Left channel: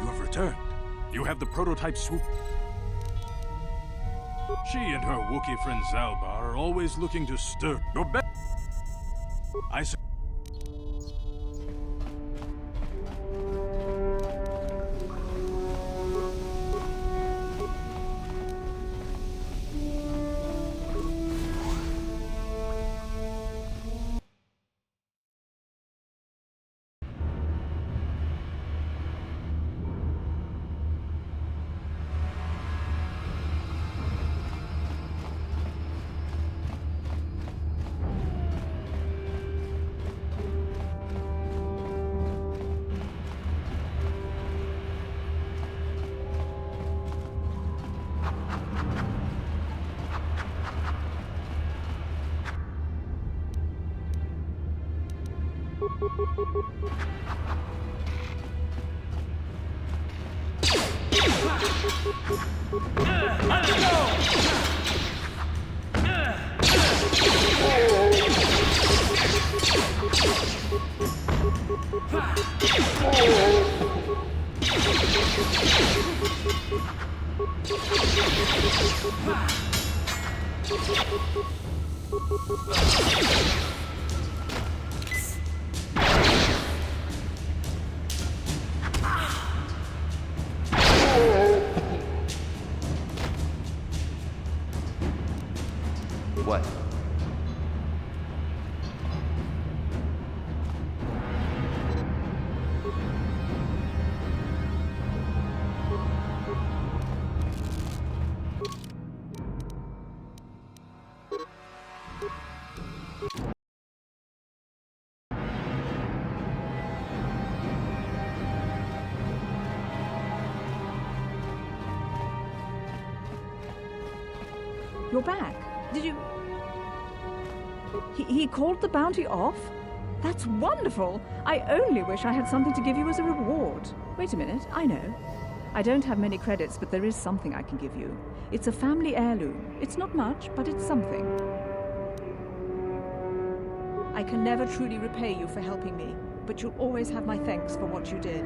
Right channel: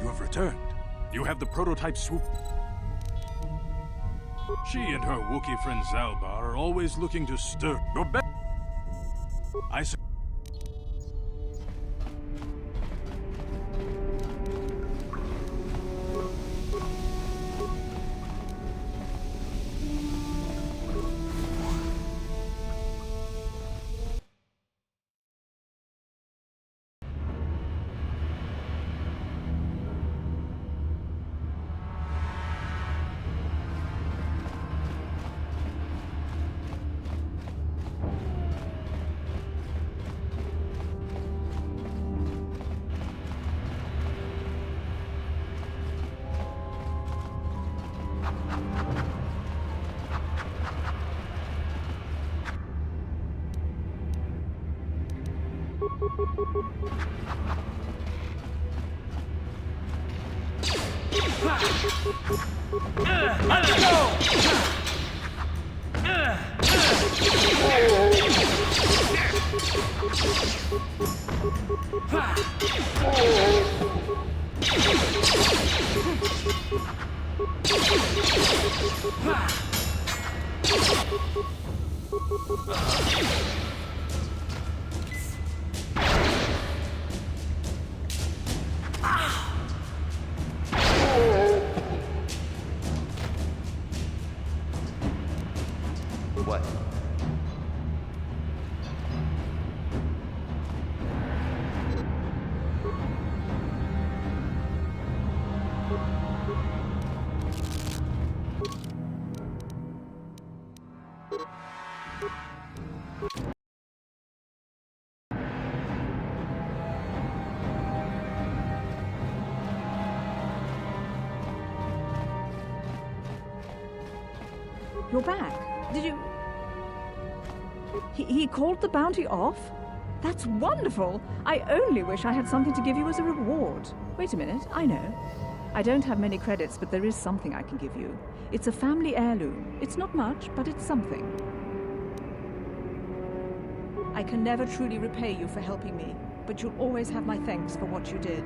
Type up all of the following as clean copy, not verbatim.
You have returned. You have the prototype swoop. She and her Wookiee friend Zalbar are always looking to stir. Your best. I say. What? You're back. Did you... He called the bounty off? That's wonderful! I only wish I had something to give you as a reward. Wait a minute, I know. I don't have many credits, but there is something I can give you. It's a family heirloom. It's not much, but it's something. I can never truly repay you for helping me, but you'll always have my thanks for what you did.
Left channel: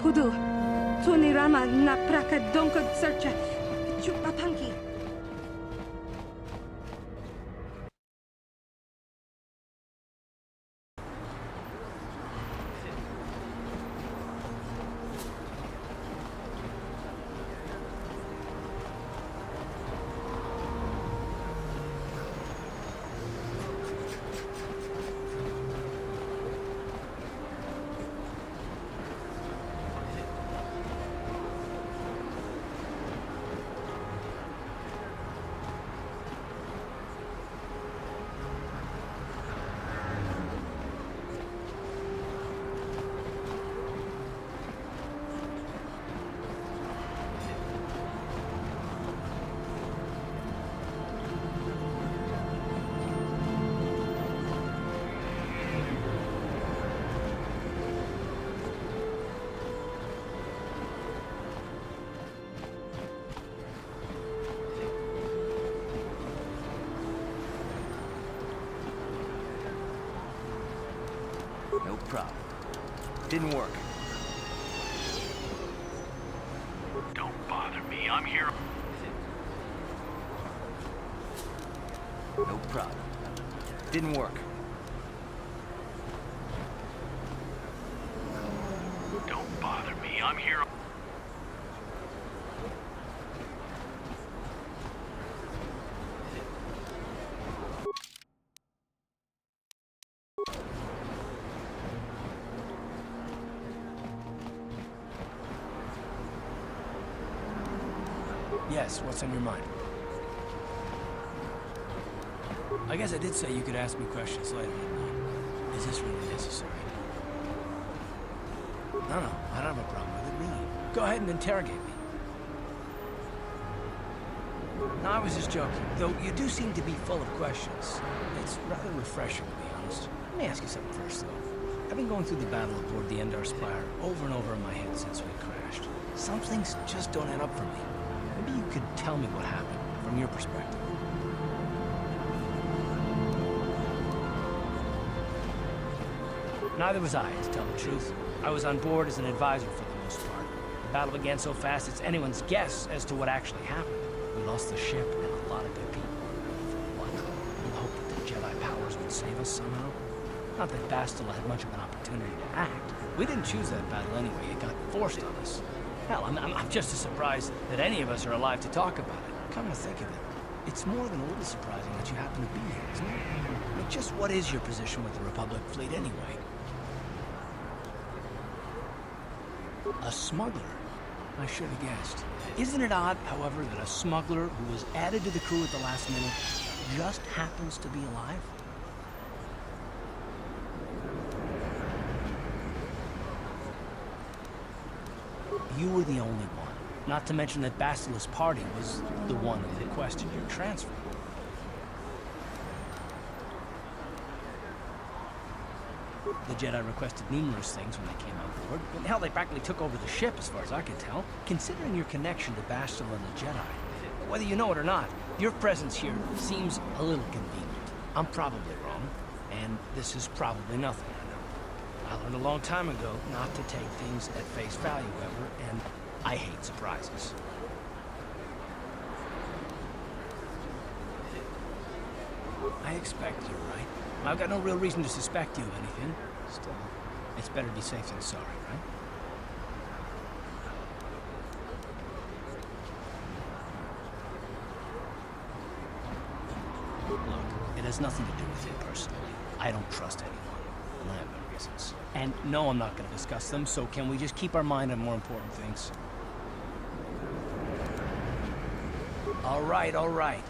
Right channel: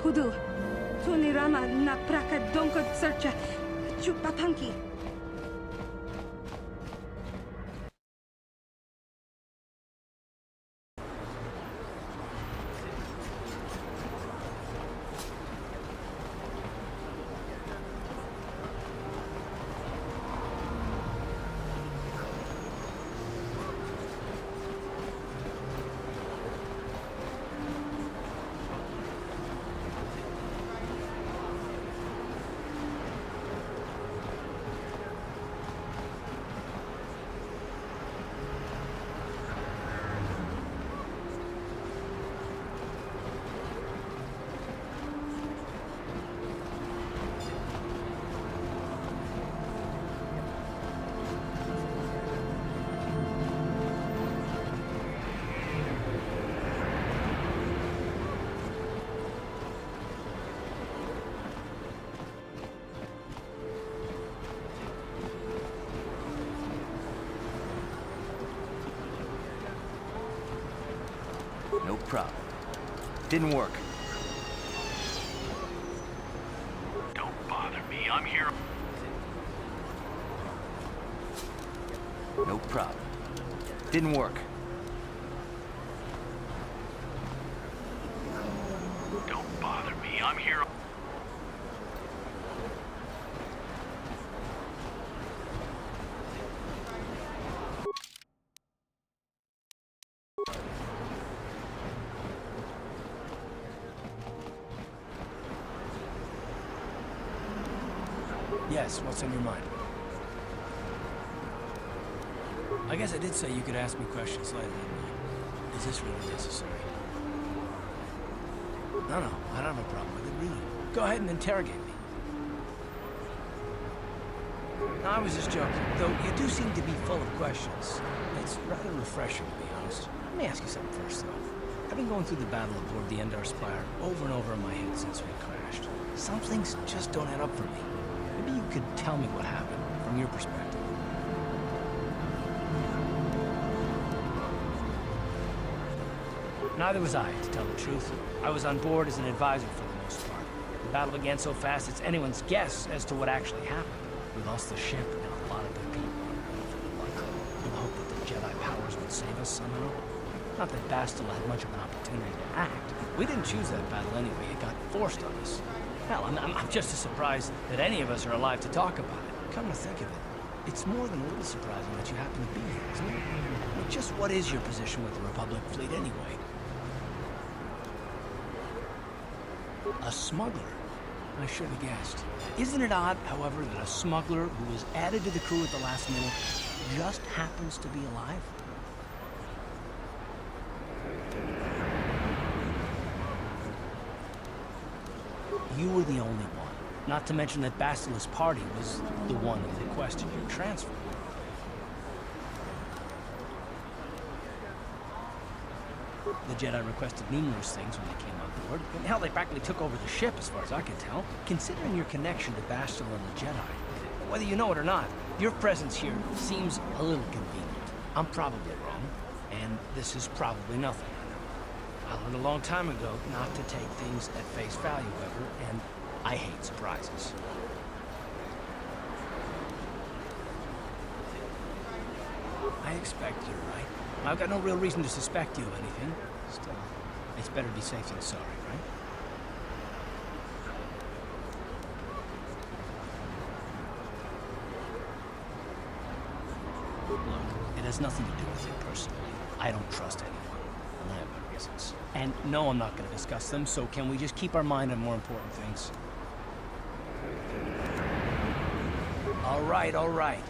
Pudu, Tunirama na praka donko searcha, chupapanki. No problem. Didn't work. Don't bother me. I'm here. No problem. Didn't work. Don't bother me. I'm here. Yes, what's on your mind? I guess I did say you could ask me questions later, didn't I? Is this really necessary? No, I don't have a problem with it, really. Go ahead and interrogate me. No, I was just joking. Though you do seem to be full of questions. It's rather refreshing, to be honest. Let me ask you something first, though. I've been going through the battle aboard the Endar Spire over and over in my head since we crashed. Some things just don't add up for me. Maybe you could tell me what happened, from your perspective. Neither was I, to tell the truth. I was on board as an advisor for the most part. The battle began so fast it's anyone's guess as to what actually happened. We lost the ship and a lot of good people in the hope that the Jedi powers would save us somehow. Not that Bastila had much of an opportunity to act. We didn't choose that battle anyway. It got forced on us. Hell, I'm just as surprised that any of us are alive to talk about it. Come to think of it, it's more than a little surprising that you happen to be here, isn't it? I mean, just what is your position with the Republic fleet anyway? A smuggler? I should have guessed. Isn't it odd, however, that a smuggler who was added to the crew at the last minute just happens to be alive? You were the only one. Not to mention that Bastila's party was the one who requested your transfer. The Jedi requested numerous things when they came on board. And hell, they practically took over the ship, as far as I can tell. Considering your connection to Bastila and the Jedi, whether you know it or not, your presence here seems a little convenient. I'm probably wrong, and this is probably nothing, I know. I learned a long time ago not to take things at face value, ever, and I hate surprises. I expect you're right. I've got no real reason to suspect you of anything. Still, it's better to be safe than sorry, right? Look, it has nothing to do with you personally. I don't trust anyone, and I have my reasons. And no, I'm not going to discuss them, so can we just keep our mind on more important things? All right.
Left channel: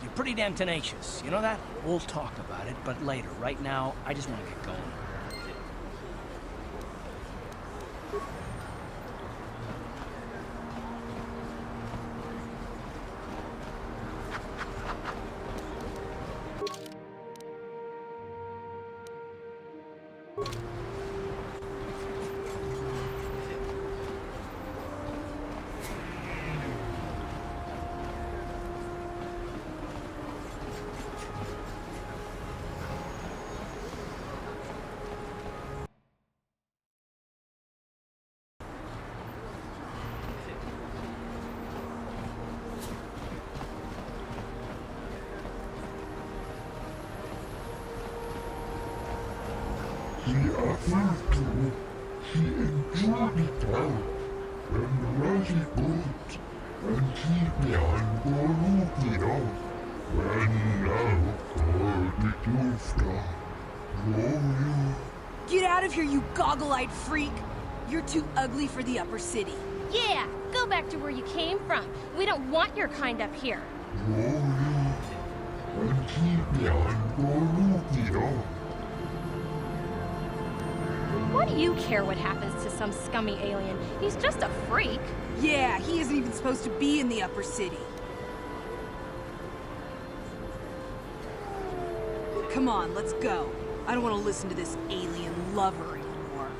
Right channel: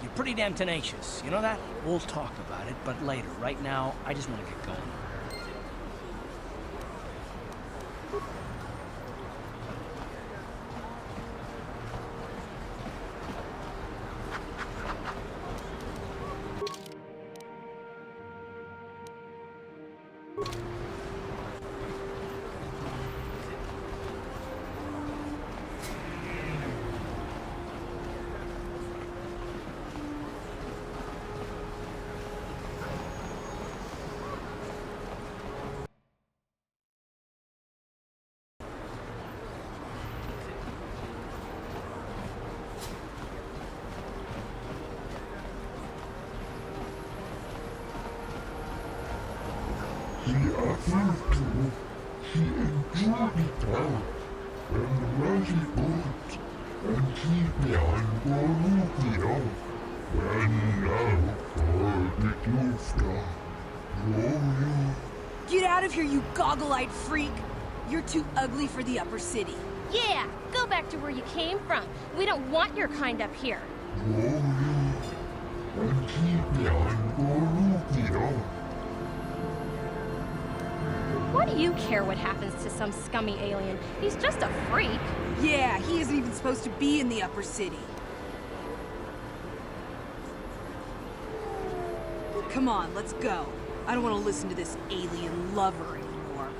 You're pretty damn tenacious. You know that? We'll talk about it, but later. Right now, I just want to get going. He appeared to. He enjoyed it out, and really good, and he began Bolivia, when now for the Dufta. Get out of here, you goggle-eyed freak! You're too ugly for the upper city. Yeah, go back to where you came from. We don't want your kind up here. And he began Bolivia. Why do you care what happens to some scummy alien? He's just a freak. Yeah, he isn't even supposed to be in the upper city. Come on, let's go. I don't want to listen to this alien lover anymore.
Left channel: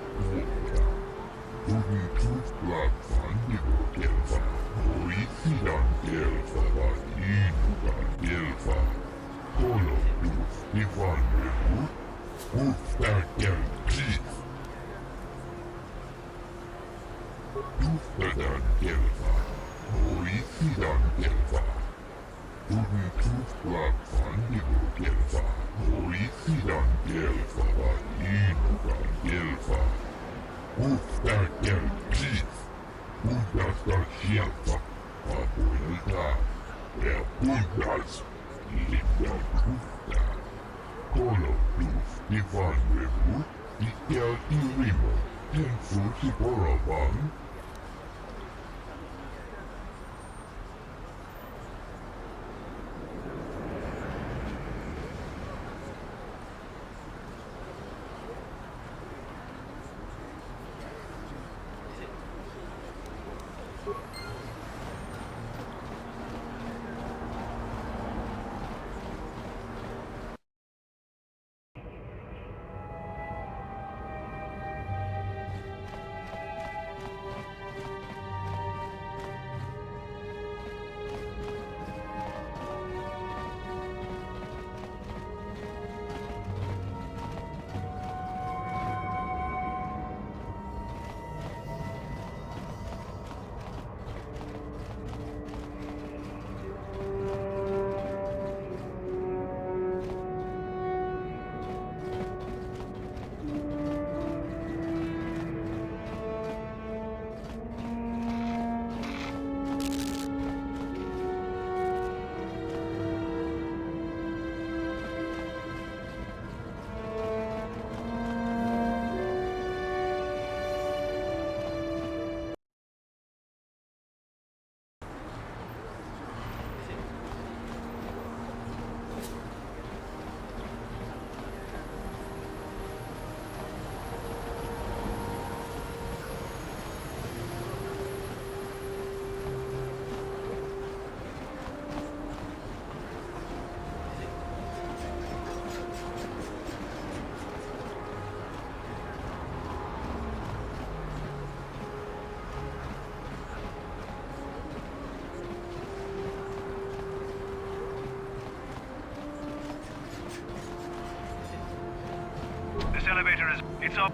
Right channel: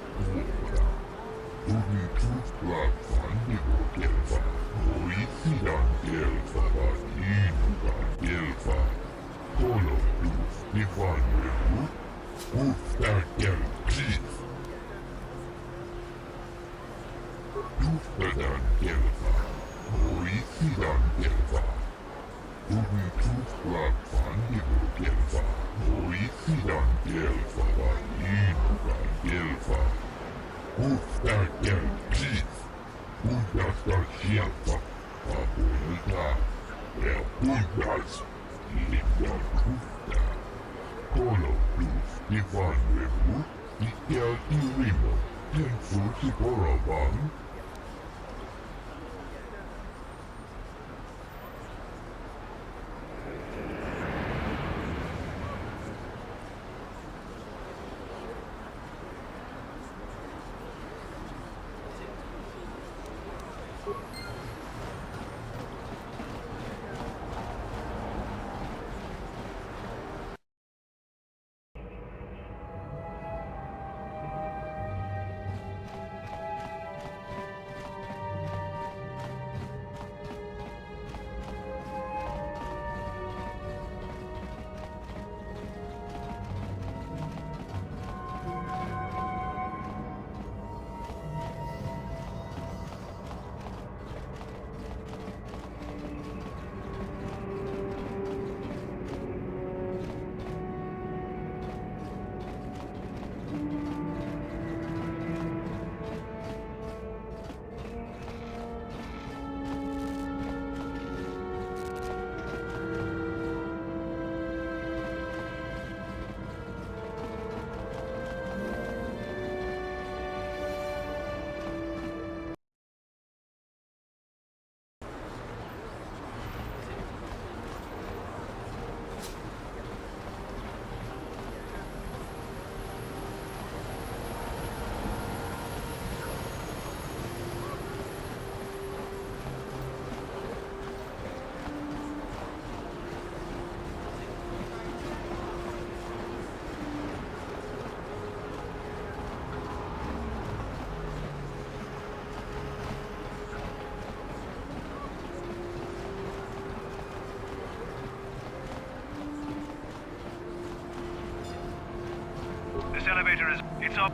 elevator is... It's up.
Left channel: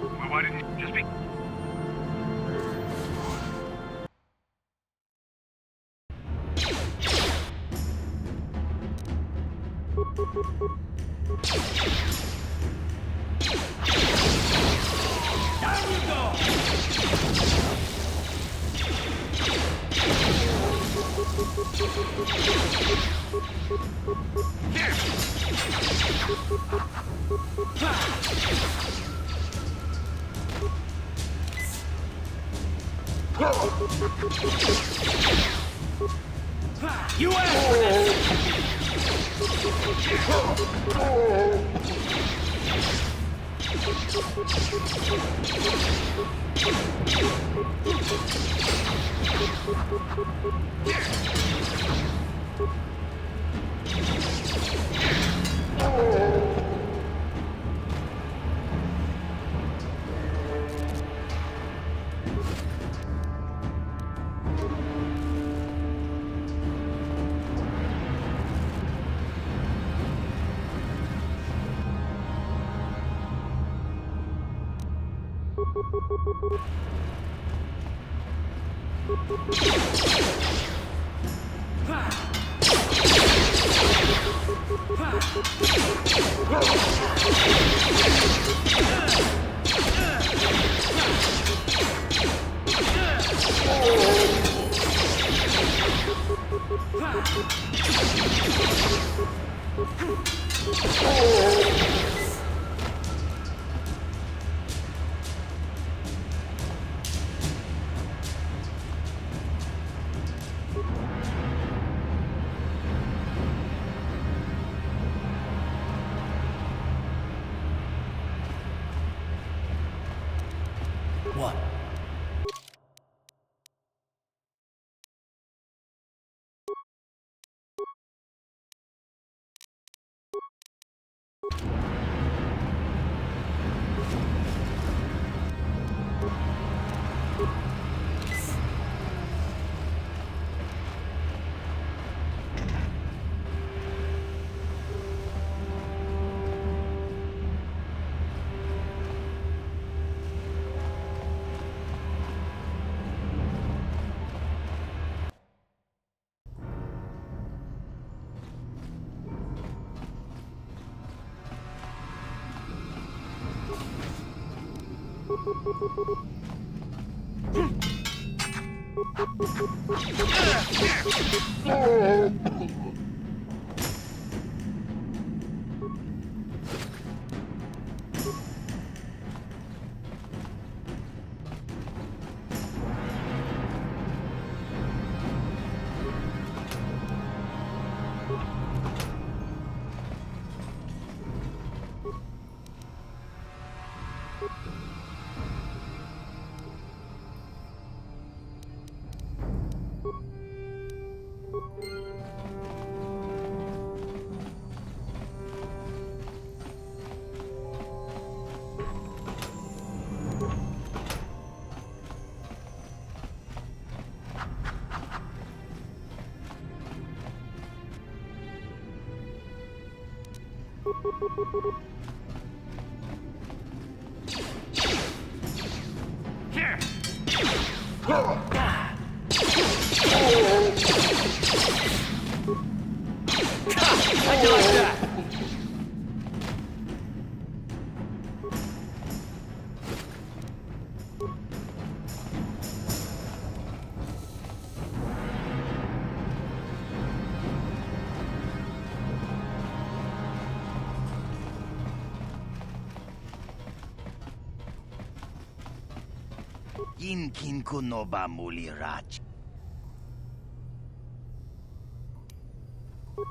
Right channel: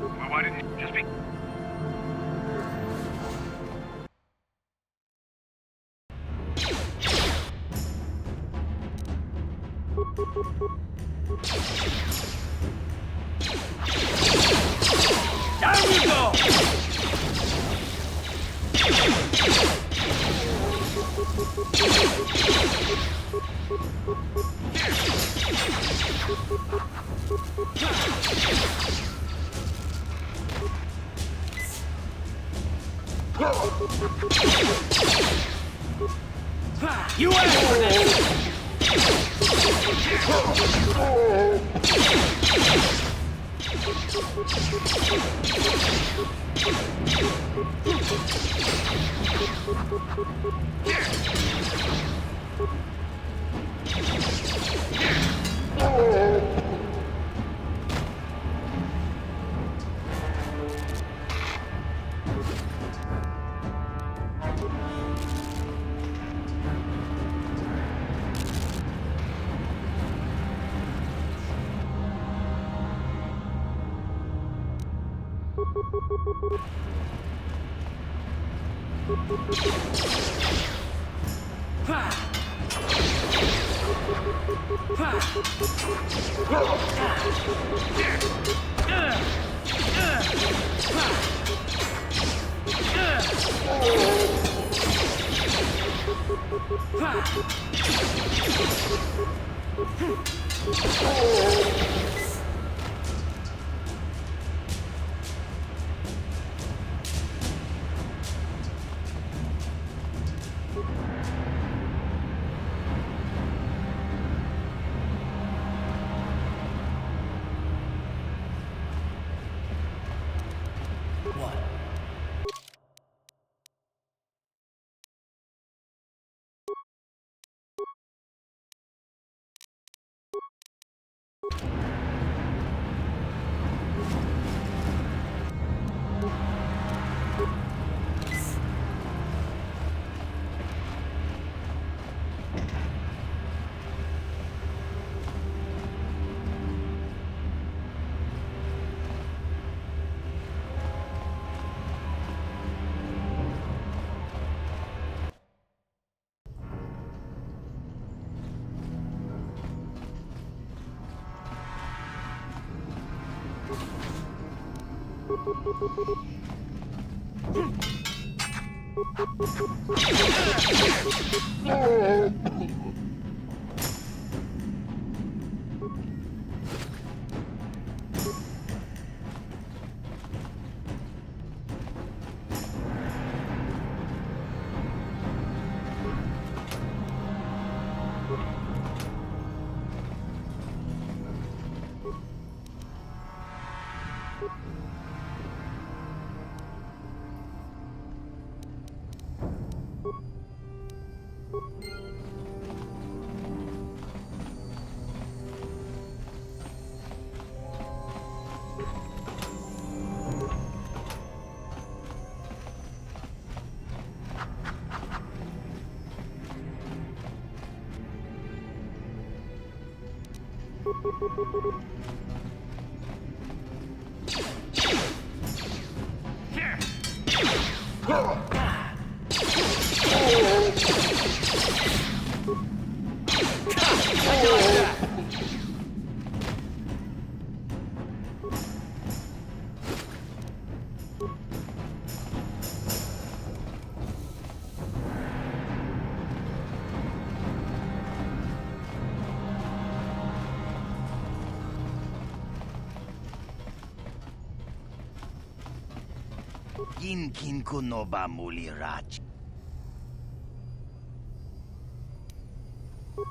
Well, why didn't you just be... Down you go! You asked for this! What? Here! I like that! Kin kuno ba mulirach?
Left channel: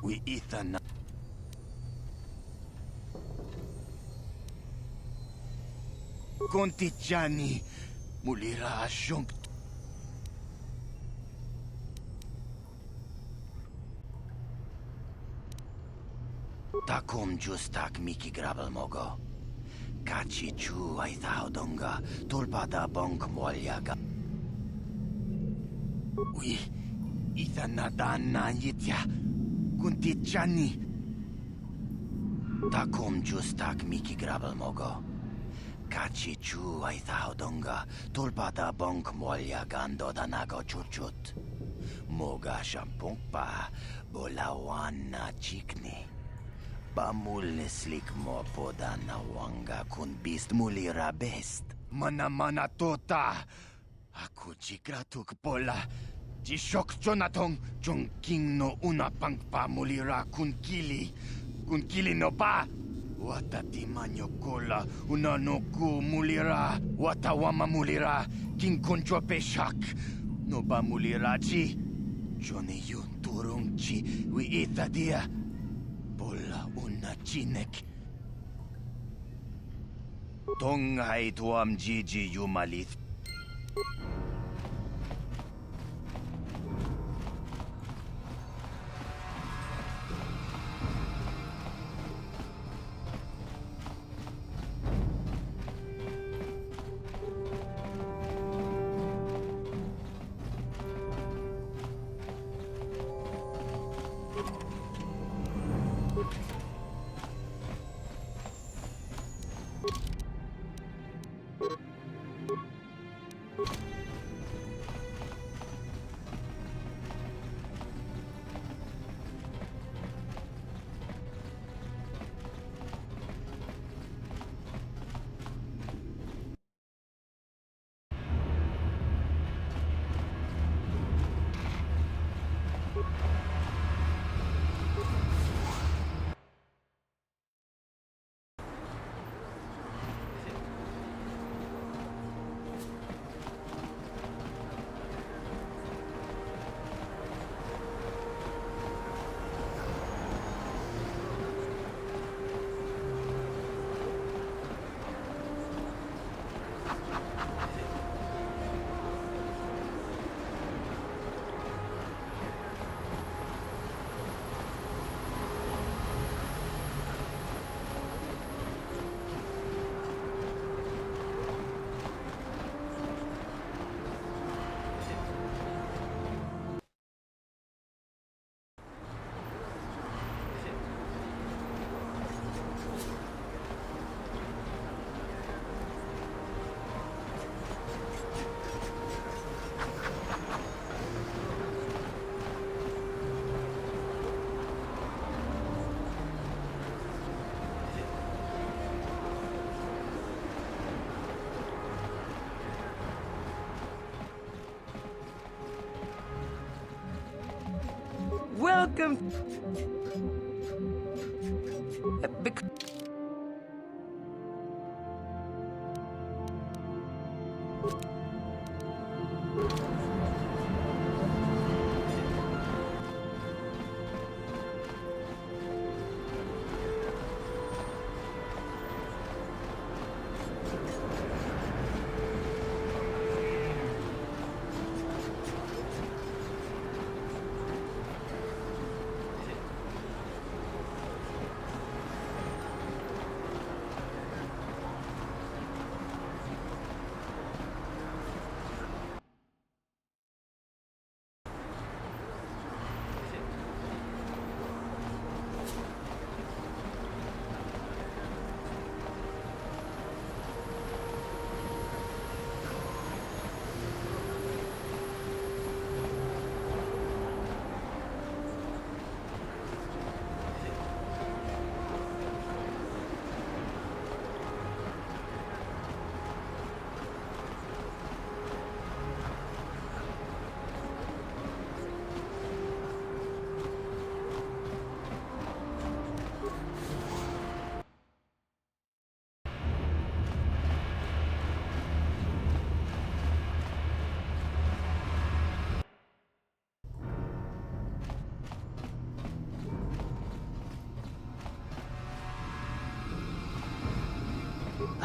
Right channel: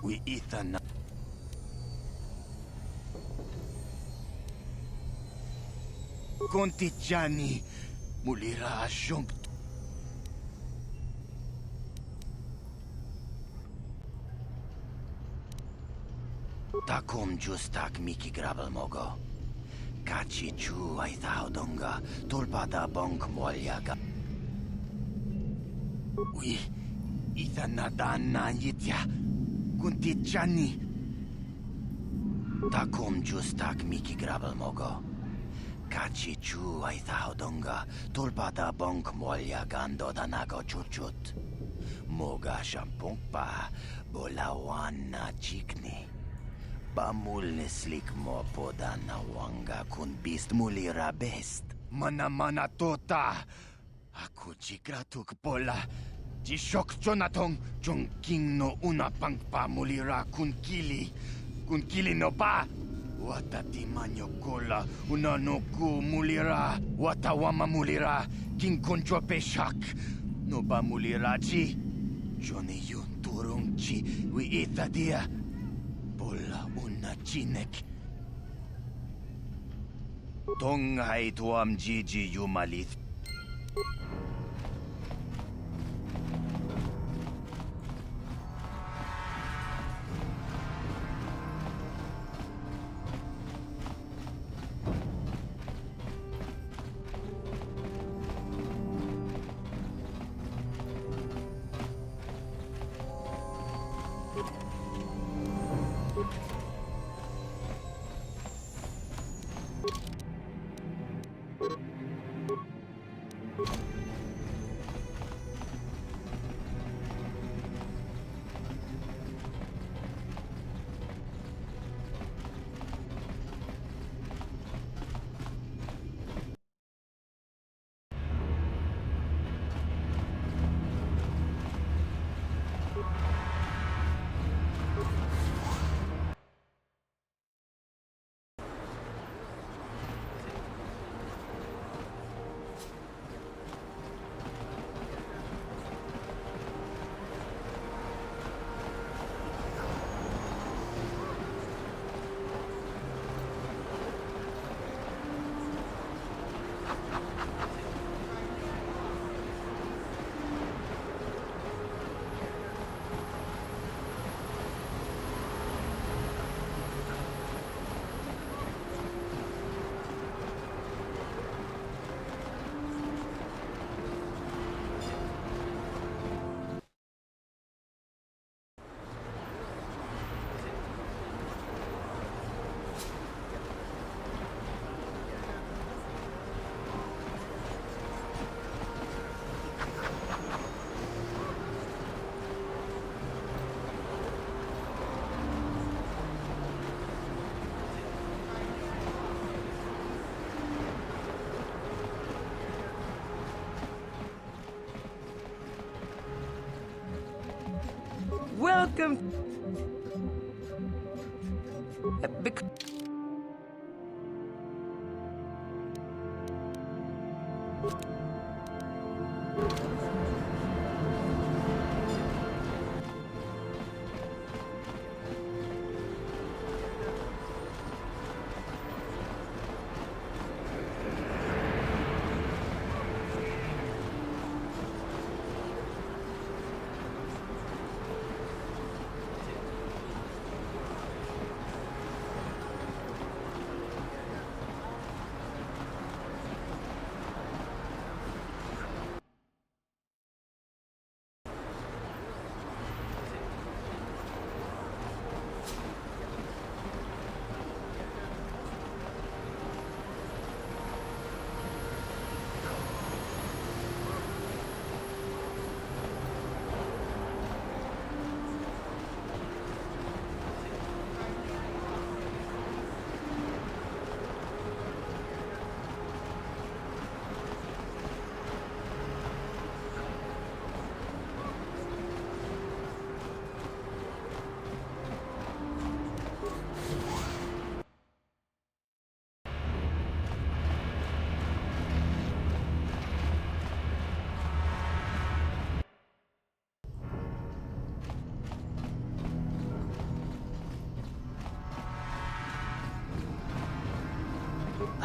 We Ethan. Contigiani mulira shunk. Takom justak miki grabel mogo. Kachi chu ay donga tulpada bonk molyaga. Ui, Ethan nadan na yitya. Contigiani. Takum justak miki grabel mogo. Kachi chu ay donga. Tulpada bonk molya gando danago chuchut. Moga shampong pa. Bolawan na chikni. Bamul nislik mo poda na wanga kun bist mulira best. Mana tota. Aku chikratuk pola. Jishok jonatong jong king no una pangpa mulira kun kili. Kun kili no ba. Wata timanyo kola una no ku mulira. Wata wama mulira king kunjo peshak. No ba mulira chi. Johnny yun turung chi wi ita dia. Pola una chinek. Tonghay tuam jiji yumalit. Welcome.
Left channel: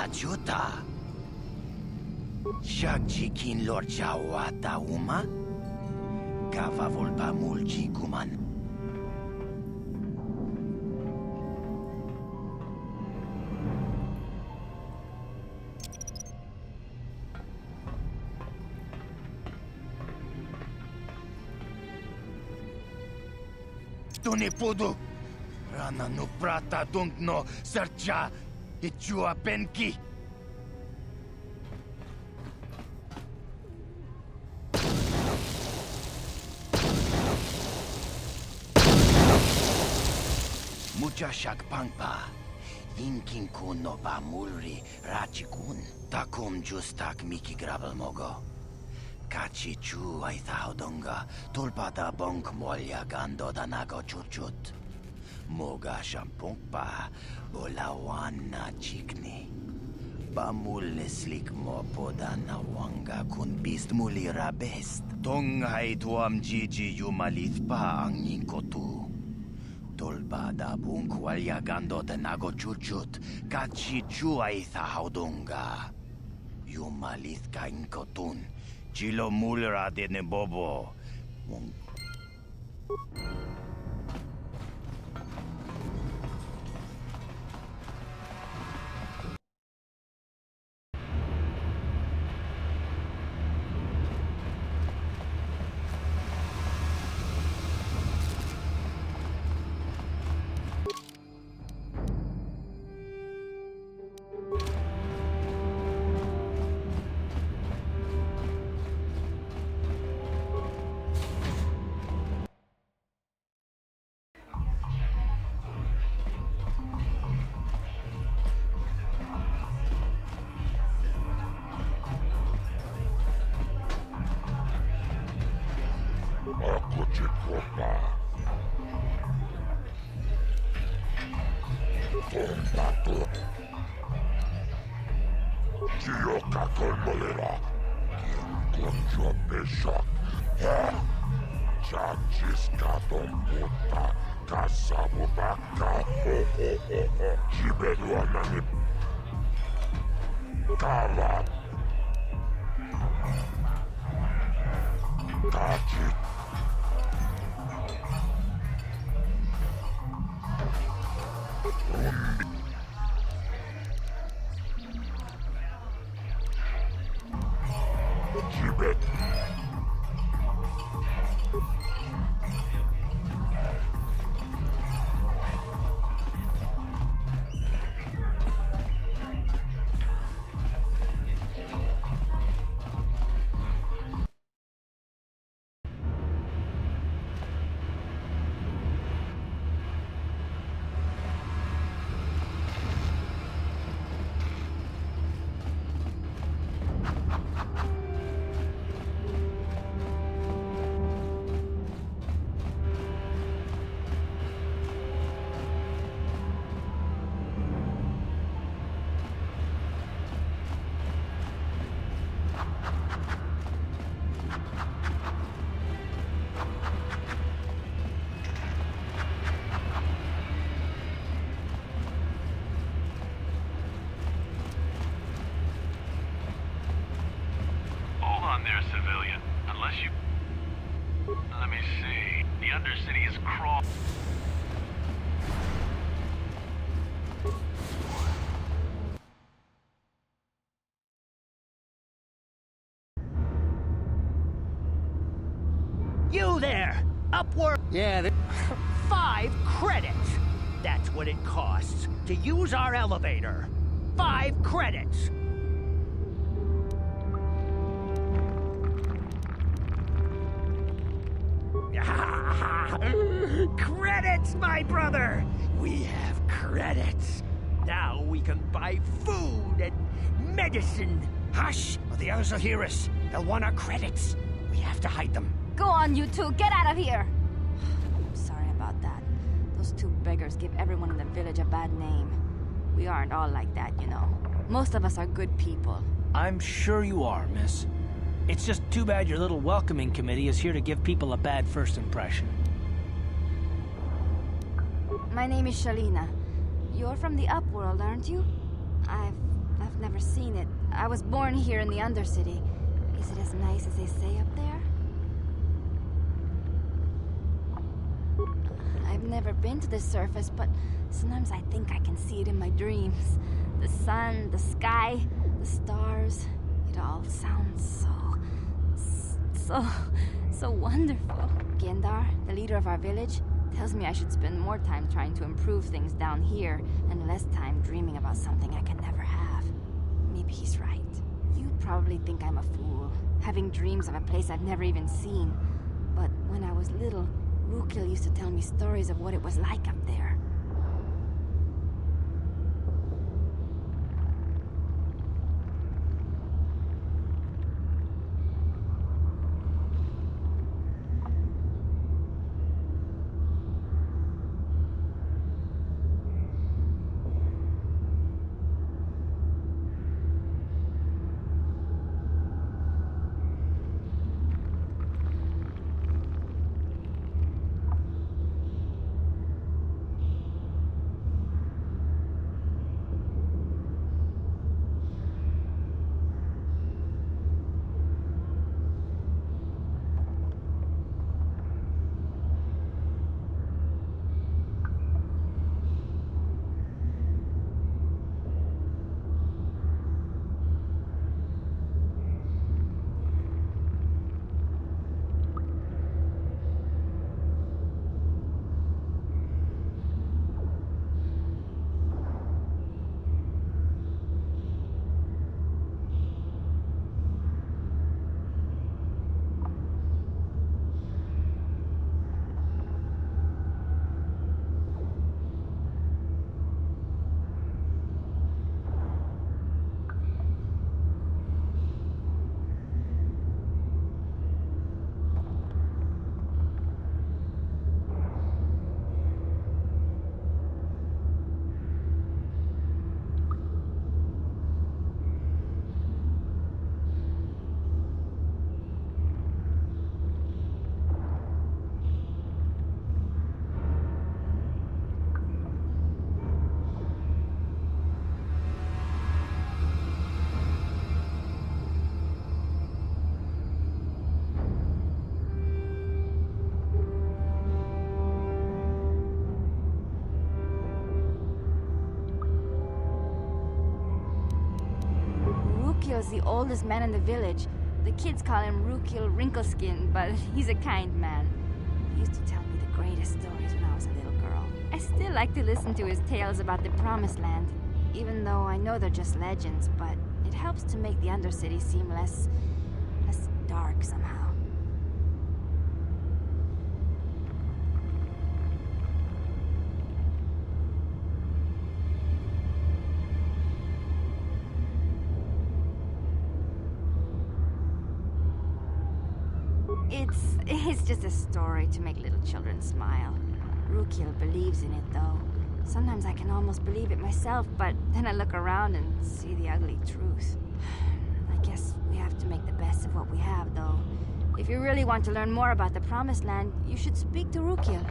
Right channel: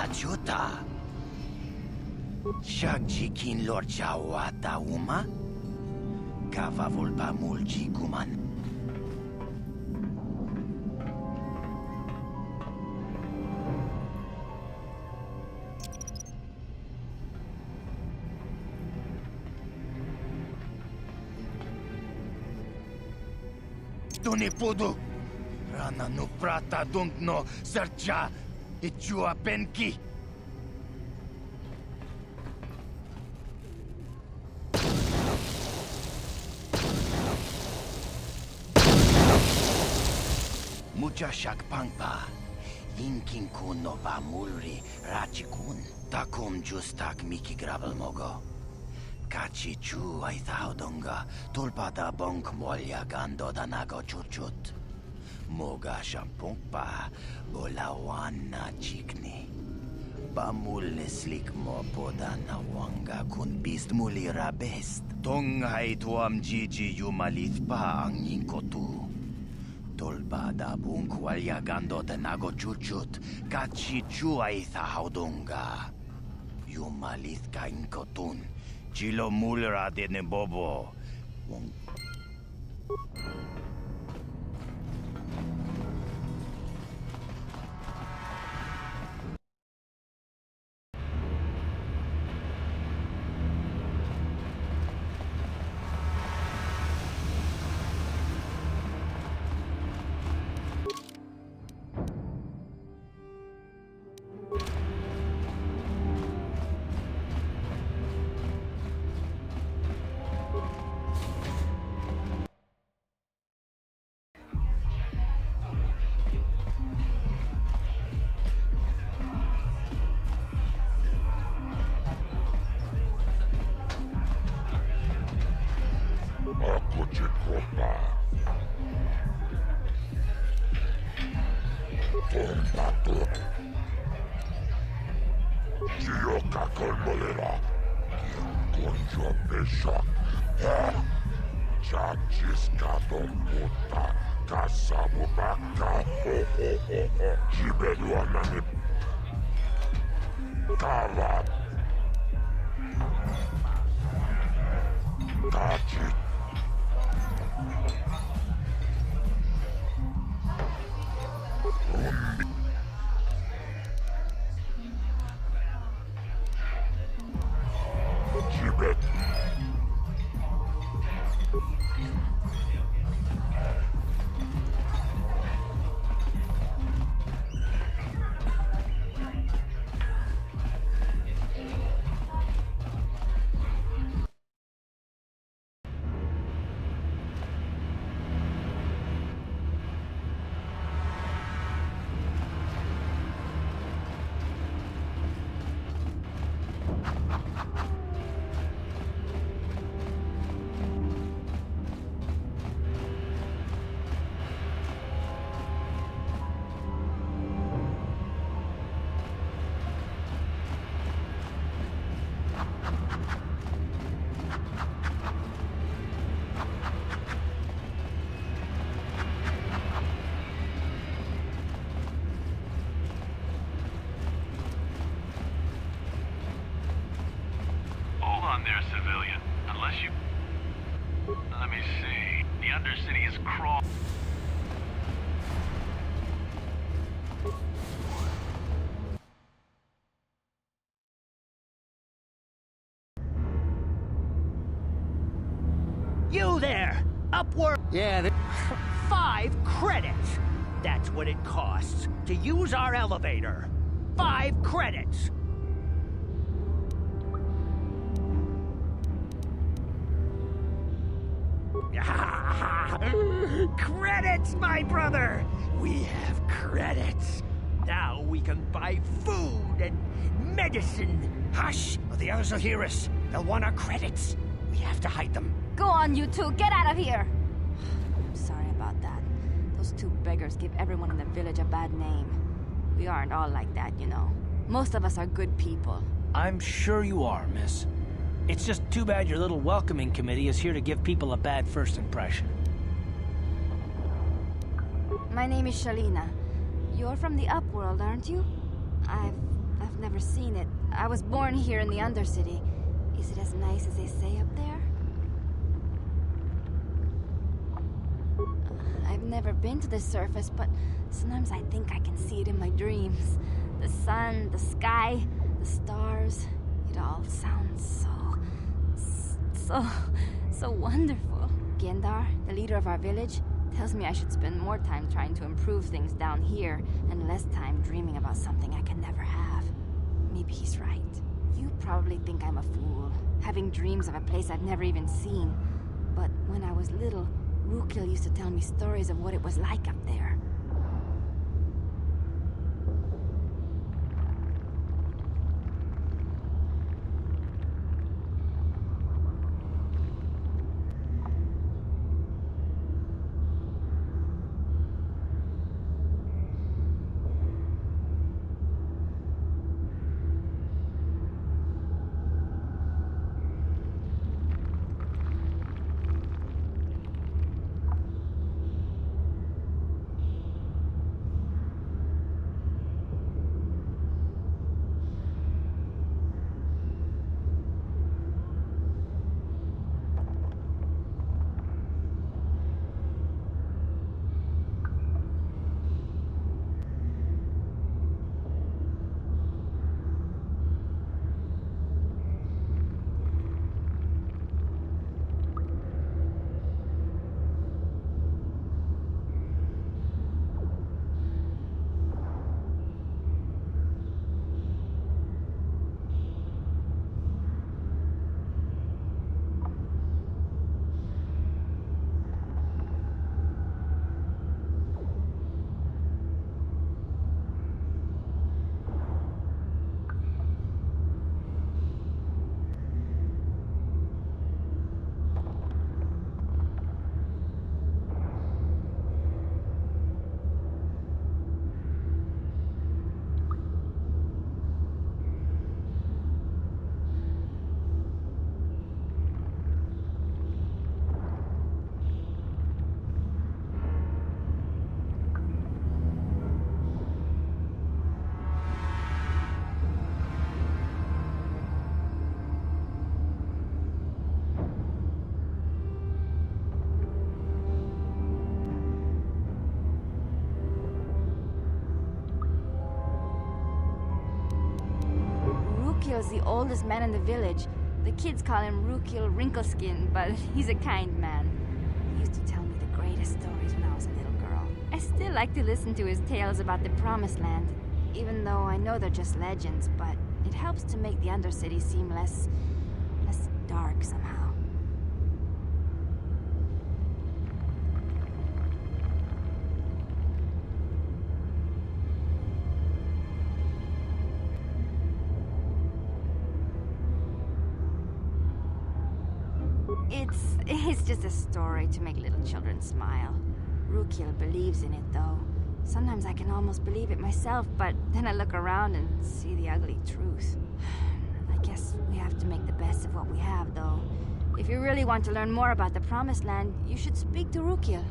Ajuta. Shagjikin Lord Chawata Uma? Kava volpa mulji kuman. Tunipudu! Rana no prata dunk no sercha ichua penki. Mucha shakpangpa. Inkin kun no va mulri rachikun. Takum justak miki grabel mogo. Kachi chu ay thaudonga. Tulpada bonk molya gando danago churchut. Moga shampungpa. Bolawana chikni. Bamul slik mo podana wanga kun bist muli rabest. Tonghay tuam jiji yumalit pa ang inkotu. Tolbada bunk walyagando tenago chuchut, kachi chuay thaudunga. Yumalith ka inkotun, chilo mulra de nebobo. Ako chikopa. Tompato. Chioka kolmolera. Konjo peshak. Chachis katon puta. Kasabu baka. Jibeluana ni. Kala. Kachi. Rumbi. Jibet. Hold on there, civilian. Unless you... Let me see. The Undercity is crawl... You there! Upward! Yeah, 5 credits! That's what it costs to use our elevator. 5 credits! Credits, my brother! We have credits. Now we can buy food and medicine. Hush, or the others will hear us. They'll want our credits. We have to hide them. Go on, you two. Get out of here. I'm sorry about that. Those 2 beggars give everyone in the village a bad name. We aren't all like that, you know. Most of us are good people. I'm sure you are, miss. It's just too bad your little welcoming committee is here to give people a bad first impression. My name is Shalina. You're from the Upworld, aren't you? I've never seen it. I was born here in the Undercity. Is it as nice as they say up there? I've never been to the surface, but sometimes I think I can see it in my dreams. The sun, the sky, the stars. It all sounds so wonderful. Gendar, the leader of our village, Tells me I should spend more time trying to improve things down here, and less time dreaming about something I can never have. Maybe he's right. You probably think I'm a fool, having dreams of a place I've never even seen. But when I was little, Rukil used to tell me stories of what it was like up there. Rukil's the oldest man in the village. The kids call him Rukil Wrinkleskin, but he's a kind man. He used to tell me the greatest stories when I was a little girl. I still like to listen to his tales about the Promised Land, even though I know they're just legends, but it helps to make the Undercity seem less dark somehow. It's just a story to make little children smile. Rukil believes in it, though. Sometimes I can almost believe it myself, but then I look around and see the ugly truth. I guess we have to make the best of what we have, though. If you really want to learn more about the Promised Land, you should speak to Rukil.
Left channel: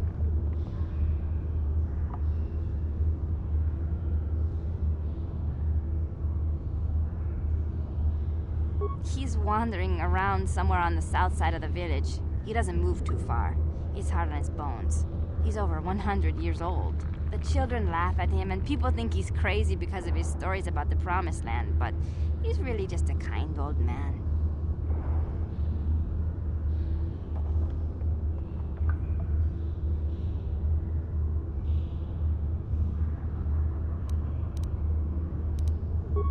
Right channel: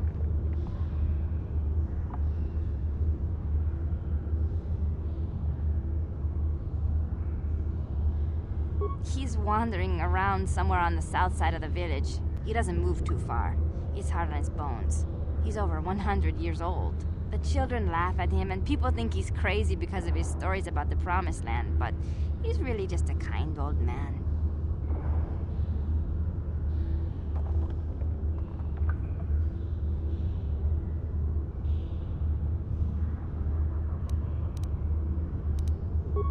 He's wandering around somewhere on the south side of the village. He doesn't move too far. He's hard on his bones. He's over 100 years old. The children laugh at him, and people think he's crazy because of his stories about the Promised Land, but he's really just a kind old man.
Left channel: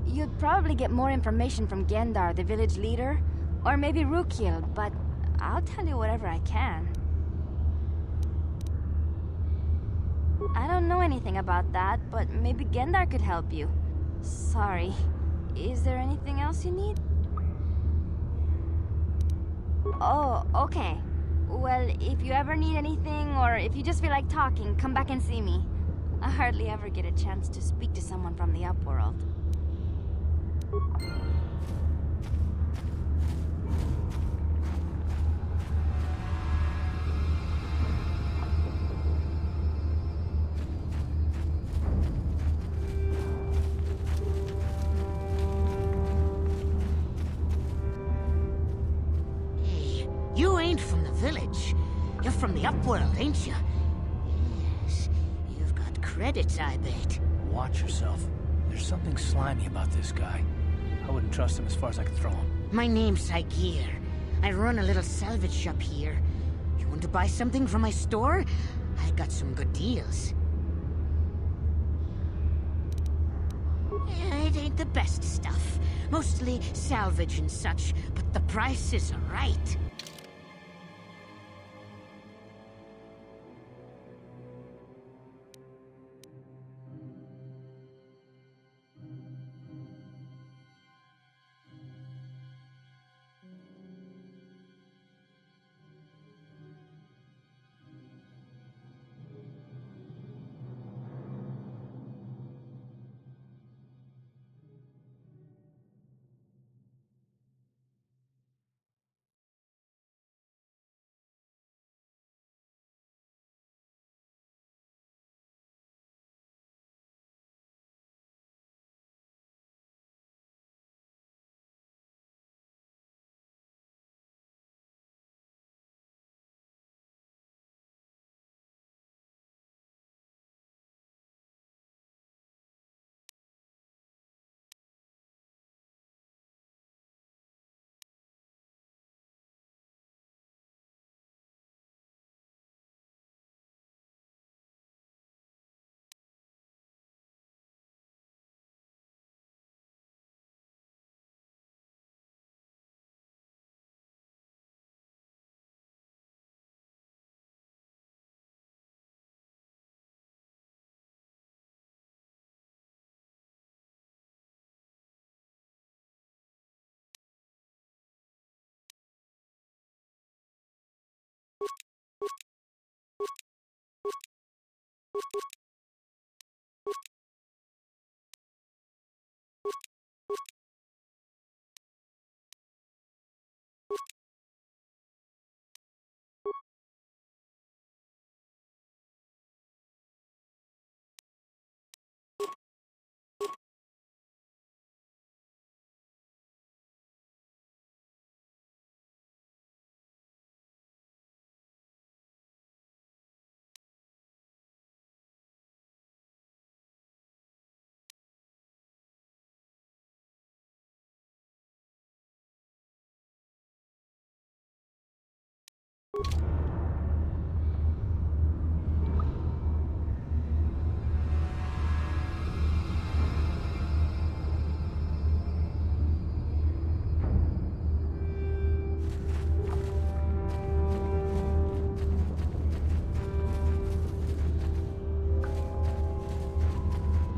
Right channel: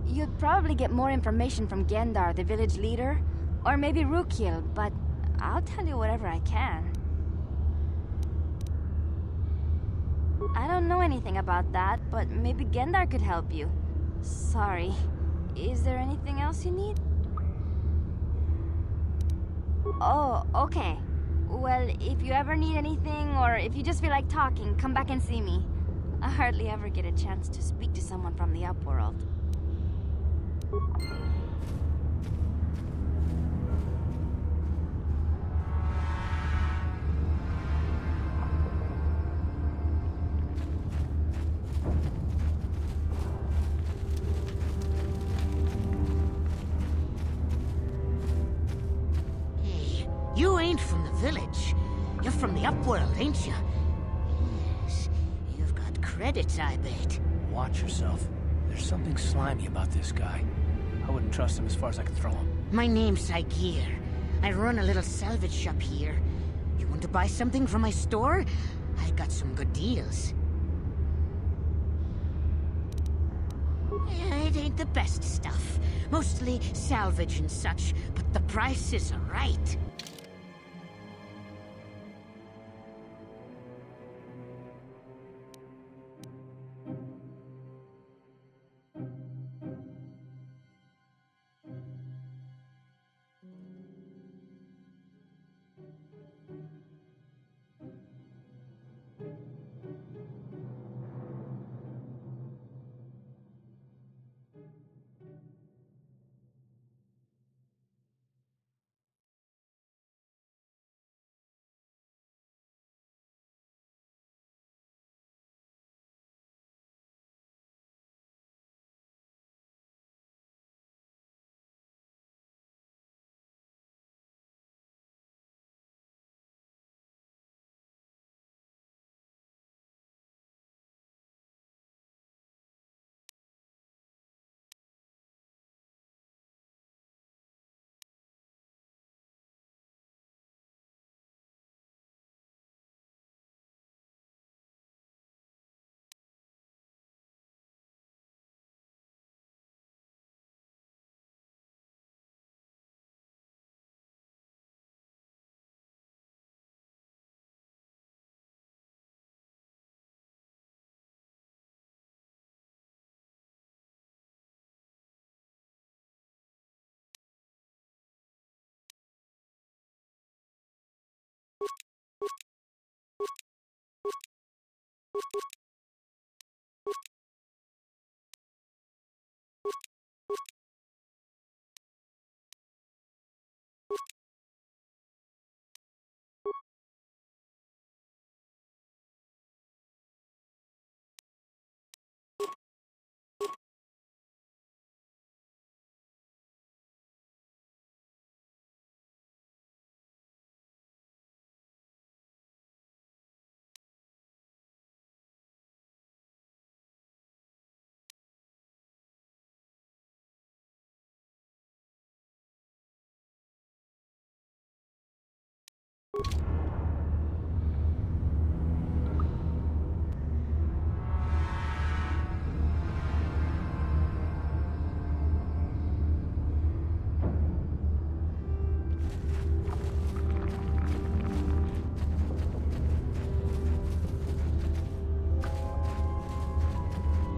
You'd probably get more information from Gendar, the village leader, or maybe Rukil, but I'll tell you whatever I can. I don't know anything about that, but maybe Gendar could help you. Sorry. Is there anything else you need? Oh, okay. Well, if you ever need anything, or if you just feel like talking, come back and see me. I hardly ever get a chance to speak to someone from the Upworld. Hey, you ain't from the village. You're from the Upworld, ain't you? Yes, you've got credits, I bet. Watch yourself. There's something slimy about this guy. I wouldn't trust him as far as I could throw him. My name's Saigir. I run a little salvage shop here. You want to buy something from my store? I got some good deals. It ain't the best stuff. Mostly salvage and such, but the prices are right.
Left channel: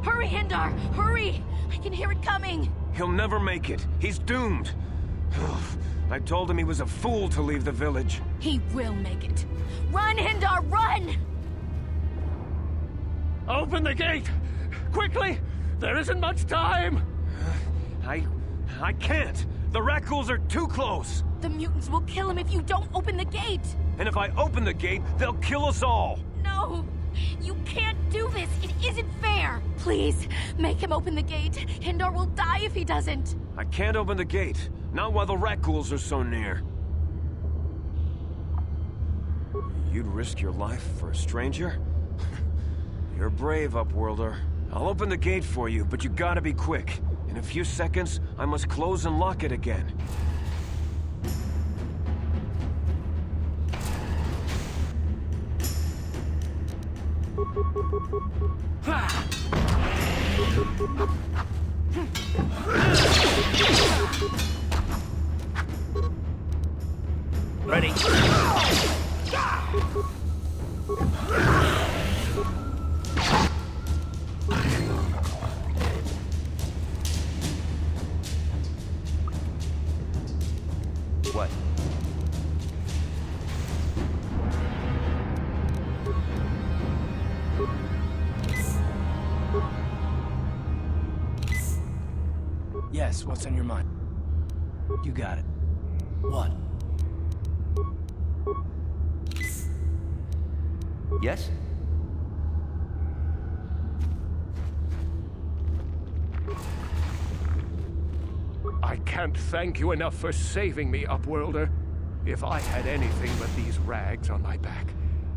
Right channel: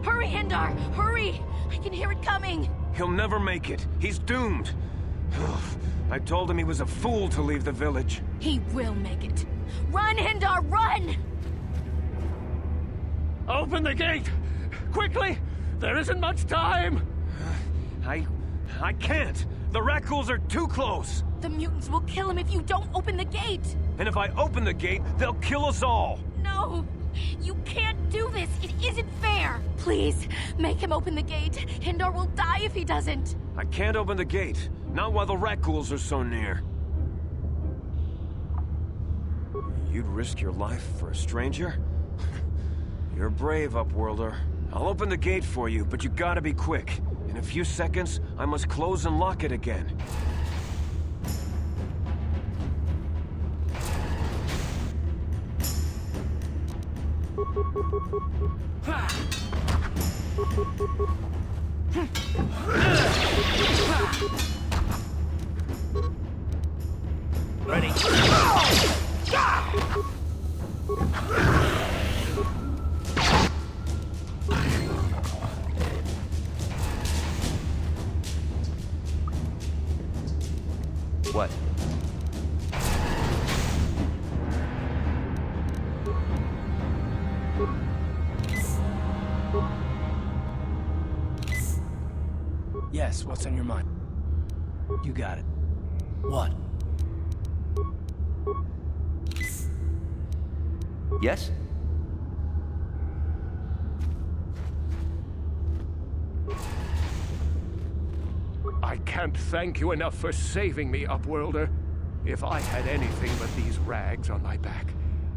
Hurry, Hindar! Hurry! I can hear it coming! He'll never make it. He's doomed. I told him he was a fool to leave the village. He will make it. Run, Hindar, run! Open the gate! Quickly! There isn't much time! I can't. The Rakghouls are too close. The mutants will kill him if you don't open the gate! And if I open the gate, they'll kill us all. No! You can't do this! It isn't fair! Please, make him open the gate. Hindar will die if he doesn't. I can't open the gate. Not while the Rakghouls are so near. You'd risk your life for a stranger? You're brave, Upworlder. I'll open the gate for you, but you gotta be quick. In a few seconds, I must close and lock it again. Ready? What? Yes, what's on your mind? You got it. What? Yes? I can't thank you enough for saving me, Upworlder. If I had anything but these rags on my back,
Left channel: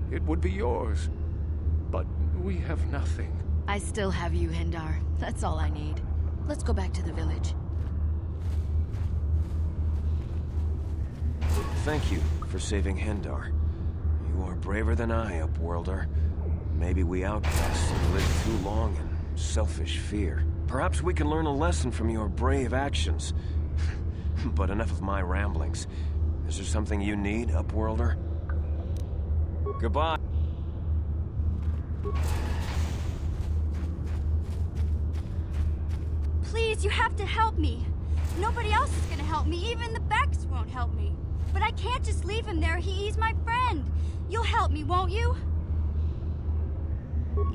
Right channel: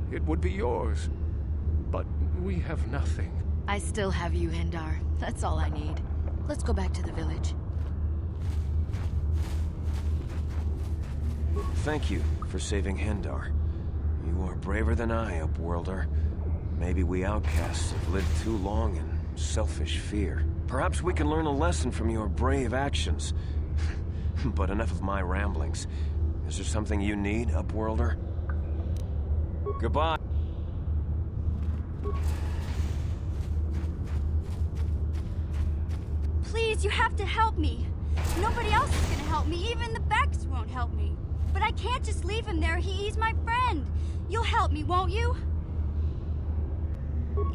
it would be yours. But we have nothing. I still have you, Hindar. That's all I need. Let's go back to the village. Thank you for saving Hindar. You are braver than I, Upworlder. Maybe we outcasts have lived too long in selfish fear. Perhaps we can learn a lesson from your brave actions. But enough of my ramblings. Is there something you need, Upworlder? Goodbye. Please, you have to help me. Nobody else is gonna help me. Even the Becks won't help me. But I can't just leave him there. He's my friend. You'll help me, won't you?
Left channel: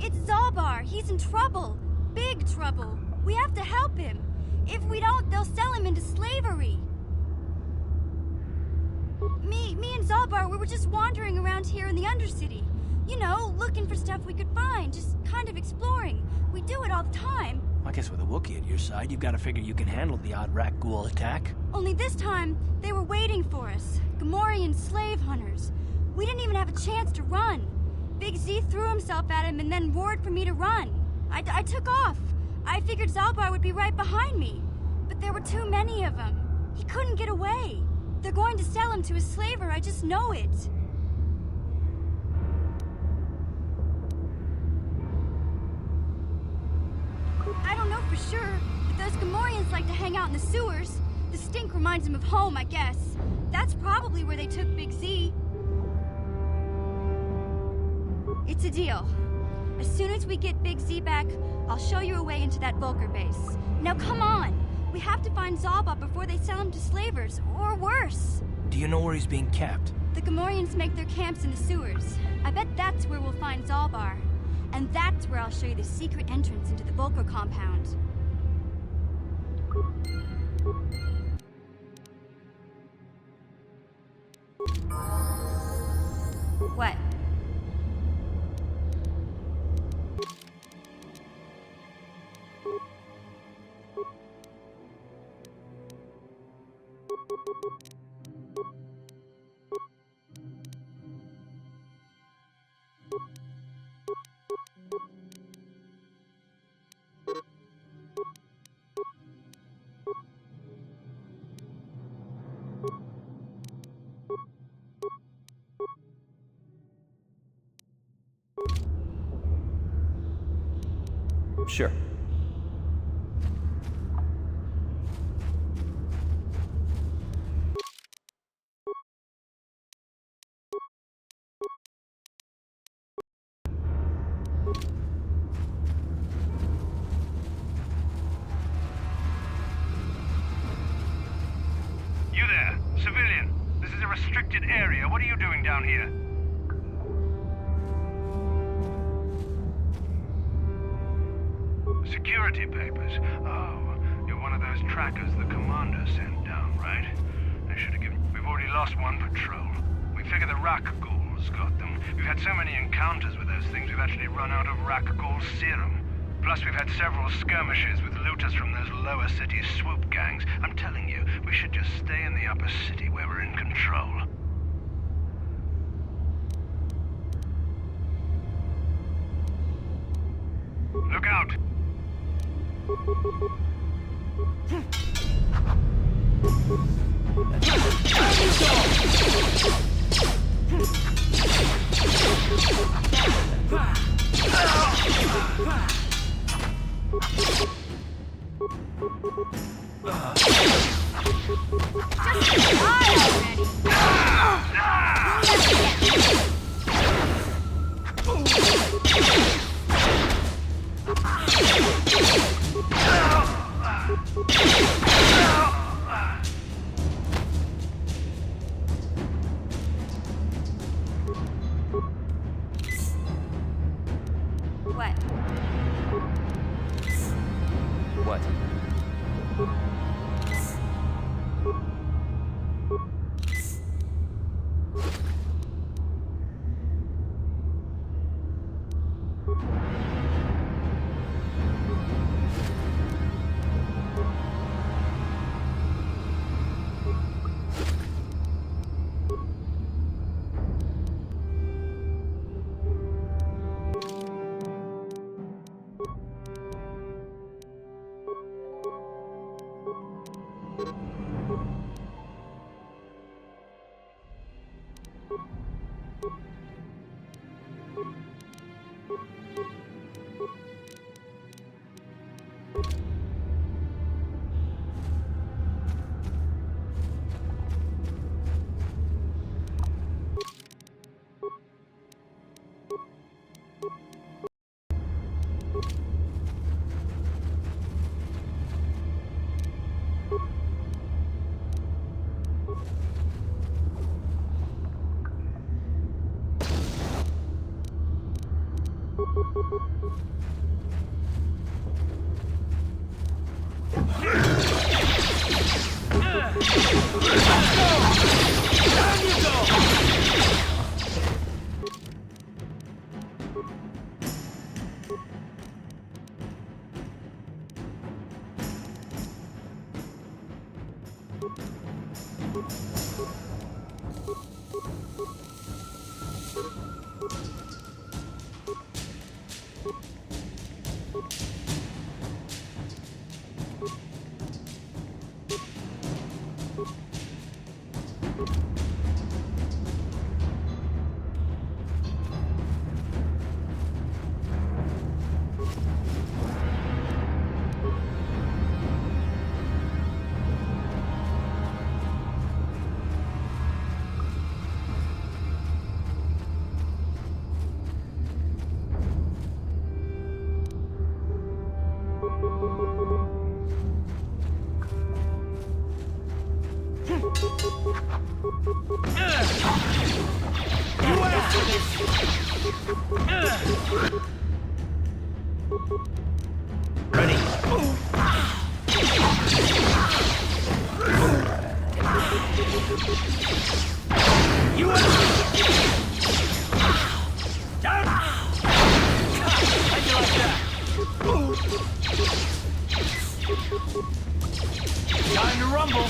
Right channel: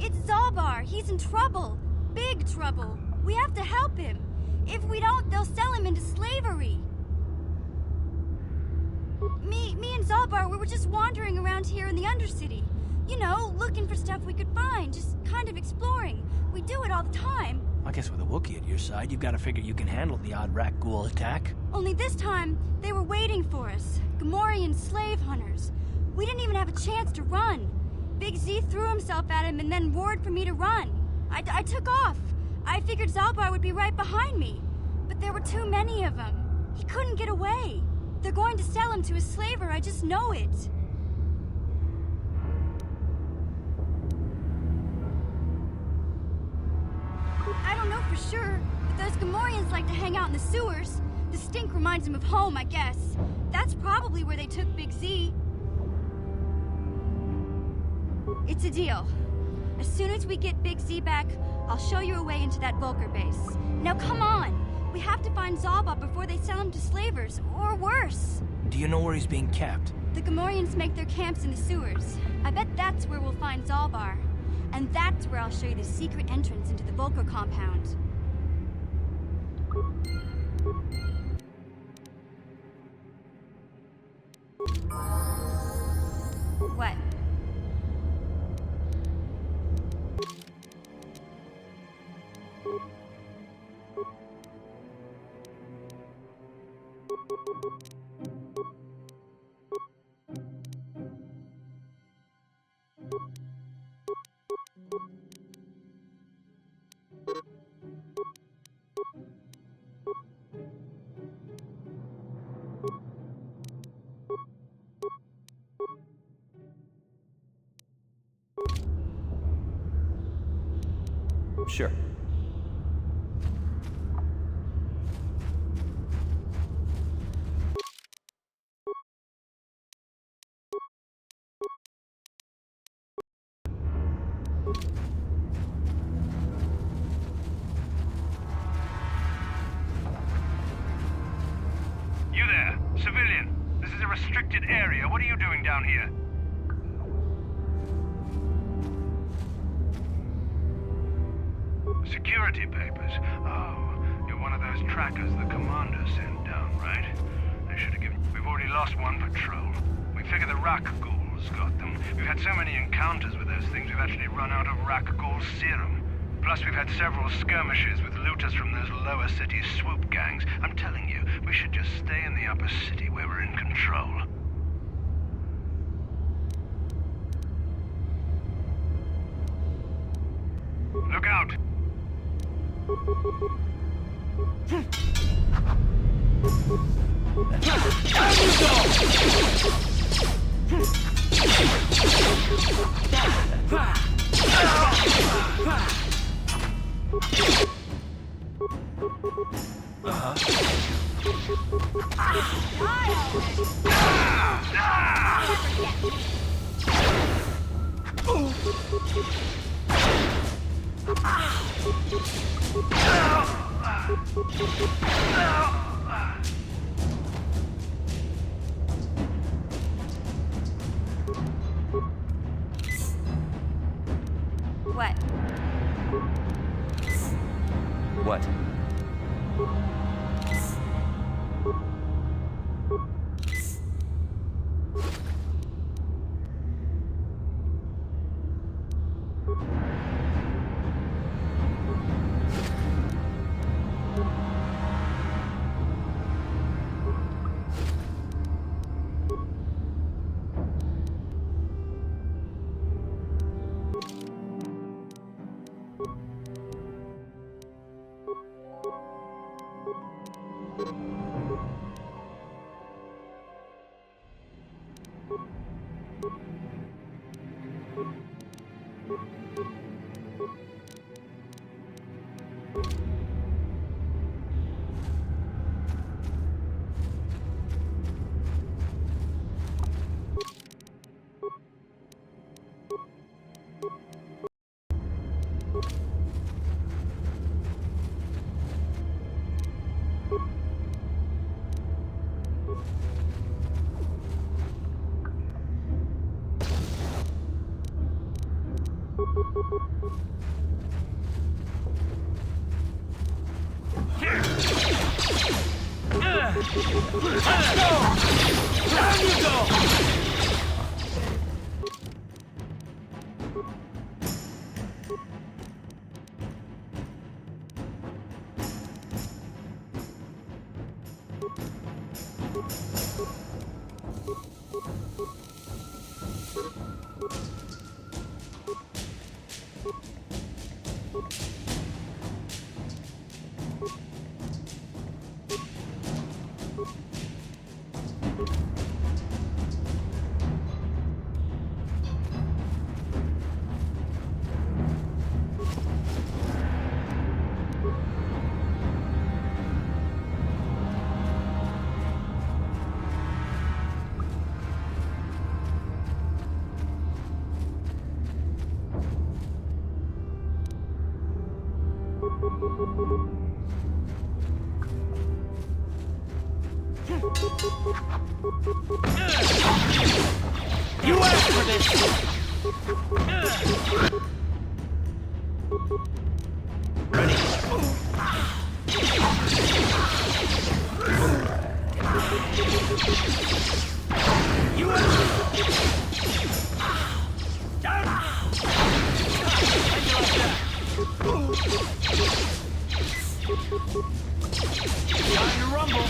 It's Zalbar. He's in trouble. Big trouble. We have to help him. If we don't, they'll sell him into slavery. Me and Zalbar, we were just wandering around here in the Undercity. You know, looking for stuff we could find, just kind of exploring. We do it all the time. I guess with a Wookiee at your side, you've got to figure you can handle the odd rat ghoul attack. Only this time, they were waiting for us. Gamorrean slave hunters. We didn't even have a chance to run. Big Z threw himself at him and then roared for me to run. I took off. I figured Zalbar would be right behind me. But there were too many of them. He couldn't get away. They're going to sell him to a slaver, I just know it. I don't know for sure, but those Gamorreans like to hang out in the sewers. The stink reminds them of home, I guess. That's probably where they took Big Z. It's a deal. As soon as we get Big Z back, I'll show you a way into that Vulcar base. Now come on! We have to find Zalbar before they sell him to slavers, or worse. Do you know where he's being kept? The Gamorreans make their camps in the sewers. I bet that's where we'll find Zalbar. And that's where I'll show you the secret entrance into the Vulcar compound. What? Sure. You there, civilian. This is a restricted area. What are you doing down here? Security papers. Oh, you're one of those trackers the commander sent down, right? I should have given... We've already lost one patrol. We figure the Rak ghouls got them. We've had so many encounters with those things, we've actually run out of Rak ghoul serum. Plus, we've had several skirmishes with looters from those lower city swoop gangs. I'm telling you, we should just stay in the upper city where we're in control. Look out! What? What? You asked for this! Ready? You down! How'd you like that? Time to rumble!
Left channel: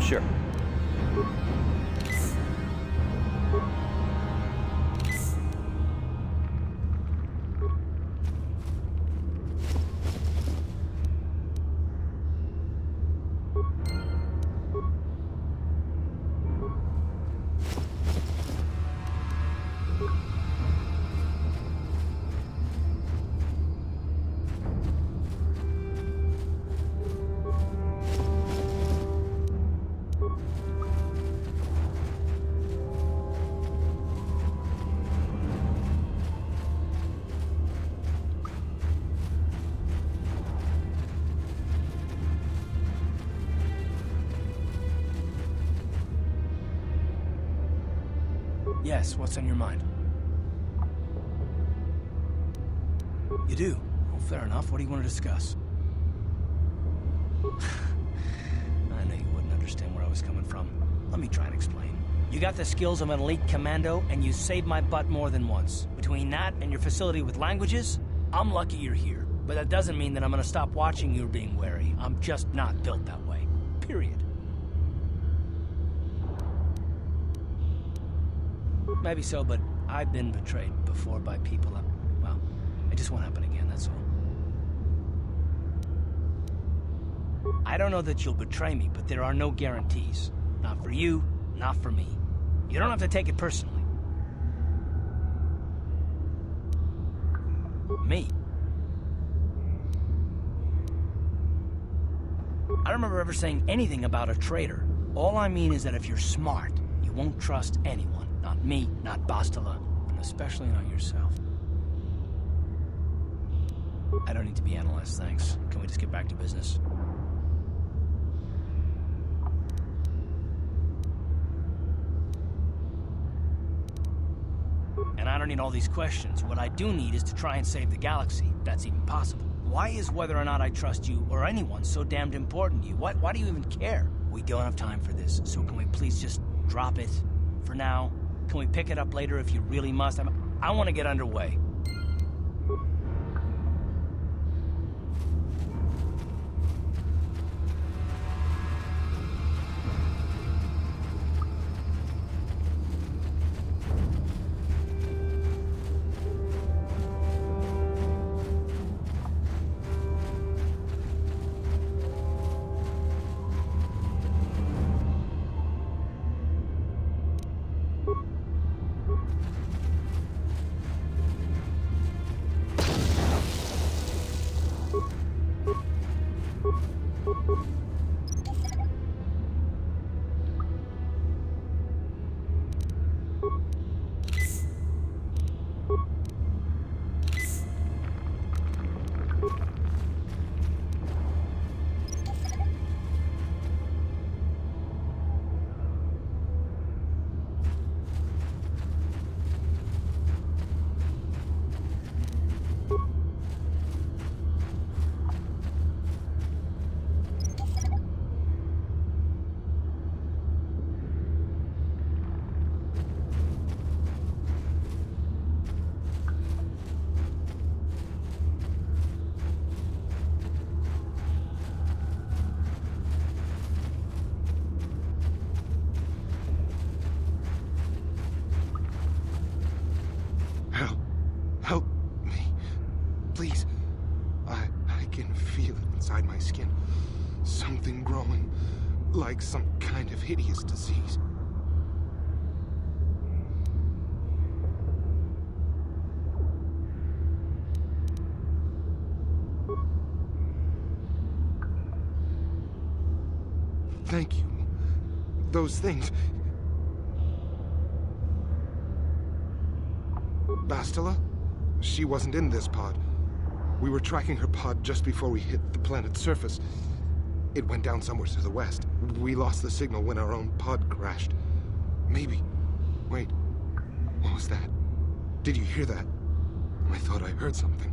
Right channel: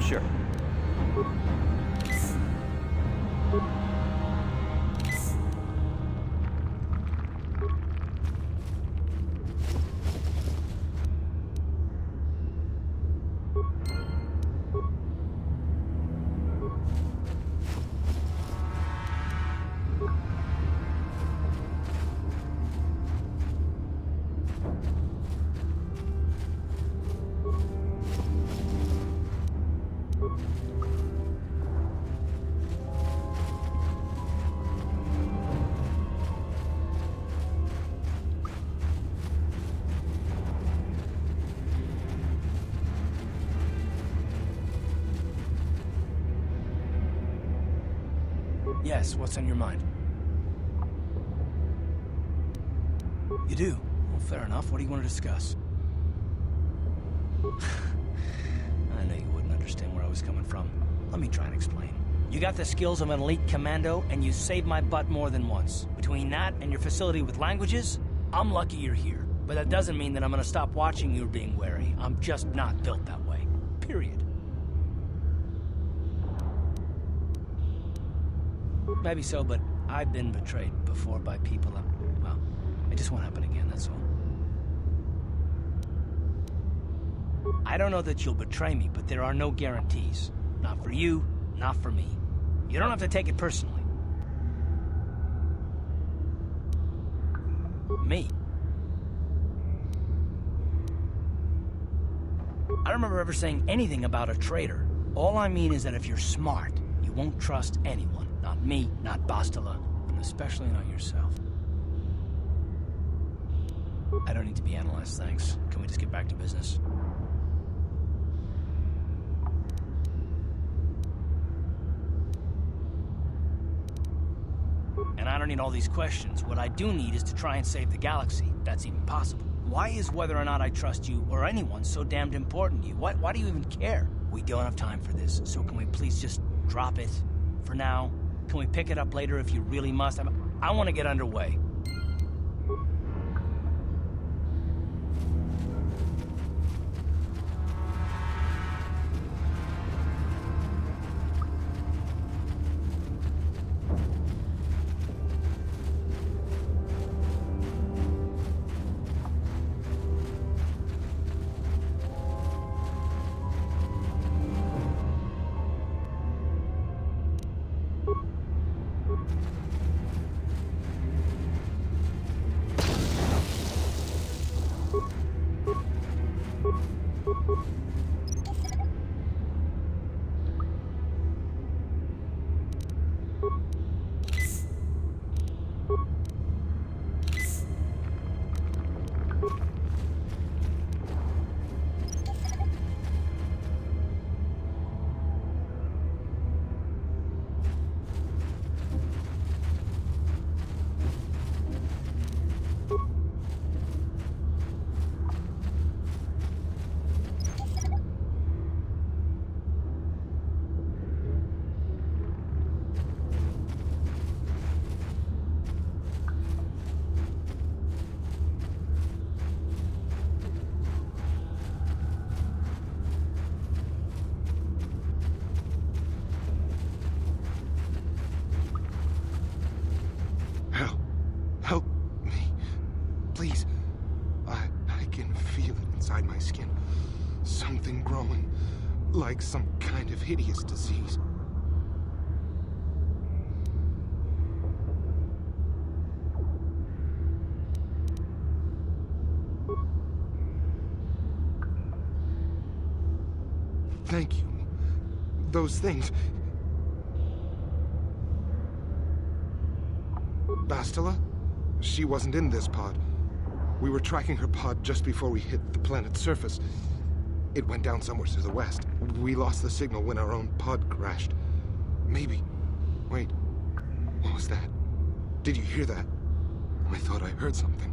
Sure. Yes, what's on your mind? You do? Well, fair enough. What do you want to discuss? I know you wouldn't understand where I was coming from. Let me try and explain. You got the skills of an elite commando, and you saved my butt more than once. Between that and your facility with languages, I'm lucky you're here. But that doesn't mean that I'm gonna stop watching you being wary. I'm just not built that way. Period. Maybe so, but I've been betrayed before by people. Well, it just won't happen again, that's all. I don't know that you'll betray me, but there are no guarantees. Not for you, not for me. You don't have to take it personally. Me? I don't remember ever saying anything about a traitor. All I mean is that if you're smart, you won't trust anyone. Not me, not Bastila, and especially not yourself. I don't need to be analyzed, thanks. Can we just get back to business? And I don't need all these questions. What I do need is to try and save the galaxy, if that's even possible. Why is whether or not I trust you or anyone so damned important to you? Why do you even care? We don't have time for this, so can we please just drop it for now? Can we pick it up later if you really must? I want to get underway. Help me. Please. I can feel it inside my skin. Something growing. Like some kind of hideous disease. Thank you. Those things. Bastila? She wasn't in this pod. We were tracking her pod just before we hit the planet's surface. It went down somewhere to the west. We lost the signal when our own pod crashed. Maybe. Wait. What was that? Did you hear that? I thought I heard something.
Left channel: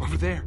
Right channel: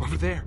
Over there.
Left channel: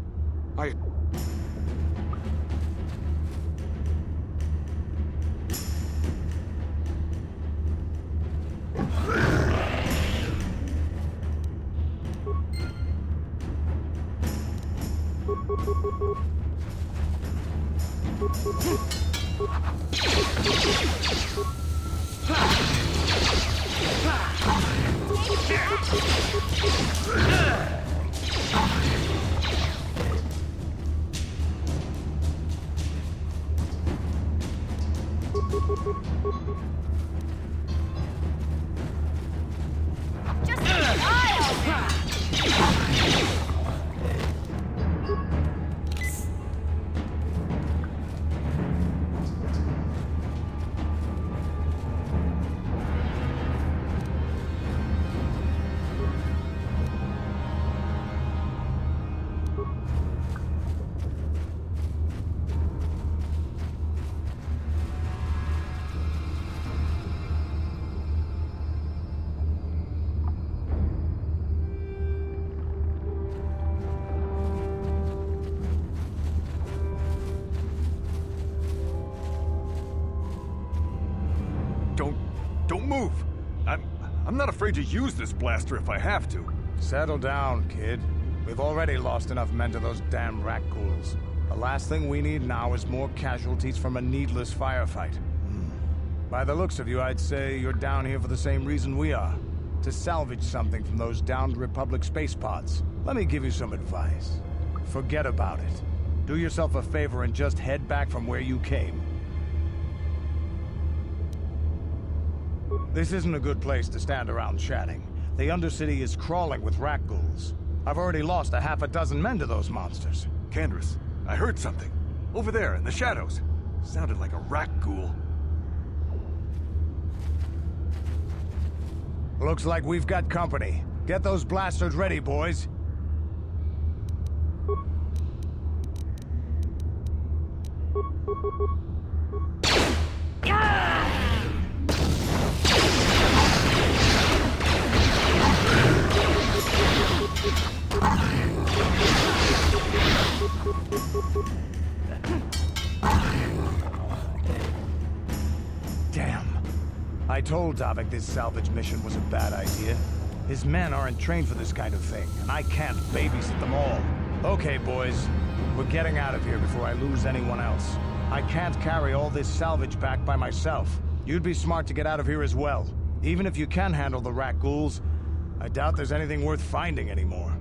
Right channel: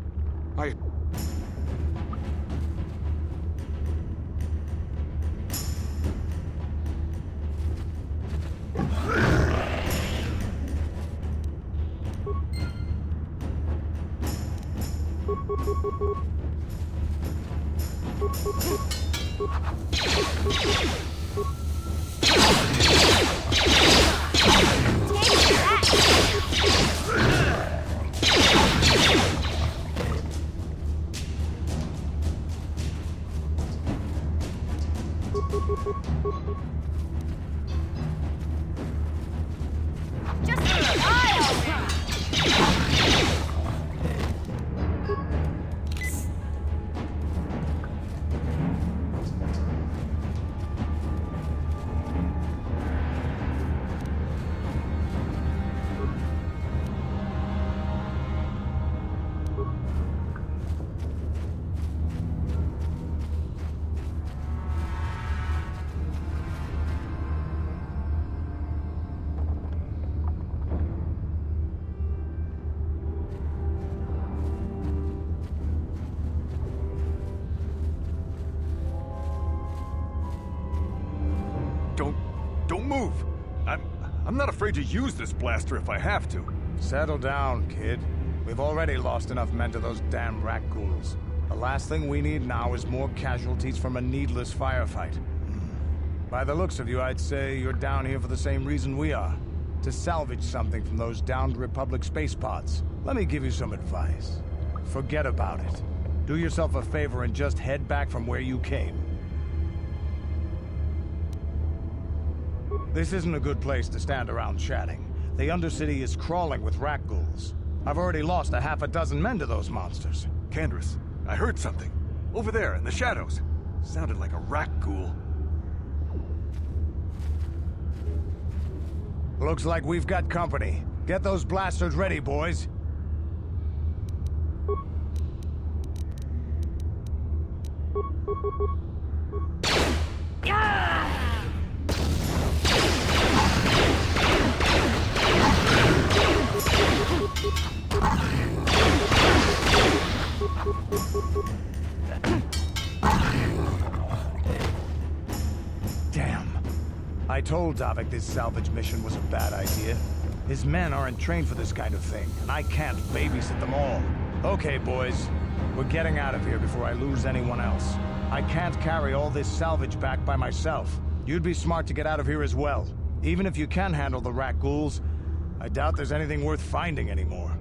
Don't move! I'm not afraid to use this blaster if I have to. Settle down, kid. We've already lost enough men to those damn rat ghouls. The last thing we need now is more casualties from a needless firefight. By the looks of you, I'd say you're down here for the same reason we are. To salvage something from those downed Republic space pods. Let me give you some advice. Forget about it. Do yourself a favor and just head back from where you came. This isn't a good place to stand around chatting. The Undercity is crawling with rat ghouls. I've already lost a half a dozen men to those monsters. Candace, I heard something. Over there, in the shadows. Sounded like a rat ghoul. Looks like we've got company. Get those blasters ready, boys. Damn. I told Davik this salvage mission was a bad idea. His men aren't trained for this kind of thing, and I can't babysit them all. Okay, boys. We're getting out of here before I lose anyone else. I can't carry all this salvage back by myself. You'd be smart to get out of here as well. Even if you can handle the rat ghouls, I doubt there's anything worth finding anymore.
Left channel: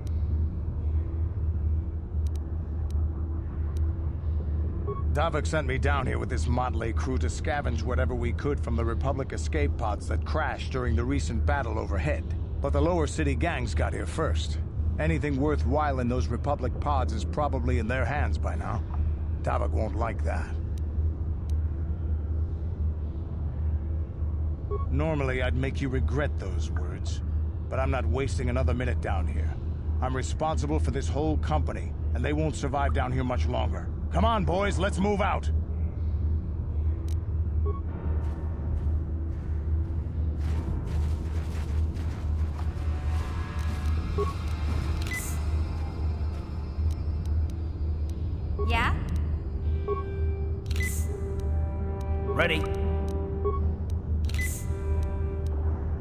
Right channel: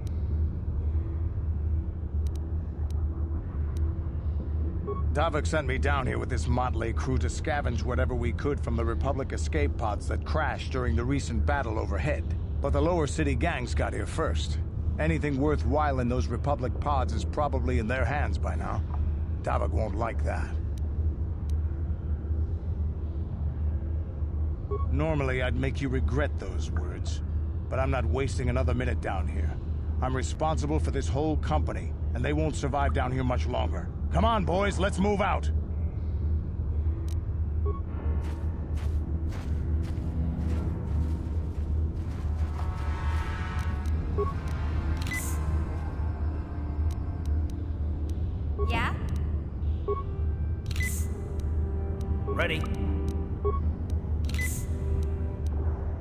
Davik sent me down here with this motley crew to scavenge whatever we could from the Republic escape pods that crashed during the recent battle overhead. But the lower city gangs got here first. Anything worthwhile in those Republic pods is probably in their hands by now. Tavok won't like that. Normally, I'd make you regret those words, but I'm not wasting another minute down here. I'm responsible for this whole company, and they won't survive down here much longer. Come on, boys, let's move out! Yeah? Ready.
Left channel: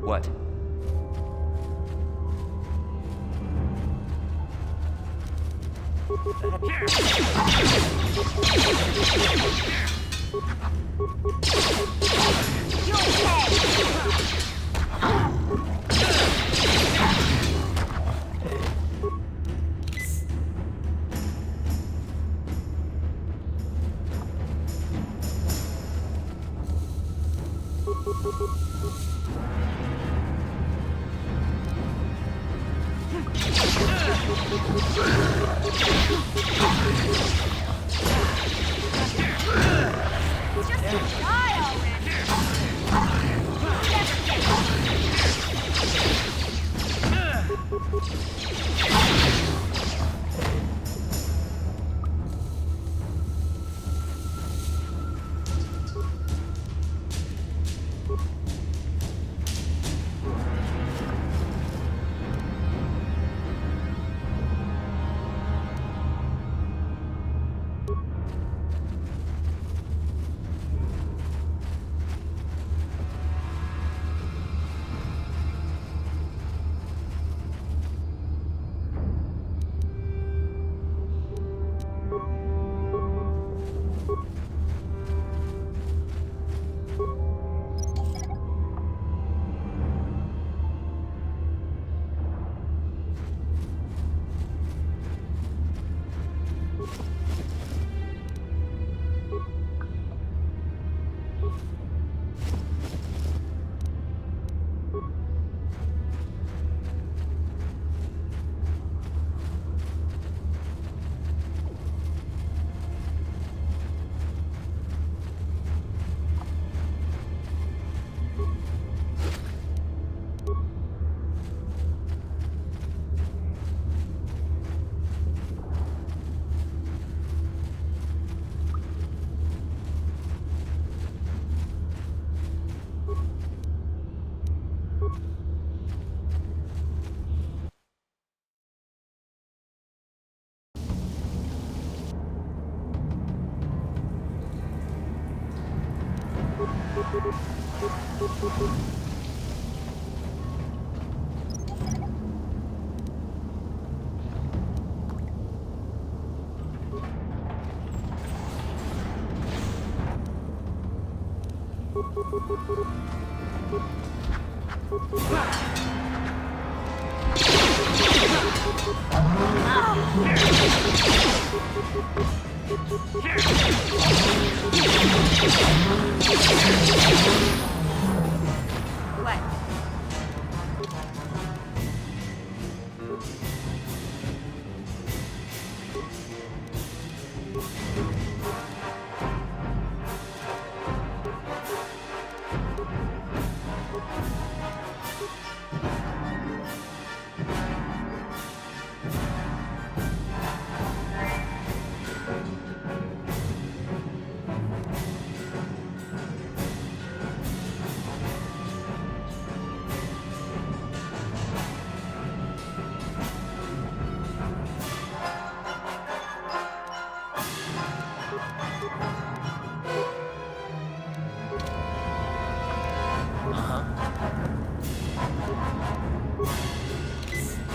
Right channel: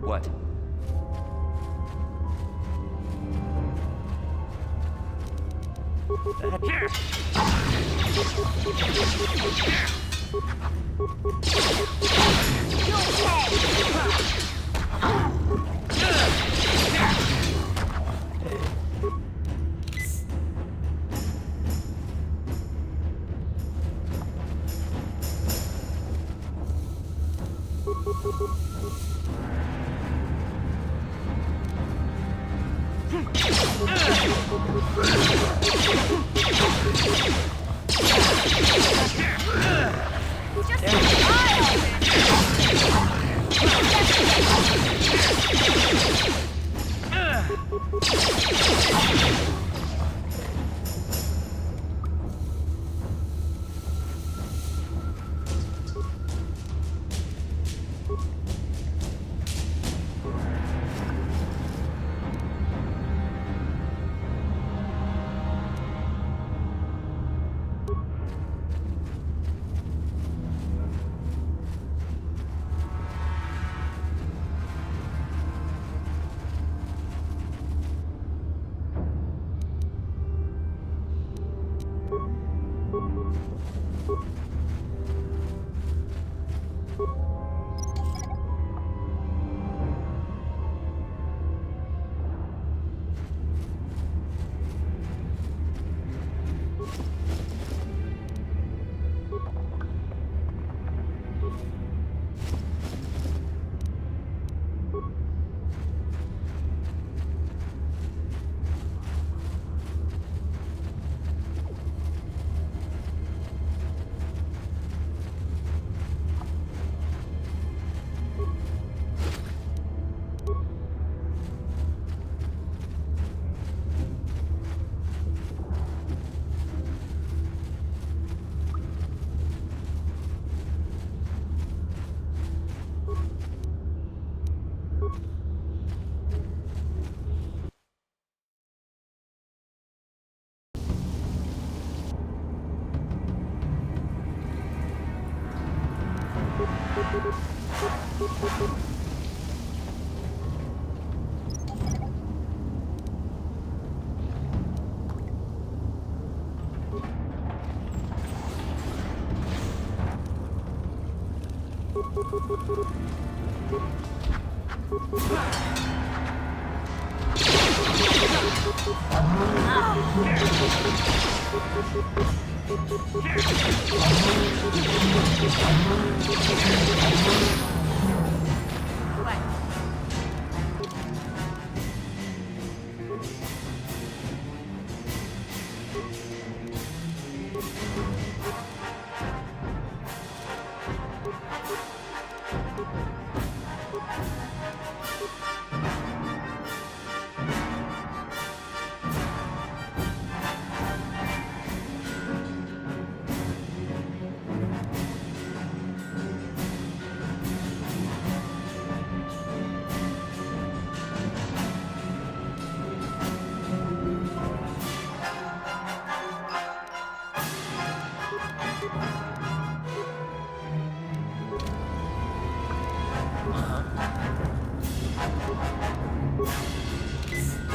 What?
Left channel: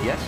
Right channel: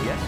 Yes?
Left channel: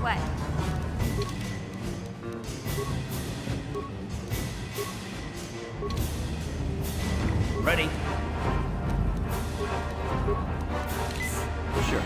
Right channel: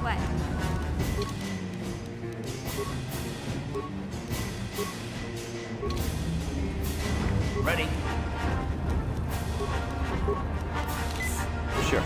What? Ready? Sure.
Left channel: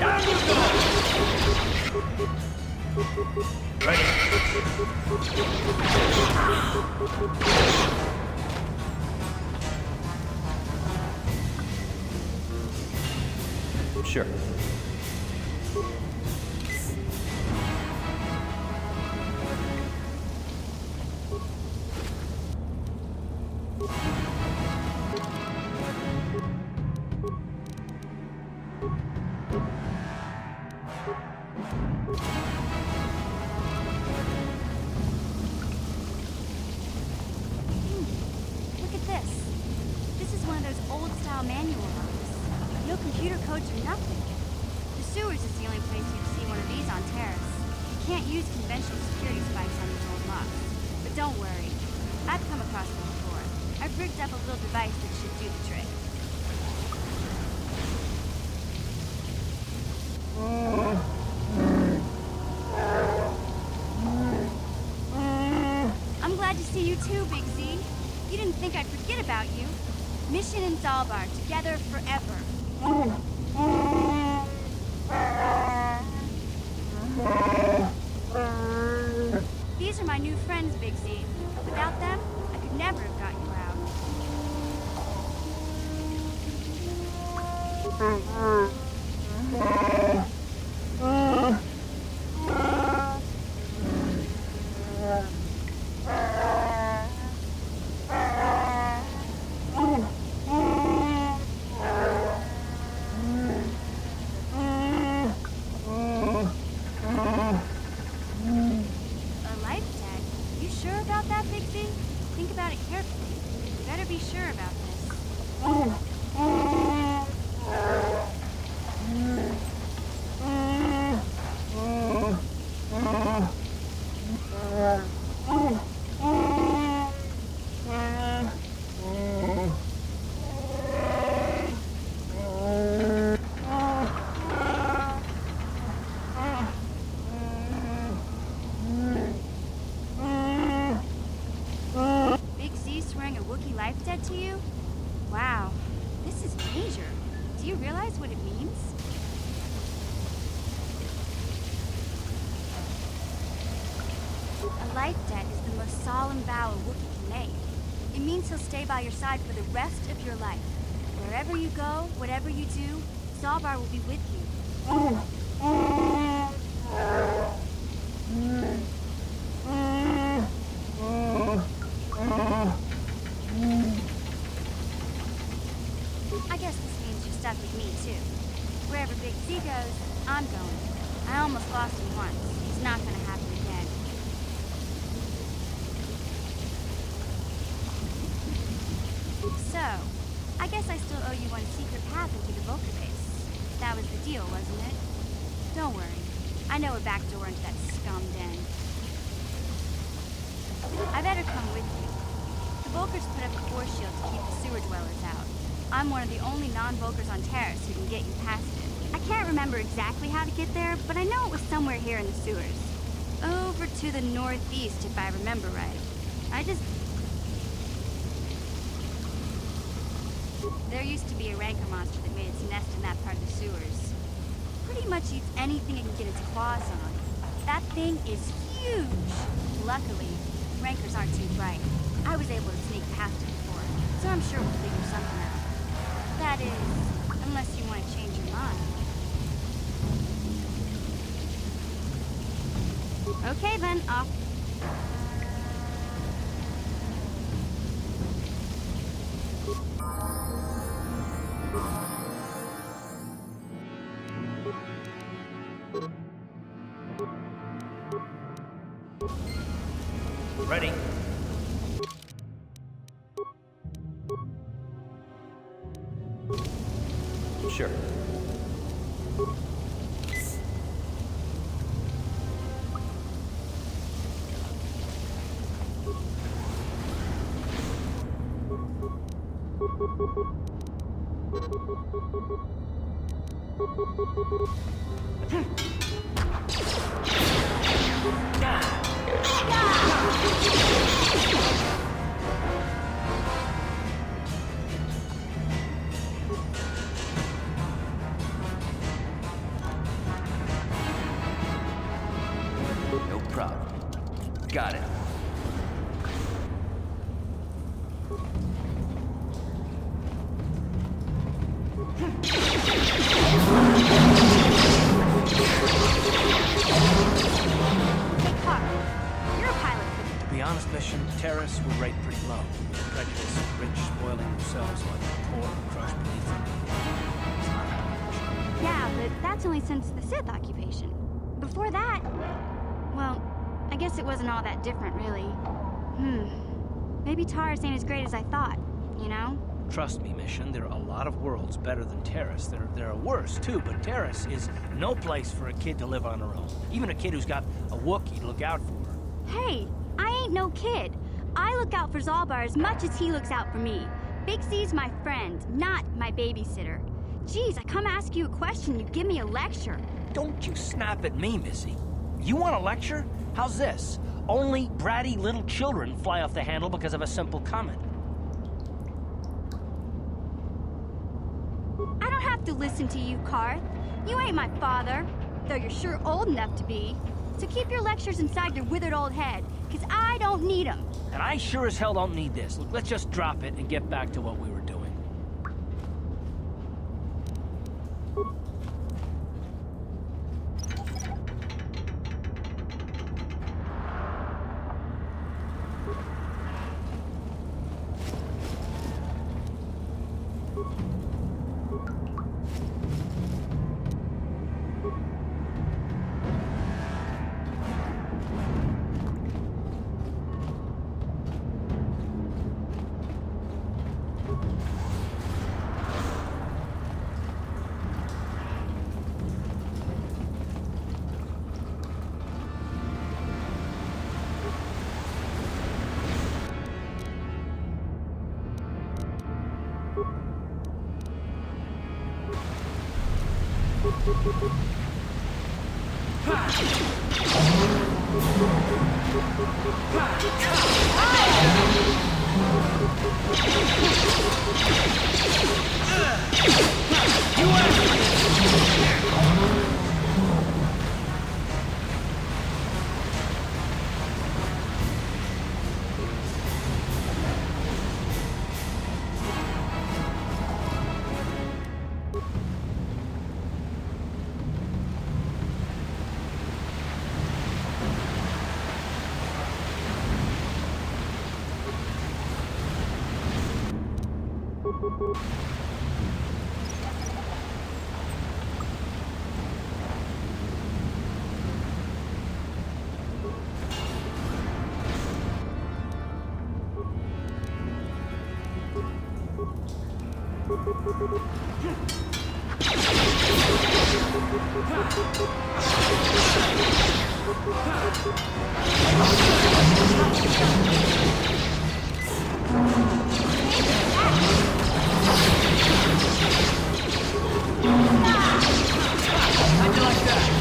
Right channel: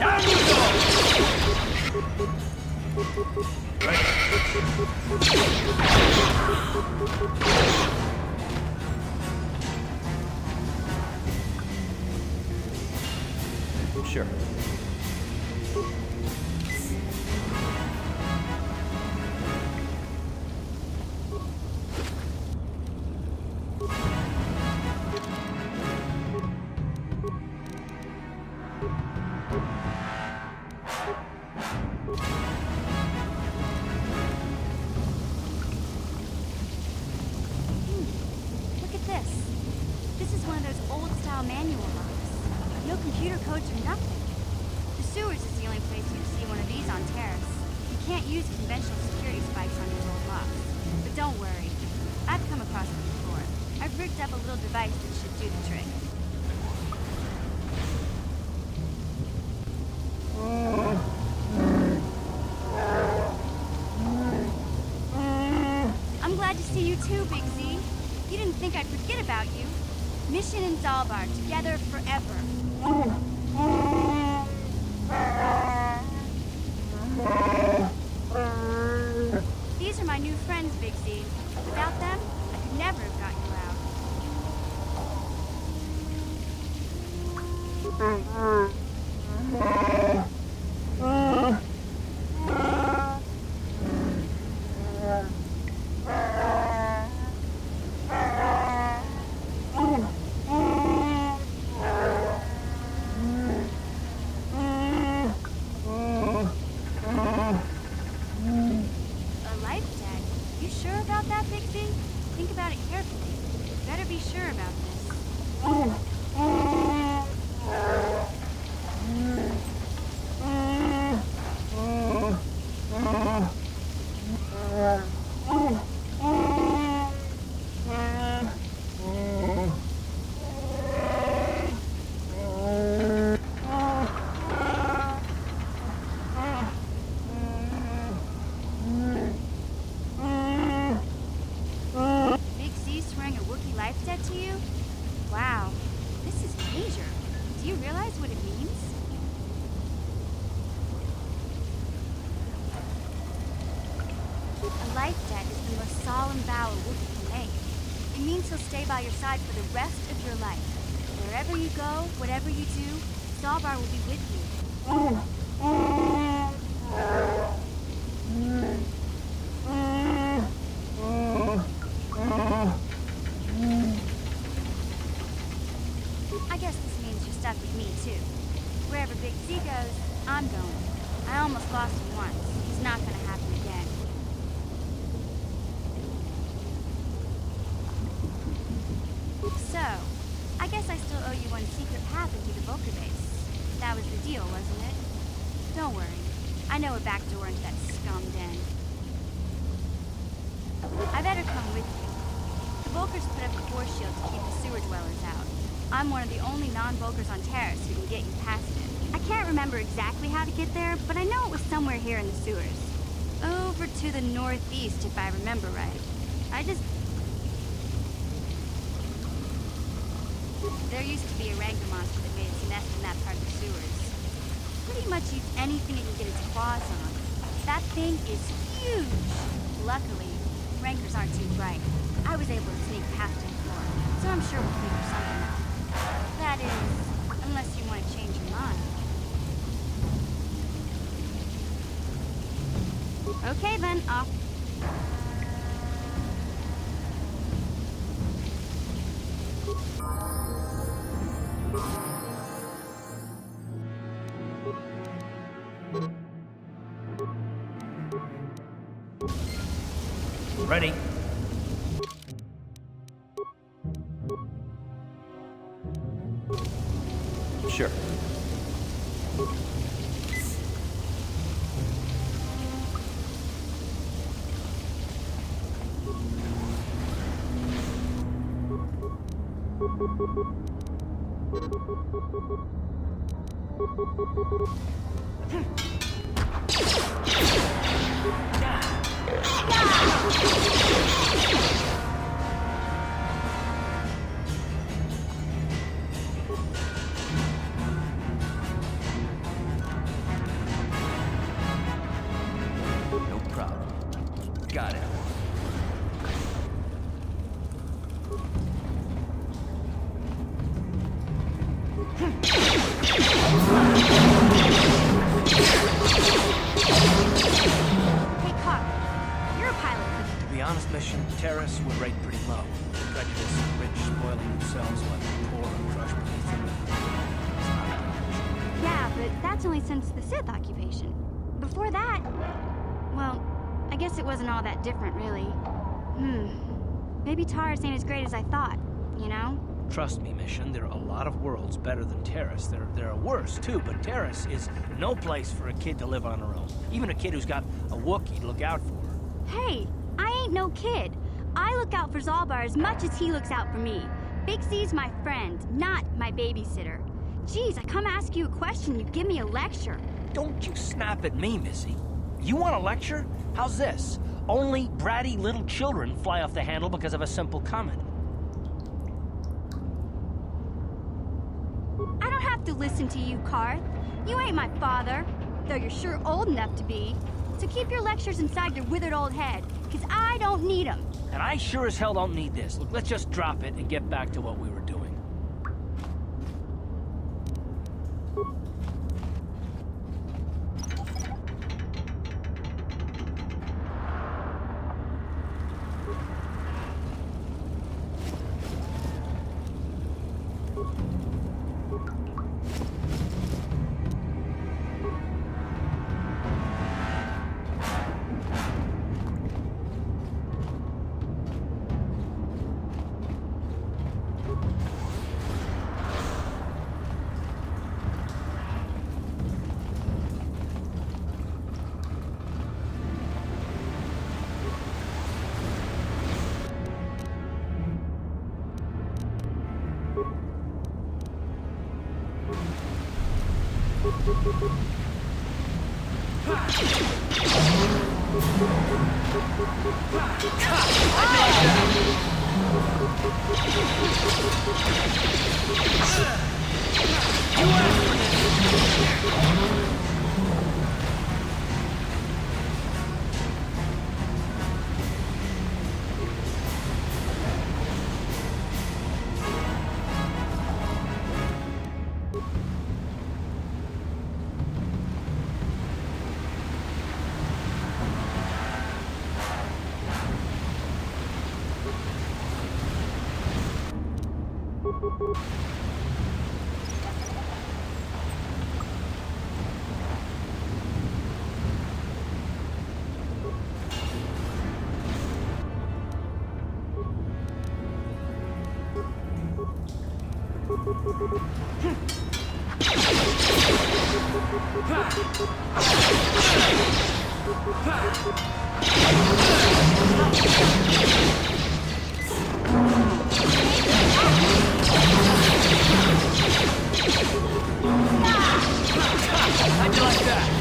Down you go! Ready? Sure. Look at this. This is one of those old-style manual locks. No computer codes or nothing. The sewers is the only place you'd see one of these on Terrace. You can't use conventional security spikes on these old locks. But don't worry. I've come across them before. I've rigged up a little device that should do the trick. I'm glad to see you too, Big Z. You didn't think I'd forget about you. Mission and Zalbar, together forever. These are my new friends, Big Z. Without them, I could never have got you out. Do you realize what it means? A life debt is the most solemn vow a Wookiee can make. It means he'll stay by your side for the rest of your life. Wherever you go, whatever you do, Zalbar will be with you. I guess this means you're stuck with me, too. Wherever Big C goes, I'm going. I almost lost him once. It's not gonna happen again. So, I guess I still owe you one secret path into the Vulcan base. That was the deal, wasn't it? Don't worry. I know a back door into that scum den. I better come with you. The Vulkars put up a force shield to keep the sewer dwellers out. I'm one of the only non-Vulkars on Terrace who can get you past it. I can't remember exactly how to get there, but I know it was somewhere here in the sewers. Over to the northeast, if I remember right. There used to be a rancor monster that made its nest in that part of the sewers. Pretty much eats anything it can get its claws on. That thing is huge! Luckily, rancors aren't too bright. I was able to sneak past it before, so I'm sure we'll figure something out. That is, unless you want to change your mind. Okay then, off. Ready? Sure. No problem. Got it. Hey, Carl. You're a pilot, To be honest, Mission, Terrace would rate pretty low. Prejudice, rich spoiling themselves while the poor are crushed beneath them. It's not a good mission. Yeah, but that's only since the Sith occupation. Before that, well, I guess it wasn't all that different, really. Maybe Taurus ain't as great as I thought, you know? Trust me, Mission, there are a lot of worlds better than Terrace. There are worse, too, but Terrace is no place for a kid to live on her own. Even a kid who's got a Wookiee to look out for. Hey, I ain't no kid. I look out for Zalbar as much as he looks out for me. Big C's my friend, not my babysitter. Geez, I come ask you a question, you give me a lecture. Don't you snap at me, Missy. You want a lecture? How's this? Only bratty little children fly off the handle because of a simple comment. I don't have to listen to you, Karth. You ain't my father, though you're sure old enough to be. So keep your lectures inside your withered old head, because I don't need them. And I sure as hell don't need this. Look, let's just drop it and get back to what we were doing. How'd you like that?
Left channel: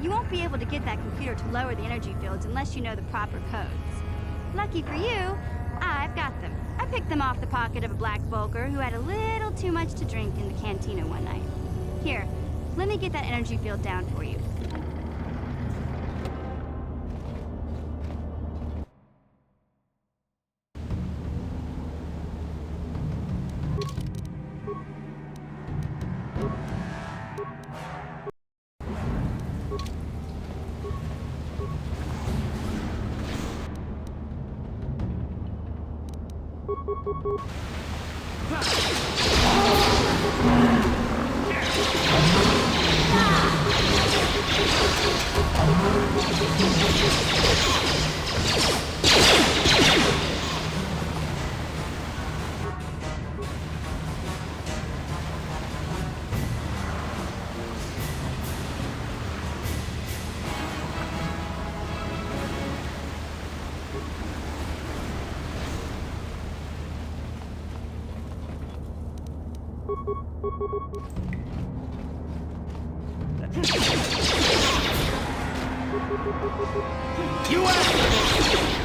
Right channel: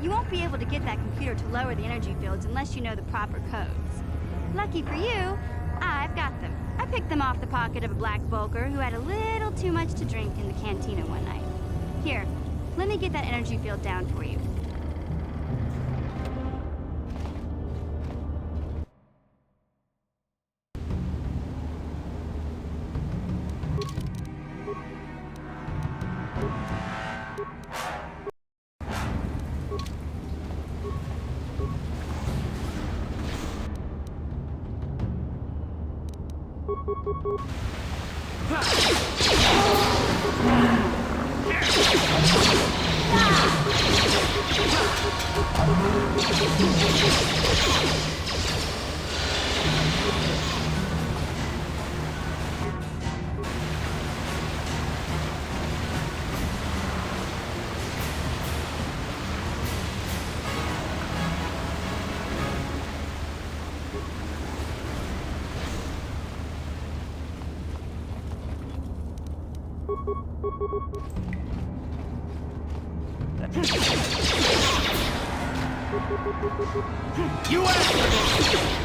You won't be able to get that computer to lower the energy fields unless you know the proper codes. Lucky for you, I've got them. I picked them off the pocket of a black Volker who had a little too much to drink in the cantina one night. Here, let me get that energy field down for you. You asked for this!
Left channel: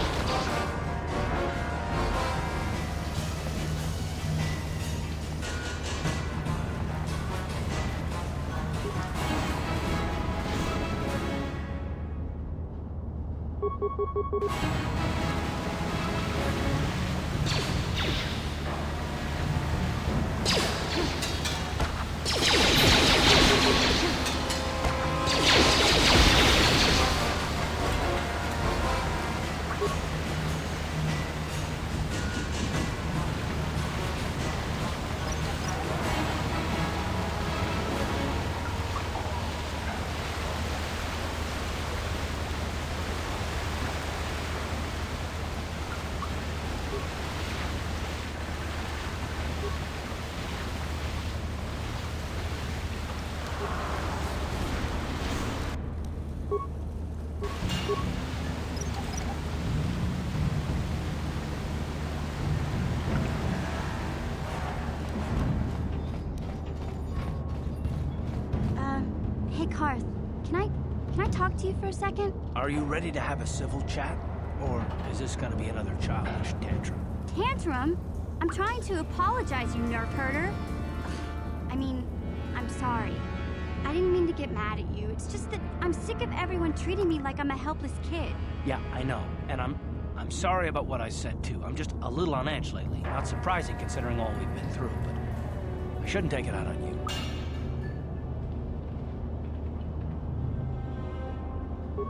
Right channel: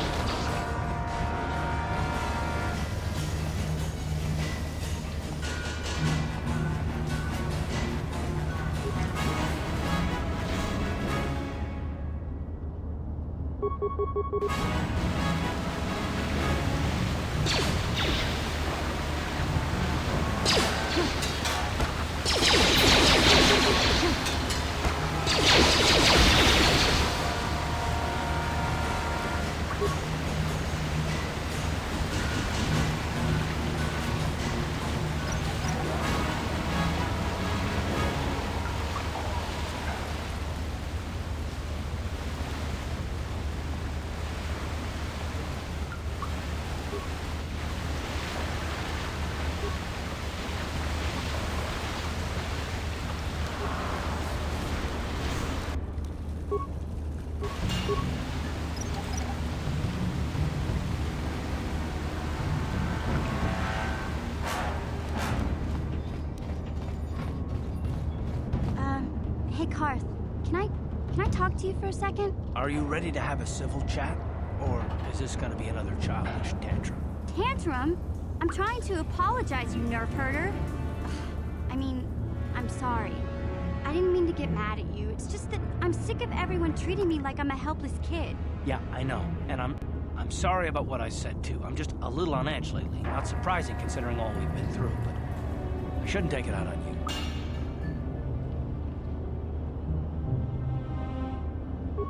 Hey, Carth, can I talk to you for a second? Are you ready to have a civil chat? Or is this gonna be another childish tantrum? Tantrum? I'm trying to apologize, you nerf herder. I mean, I'm sorry. I didn't mean to get mad at you. It's just that I'm sick of everyone treating me like I'm a helpless kid. Yeah, I know. And I'm sorry about what I said, too. I'm just a little on edge lately. Not surprising considering all we've been through, but I shouldn't take it out on you.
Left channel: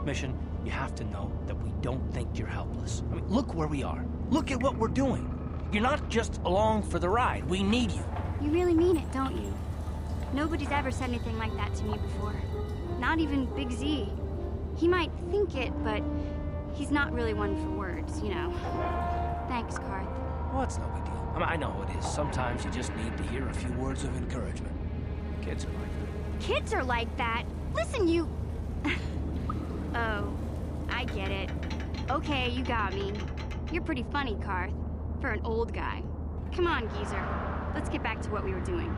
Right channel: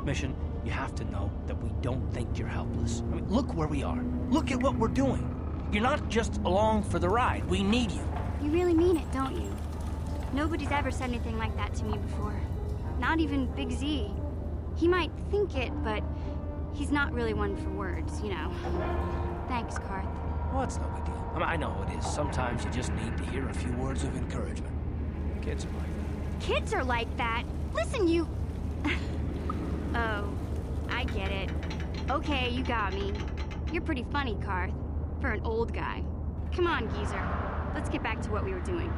Mission, you have to know that we don't think you're helpless. I mean, look where we are. Look at what we're doing. You're not just along for the ride. We need you. You really mean it, don't you? Nobody's ever said anything like that to me before. Not even Big Z. He might think it, but he's not really one for words, you know. Thanks, Carth. Well, it's no big deal. I mean, I know it is. Sometimes you just need to hear a few words of encouragement. Kids are like that. Kids are like that? Listen, you... Oh, I get it. Okay, you got me. You're pretty funny, Carth. For an old guy. Come on, geezer. Let's get back to what we were doing.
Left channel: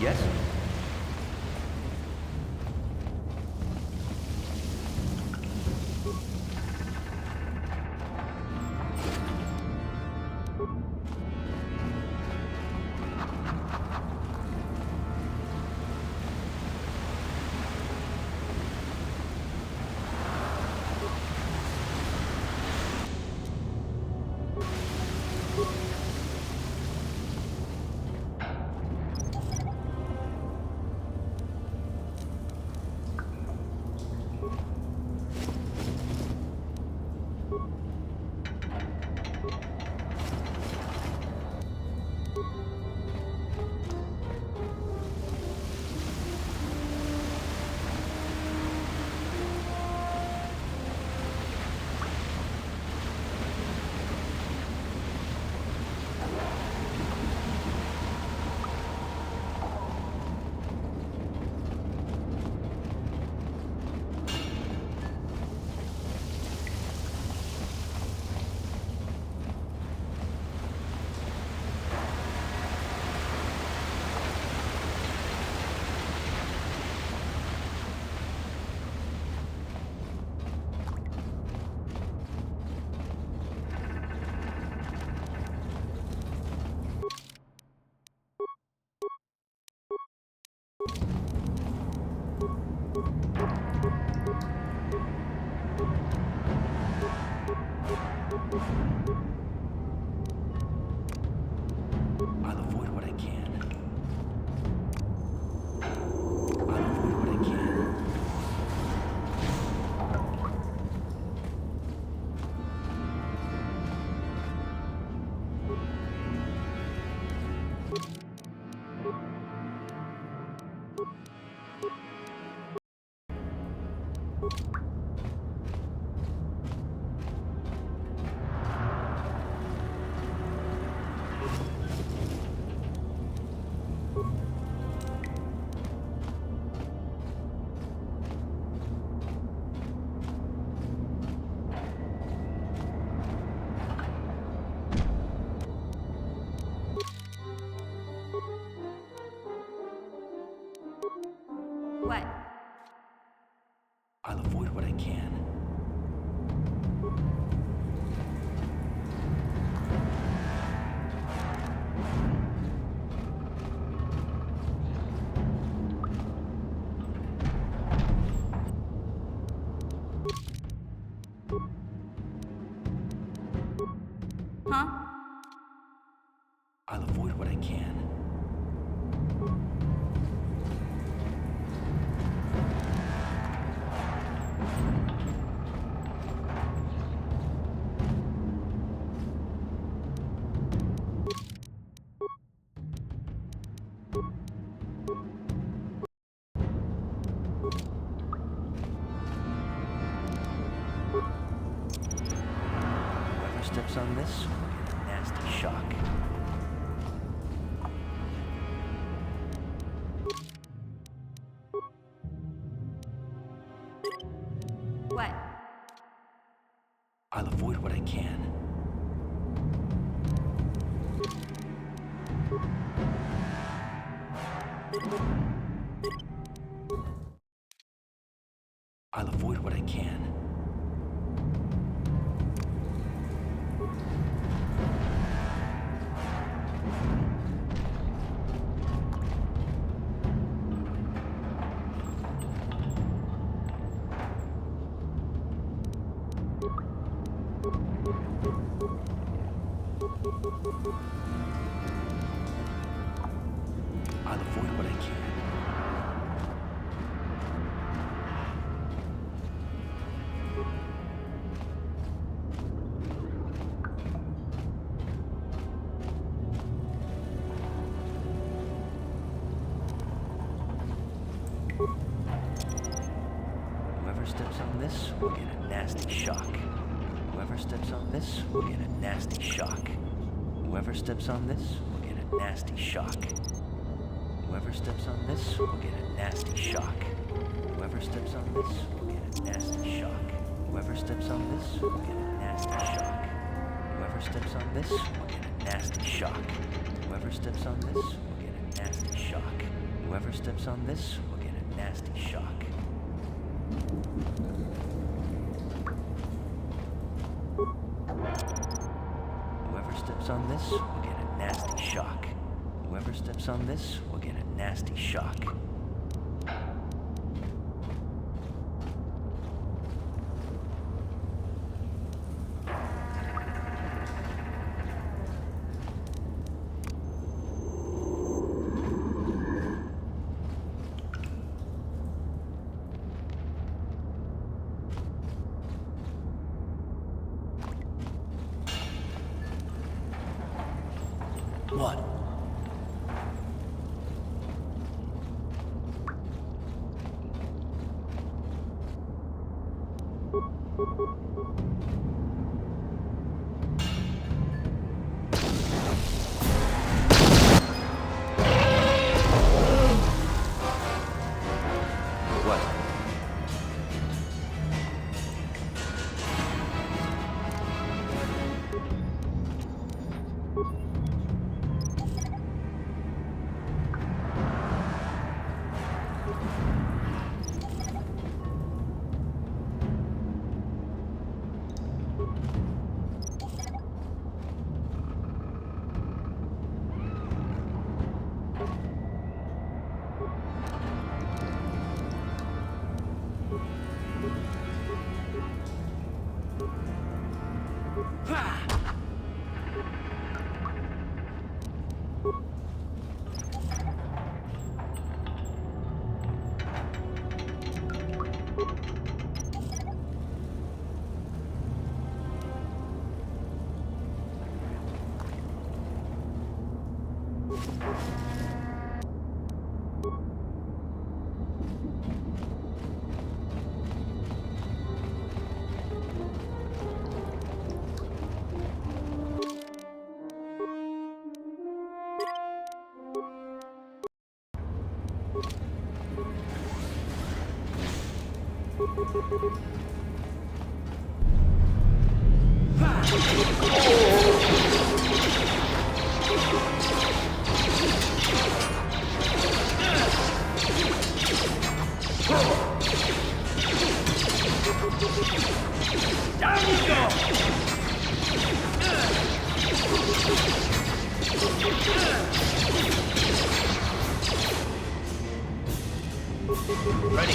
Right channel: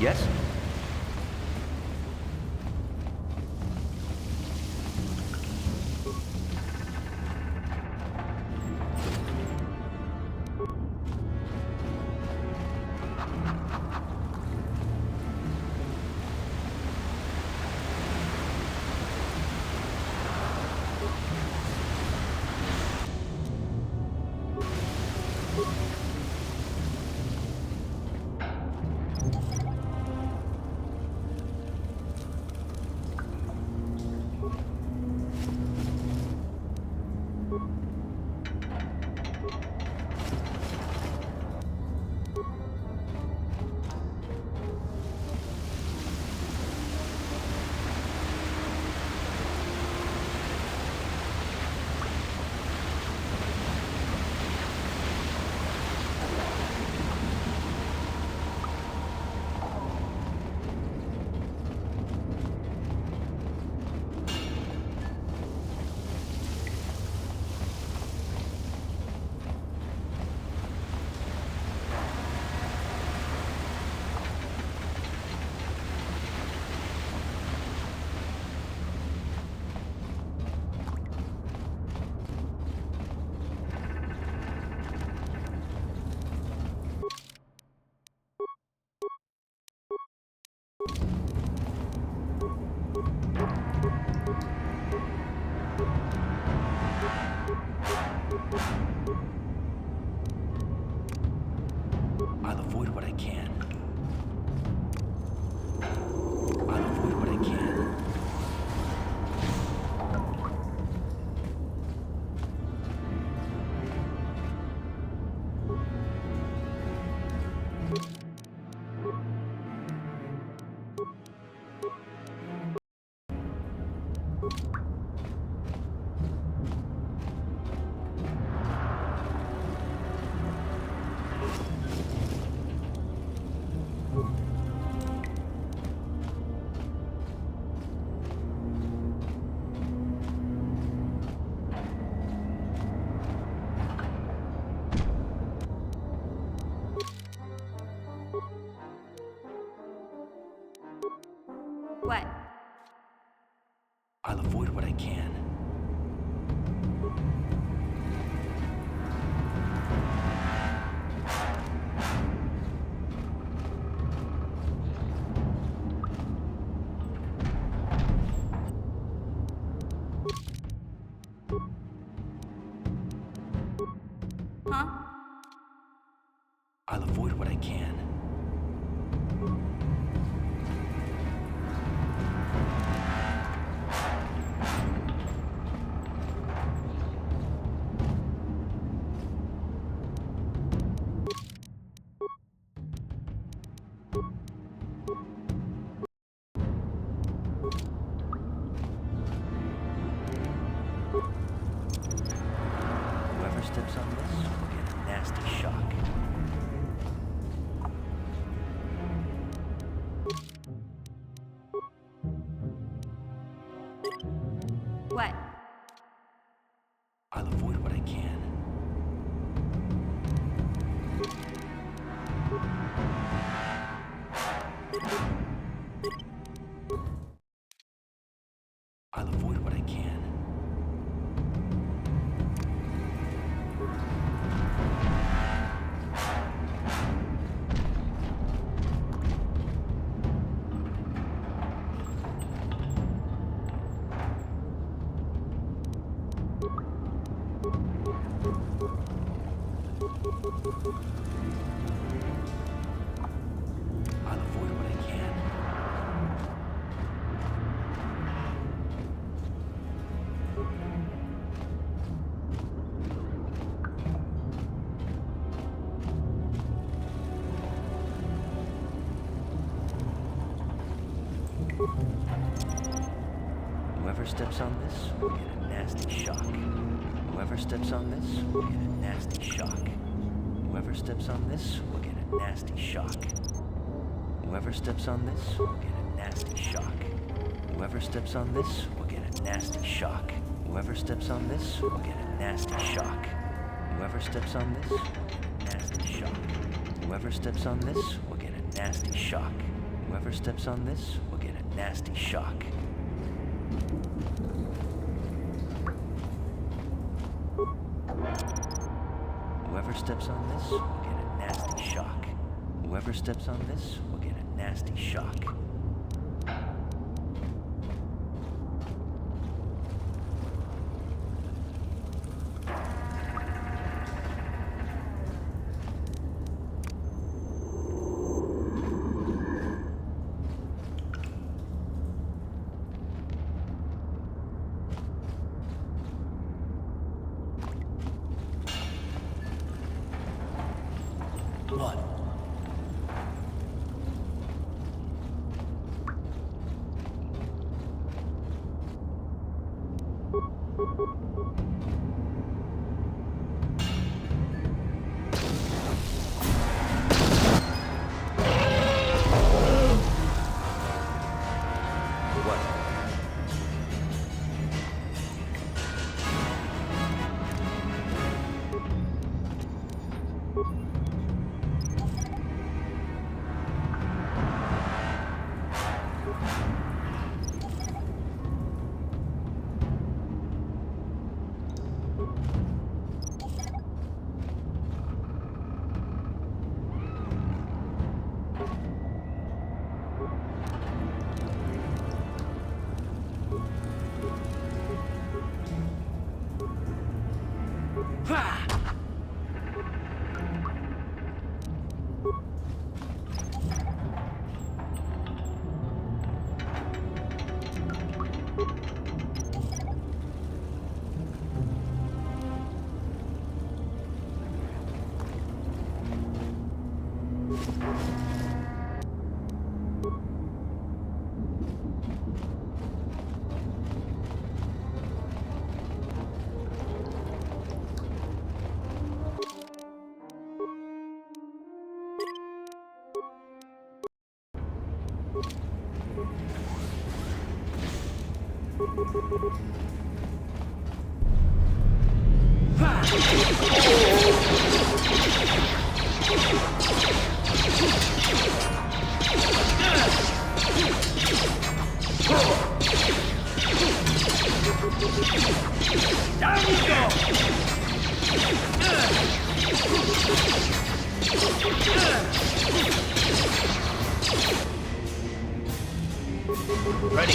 Yes? I'll avoid what I can. I'll avoid what I can. What? I'll avoid what I can. Huh? I'll avoid what I can. Whoever steps on this will get a nasty shock. What? I'll avoid what I can. I'll avoid what I can. I'll avoid what I can. Whoever steps on this will get a nasty shock. Whoever steps on this will get a nasty shock. Whoever steps on this will get a nasty shock. Whoever steps on this will get a nasty shock. Whoever steps on this will get a nasty shock. Whoever steps on this will get a nasty shock. Whoever steps on this will get a nasty shock. Whoever steps on this will get a nasty shock. Whoever steps on this will get a nasty shock. Whoever steps on this will get a nasty shock. Whoever steps on this will get a nasty shock. What? What? Down you go! Ready.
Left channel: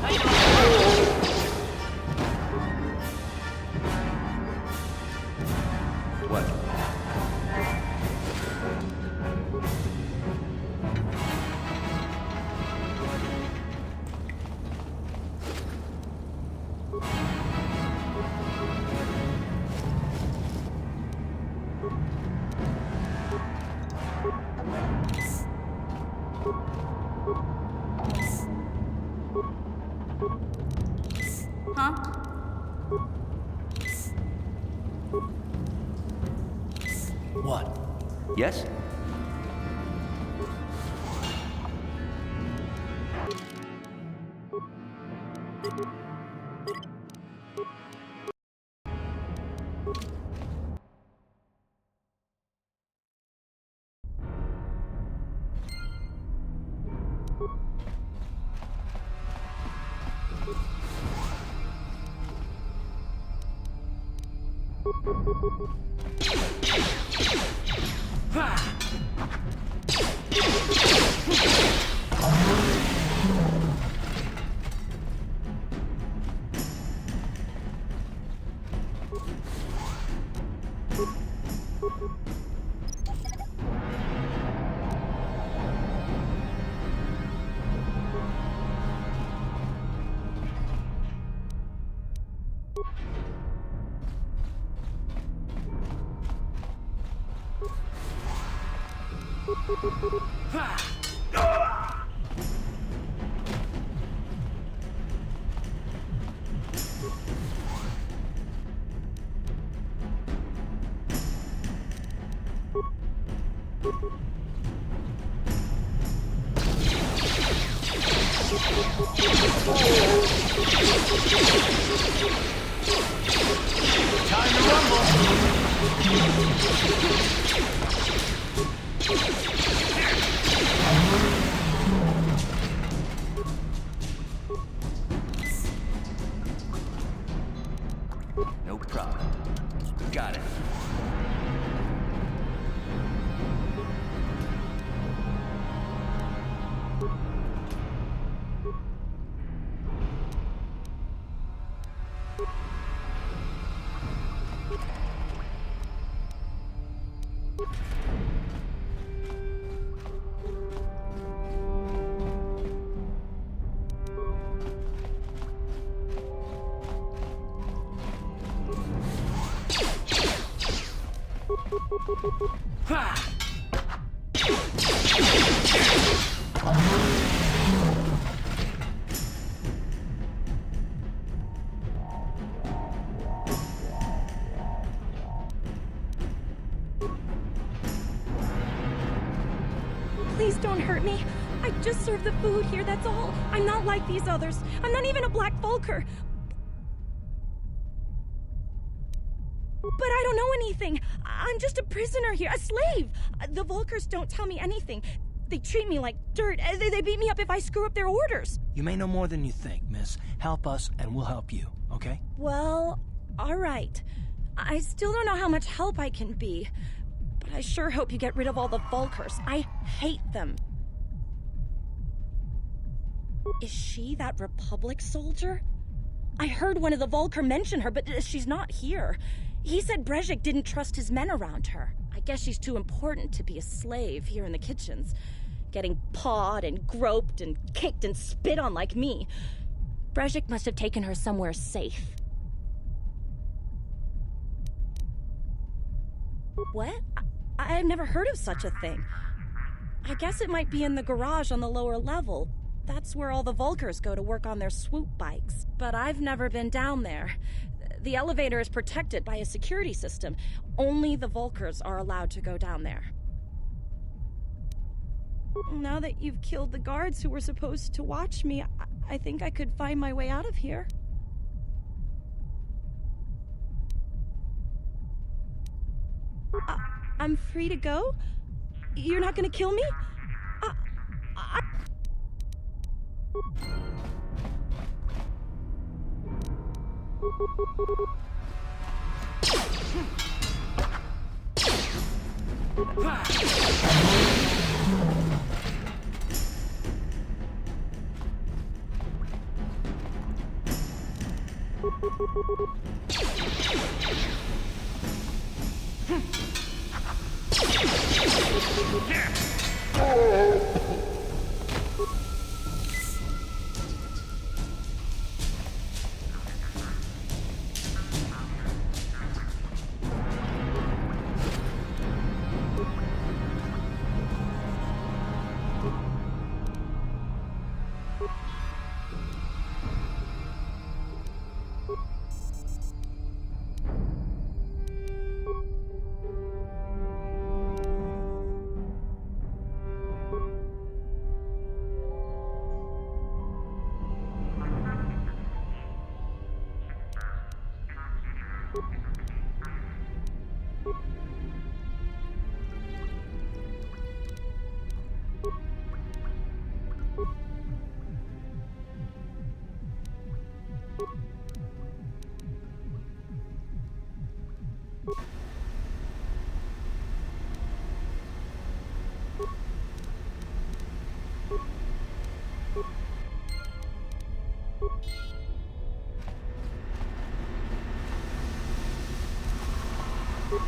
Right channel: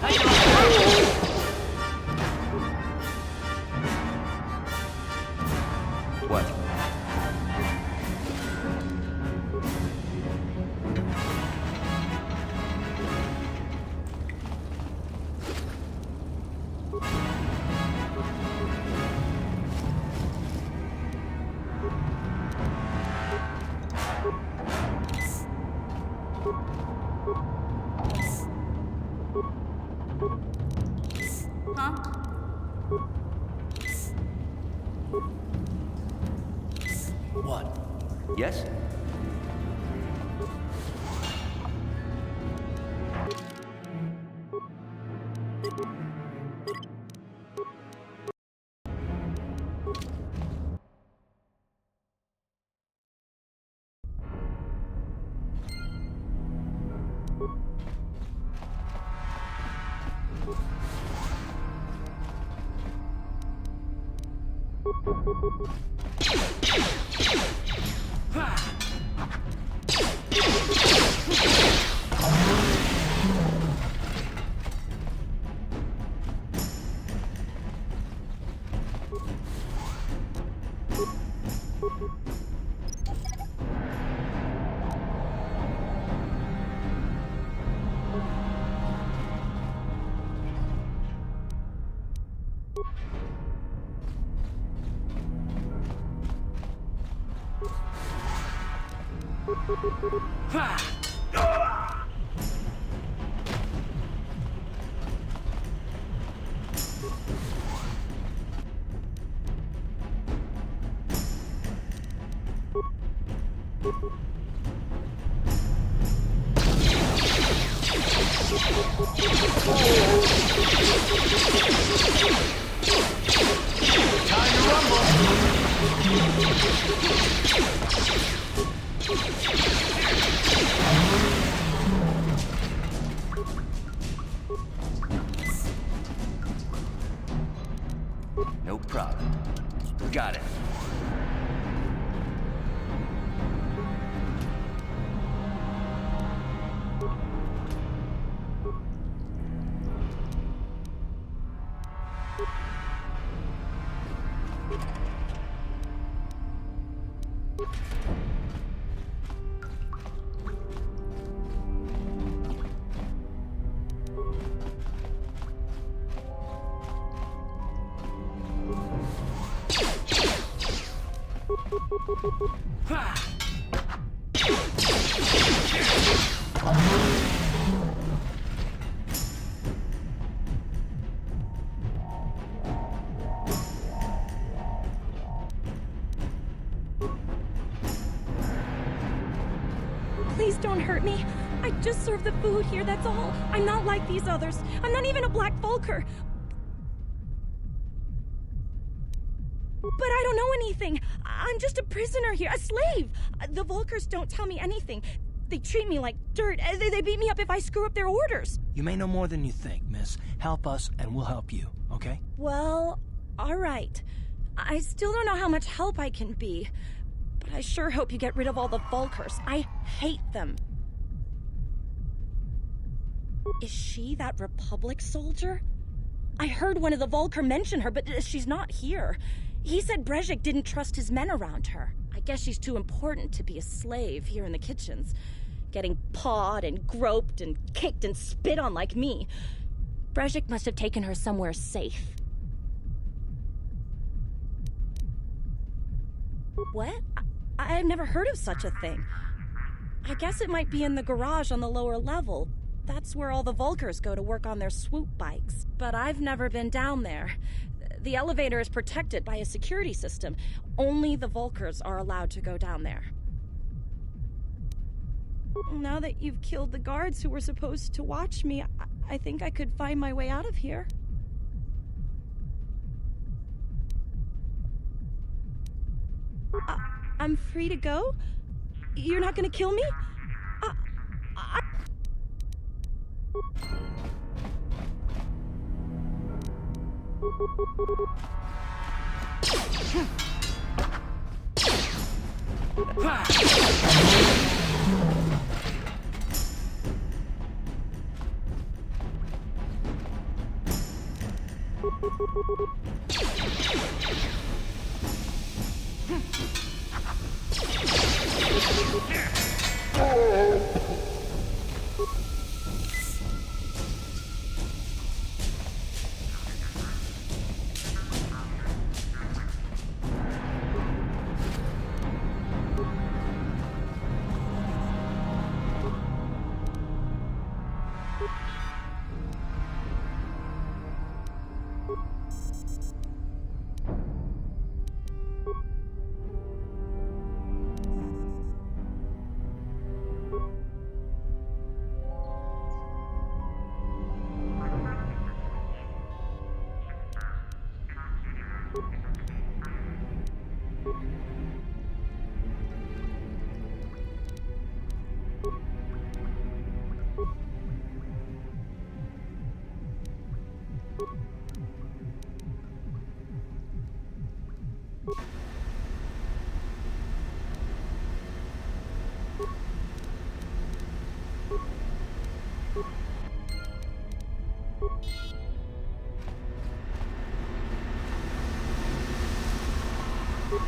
Tight What? Huh? What? Yes? Time to rumble! No problem. Got it. Please don't hurt me. I just serve the food here, that's all. I'm not like these others. I'm not even a Black Vulker. But I don't know anything. I'm just a prisoner here, a slave. The Vulkers don't tell me anything. They treat me like dirt. They beat me up if I screw up their orders. You may know more than you think, miss. Help us and we'll help you, okay? Well, all right. I still don't know how much help I can be. But I sure hope you get rid of all the Vulkers. I hate them. Is she that Republic soldier? I heard one of the Volker mention her, but she's not here. He said Brejik didn't trust his men around her. I guess she's too important to be a slave here in the kitchens, getting pawed and groped and kicked and spit on like me. Brejik must have taken her somewhere safe. What? I've never heard of such a thing. I guess it might be in the garage on the lower level. That's where all the Volkers go to work on their swoop bikes. But I've never been down there. The elevator is protected by a security system. Only the Volkers are allowed to go down there. Now that you've killed the guards who were supposed to watch me, I think I could find my way out of here. I'm free to go? You're not gonna kill me?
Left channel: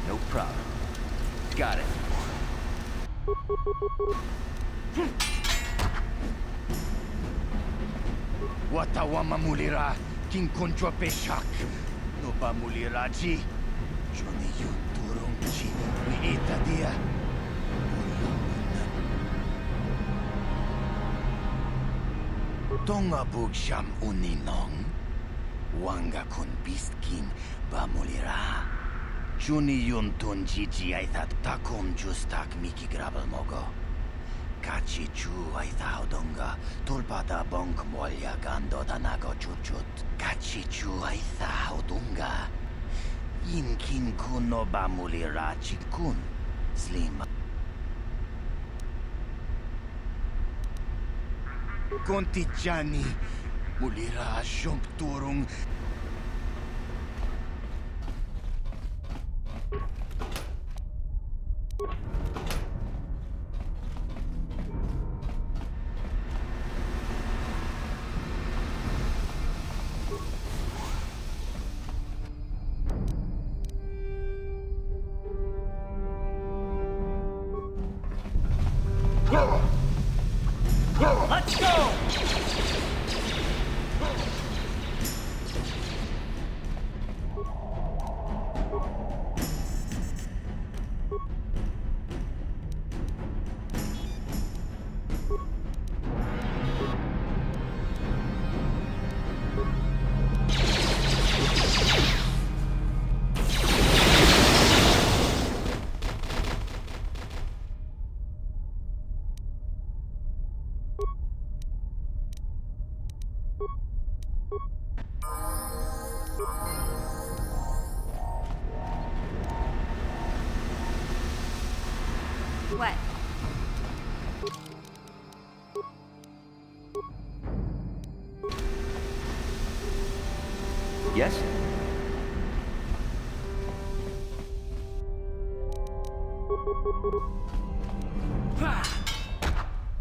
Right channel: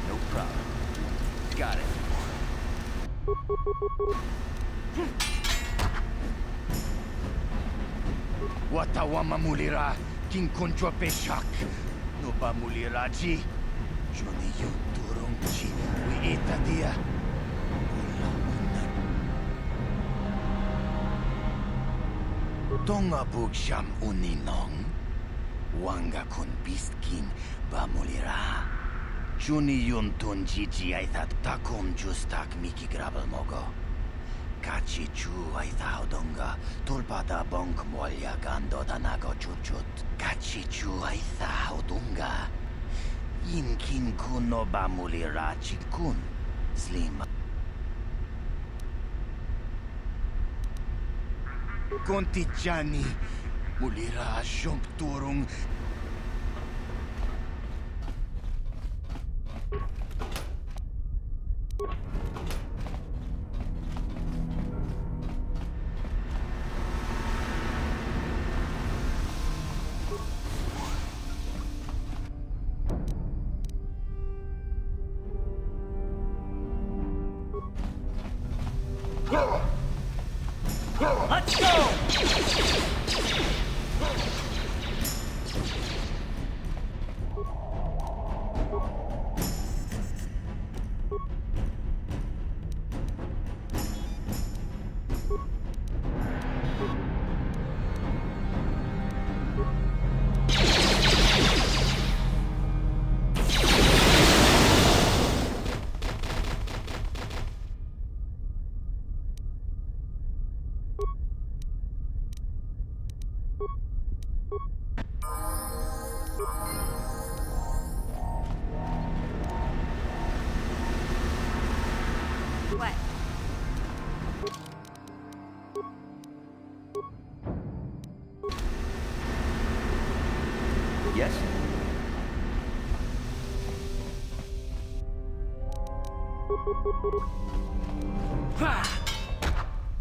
No problem. Got it. Watawama mulira, king konjo peshak. No ba mulira ji. Johnny yu turung chi, we ita dia. Tonga bugsham uninong. Wanga kun beast king ba mulira. Juni yun tun jiji I thought takum justak miki grabel mogo. Kachi chu I thought donga tulpada bonk molya gando danago chuchut. Kachi chu I thought donga. Yin kin kuno ba mulira chikun. Slim. Konti Jani mulira jump turung. Let's go! What? Yes?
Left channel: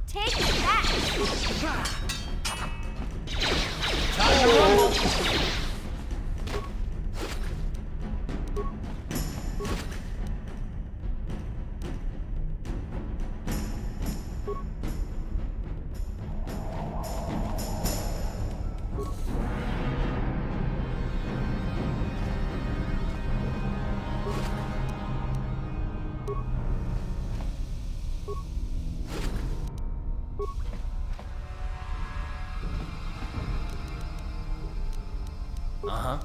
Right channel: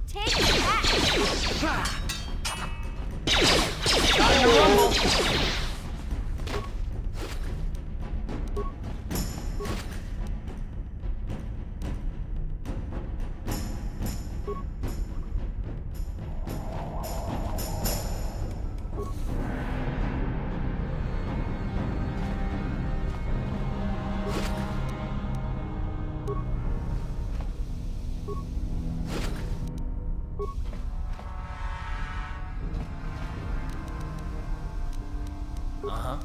Take that! starting to rumble. Uh-huh.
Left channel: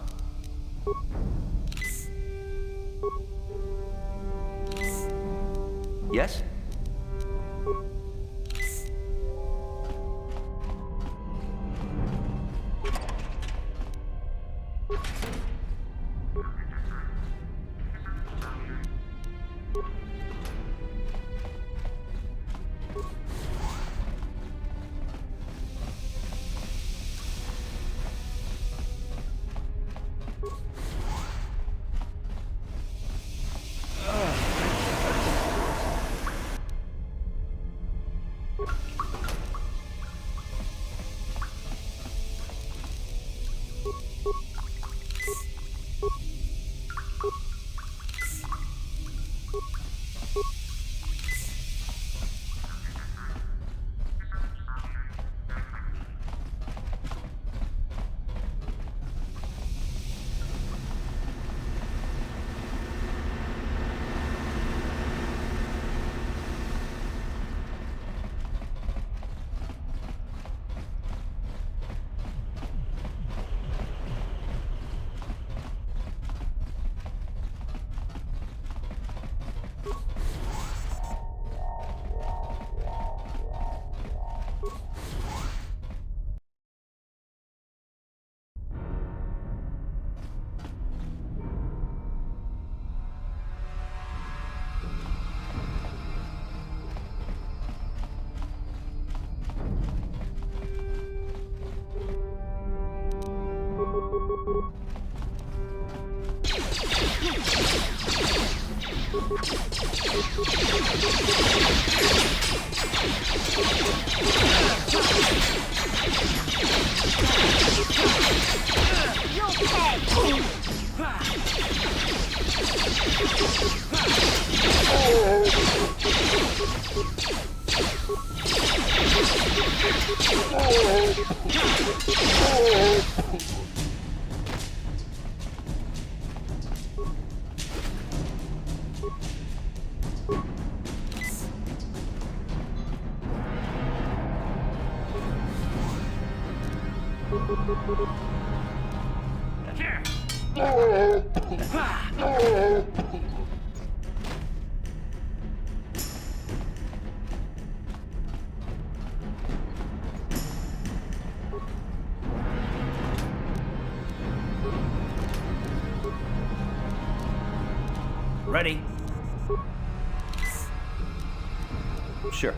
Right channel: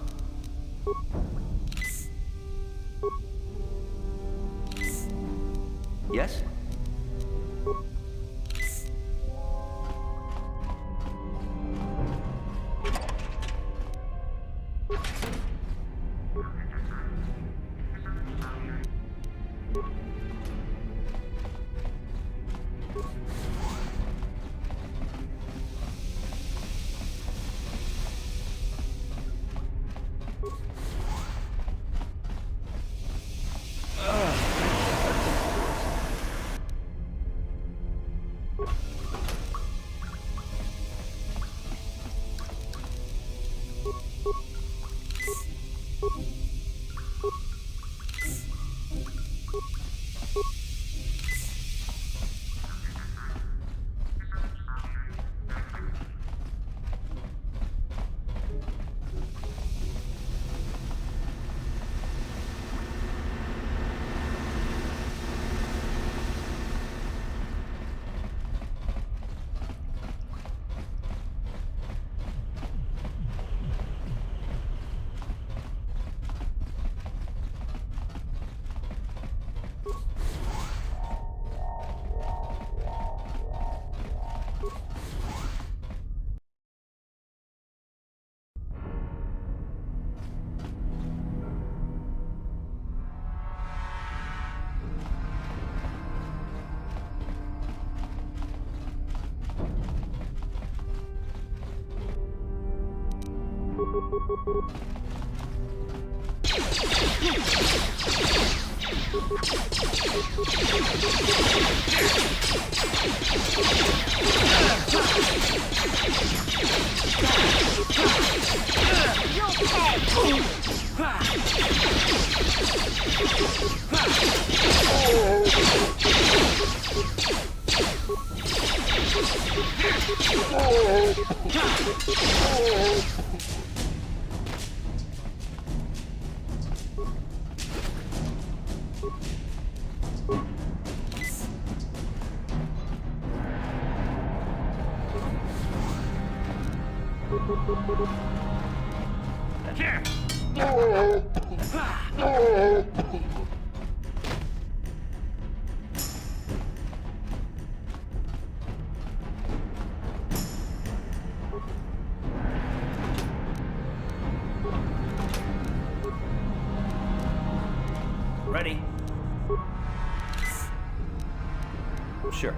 Yes? Ready? Sure.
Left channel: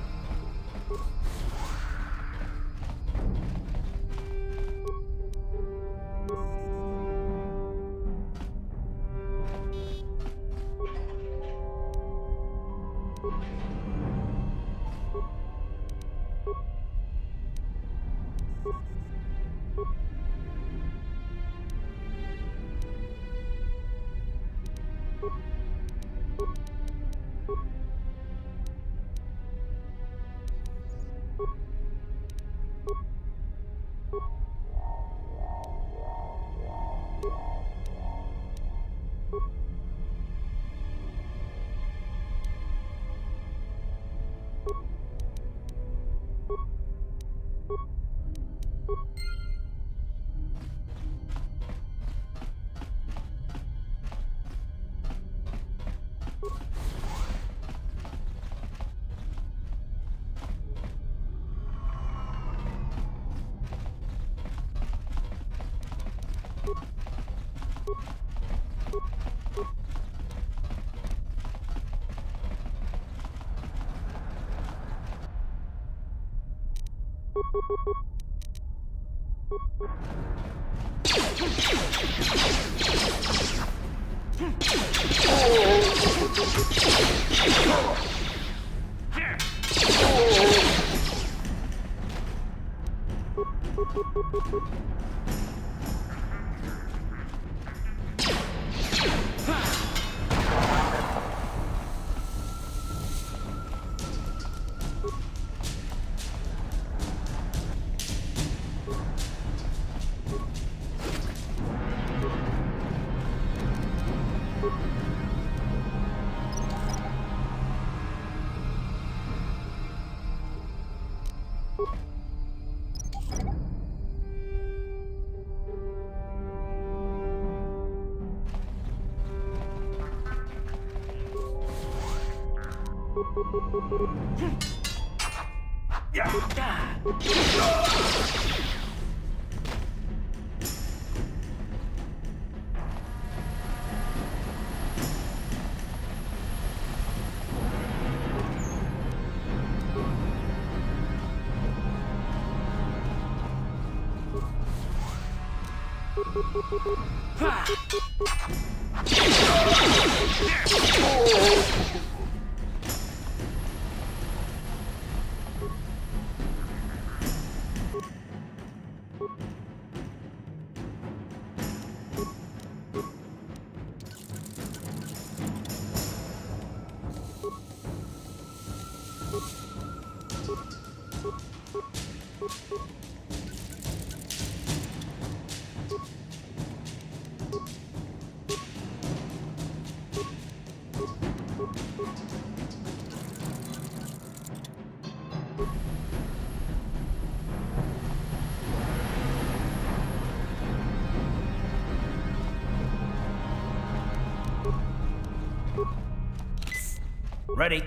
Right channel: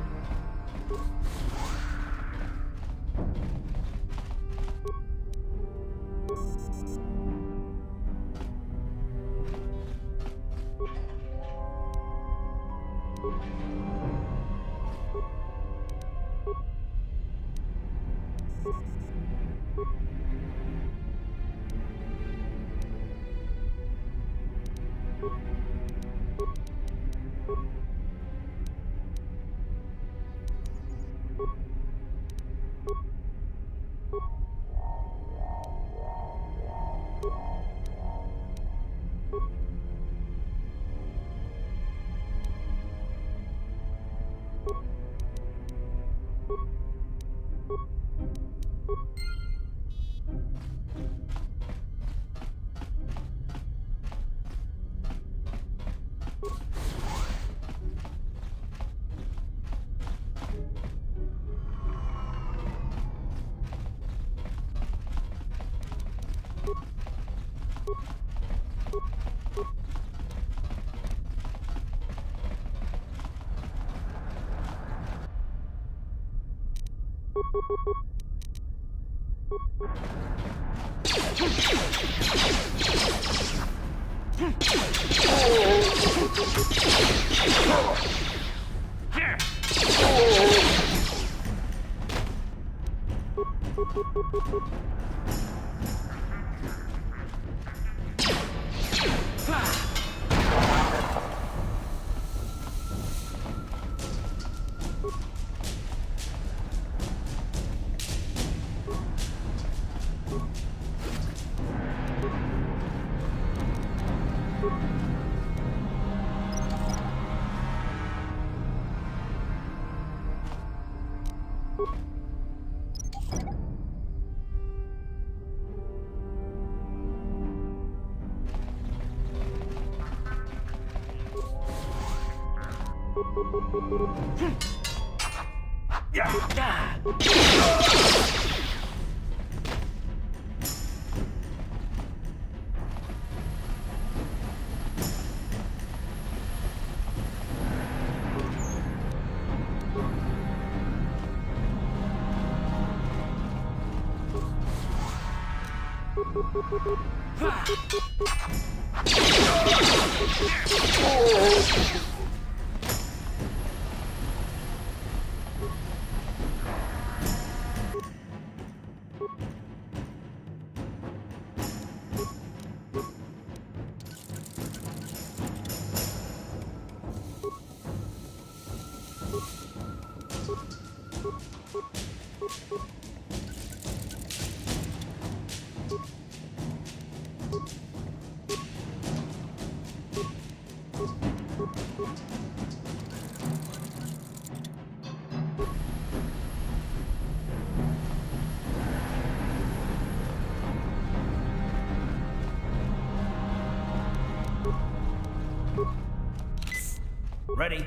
Ready?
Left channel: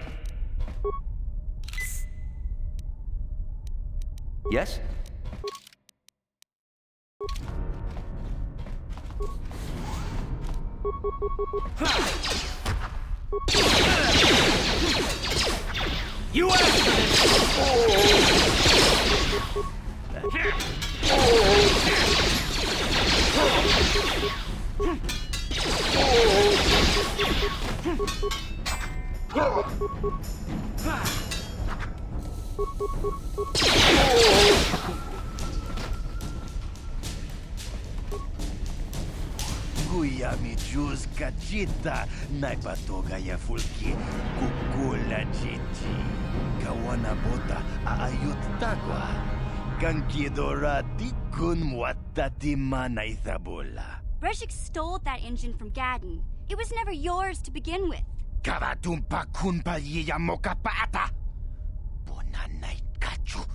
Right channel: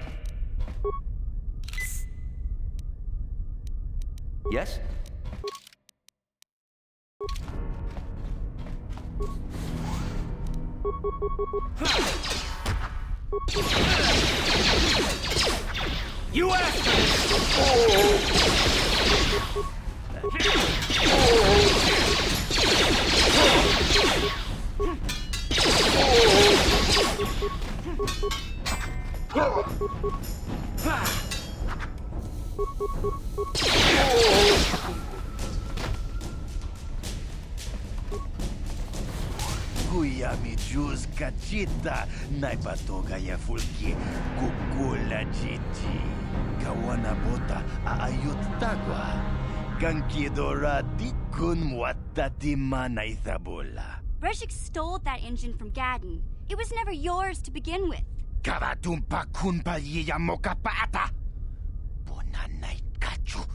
Yes? You asked for Kuya mi juz kachita, naipatoga ya fulki, kukula chichi. Kawana bota aayut tagwa. Kankidora tikun muatati manaithabola. Breshik stole that engine from Gadden. It was never yours to begin with. Karatumpa kunpa yiya mokapaata. Bonanay kachu.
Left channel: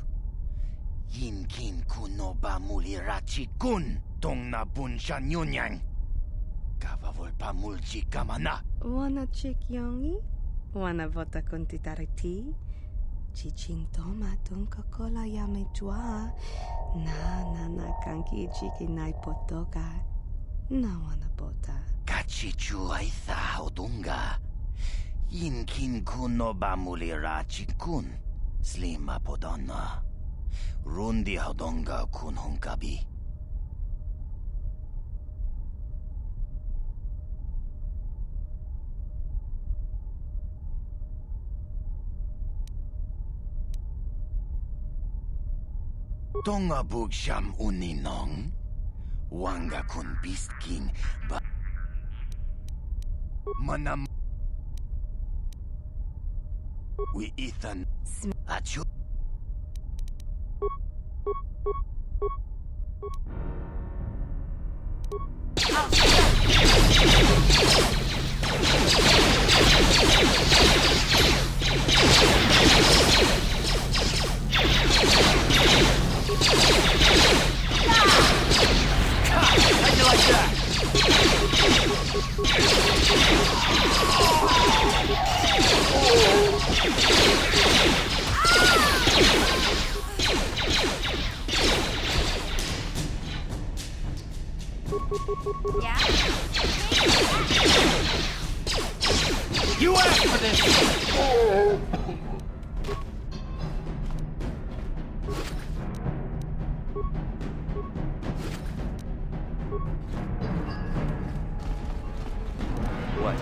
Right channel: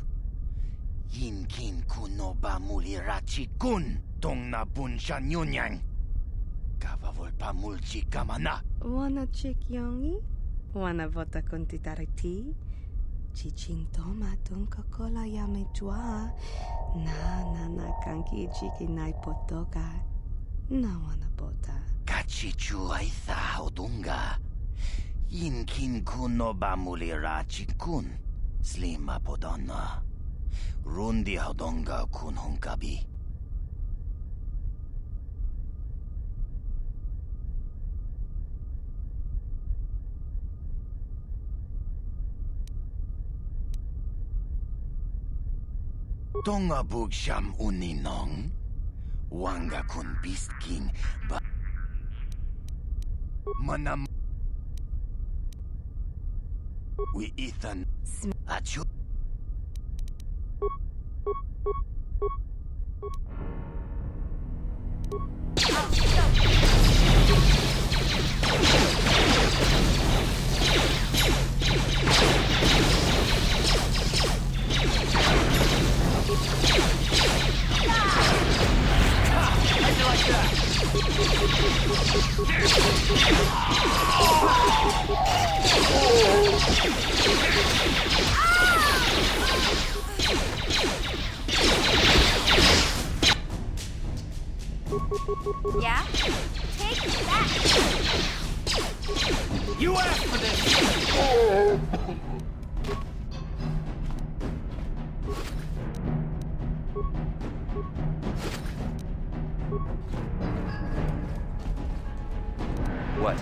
Yinkin kunoba mulirachi kun. Tong na bunsha nyunyang. Kavavol mulchi kamana. Wanna chick yongi? Wanna vota con titariti? Chichintoma tunka kola yame jua. Na kanki chiki nai potoka. Na wanna bota. Kachichu aitha odunga. Yinkin kuno bamulirachi kun. Slima podonna. Rundi hodonga kun hunkabi. Tonga bugsham uninong. Wanga kun beast king ba manam we Ethan achu How'd you like that? Yeah? Take that! You asked for this! What?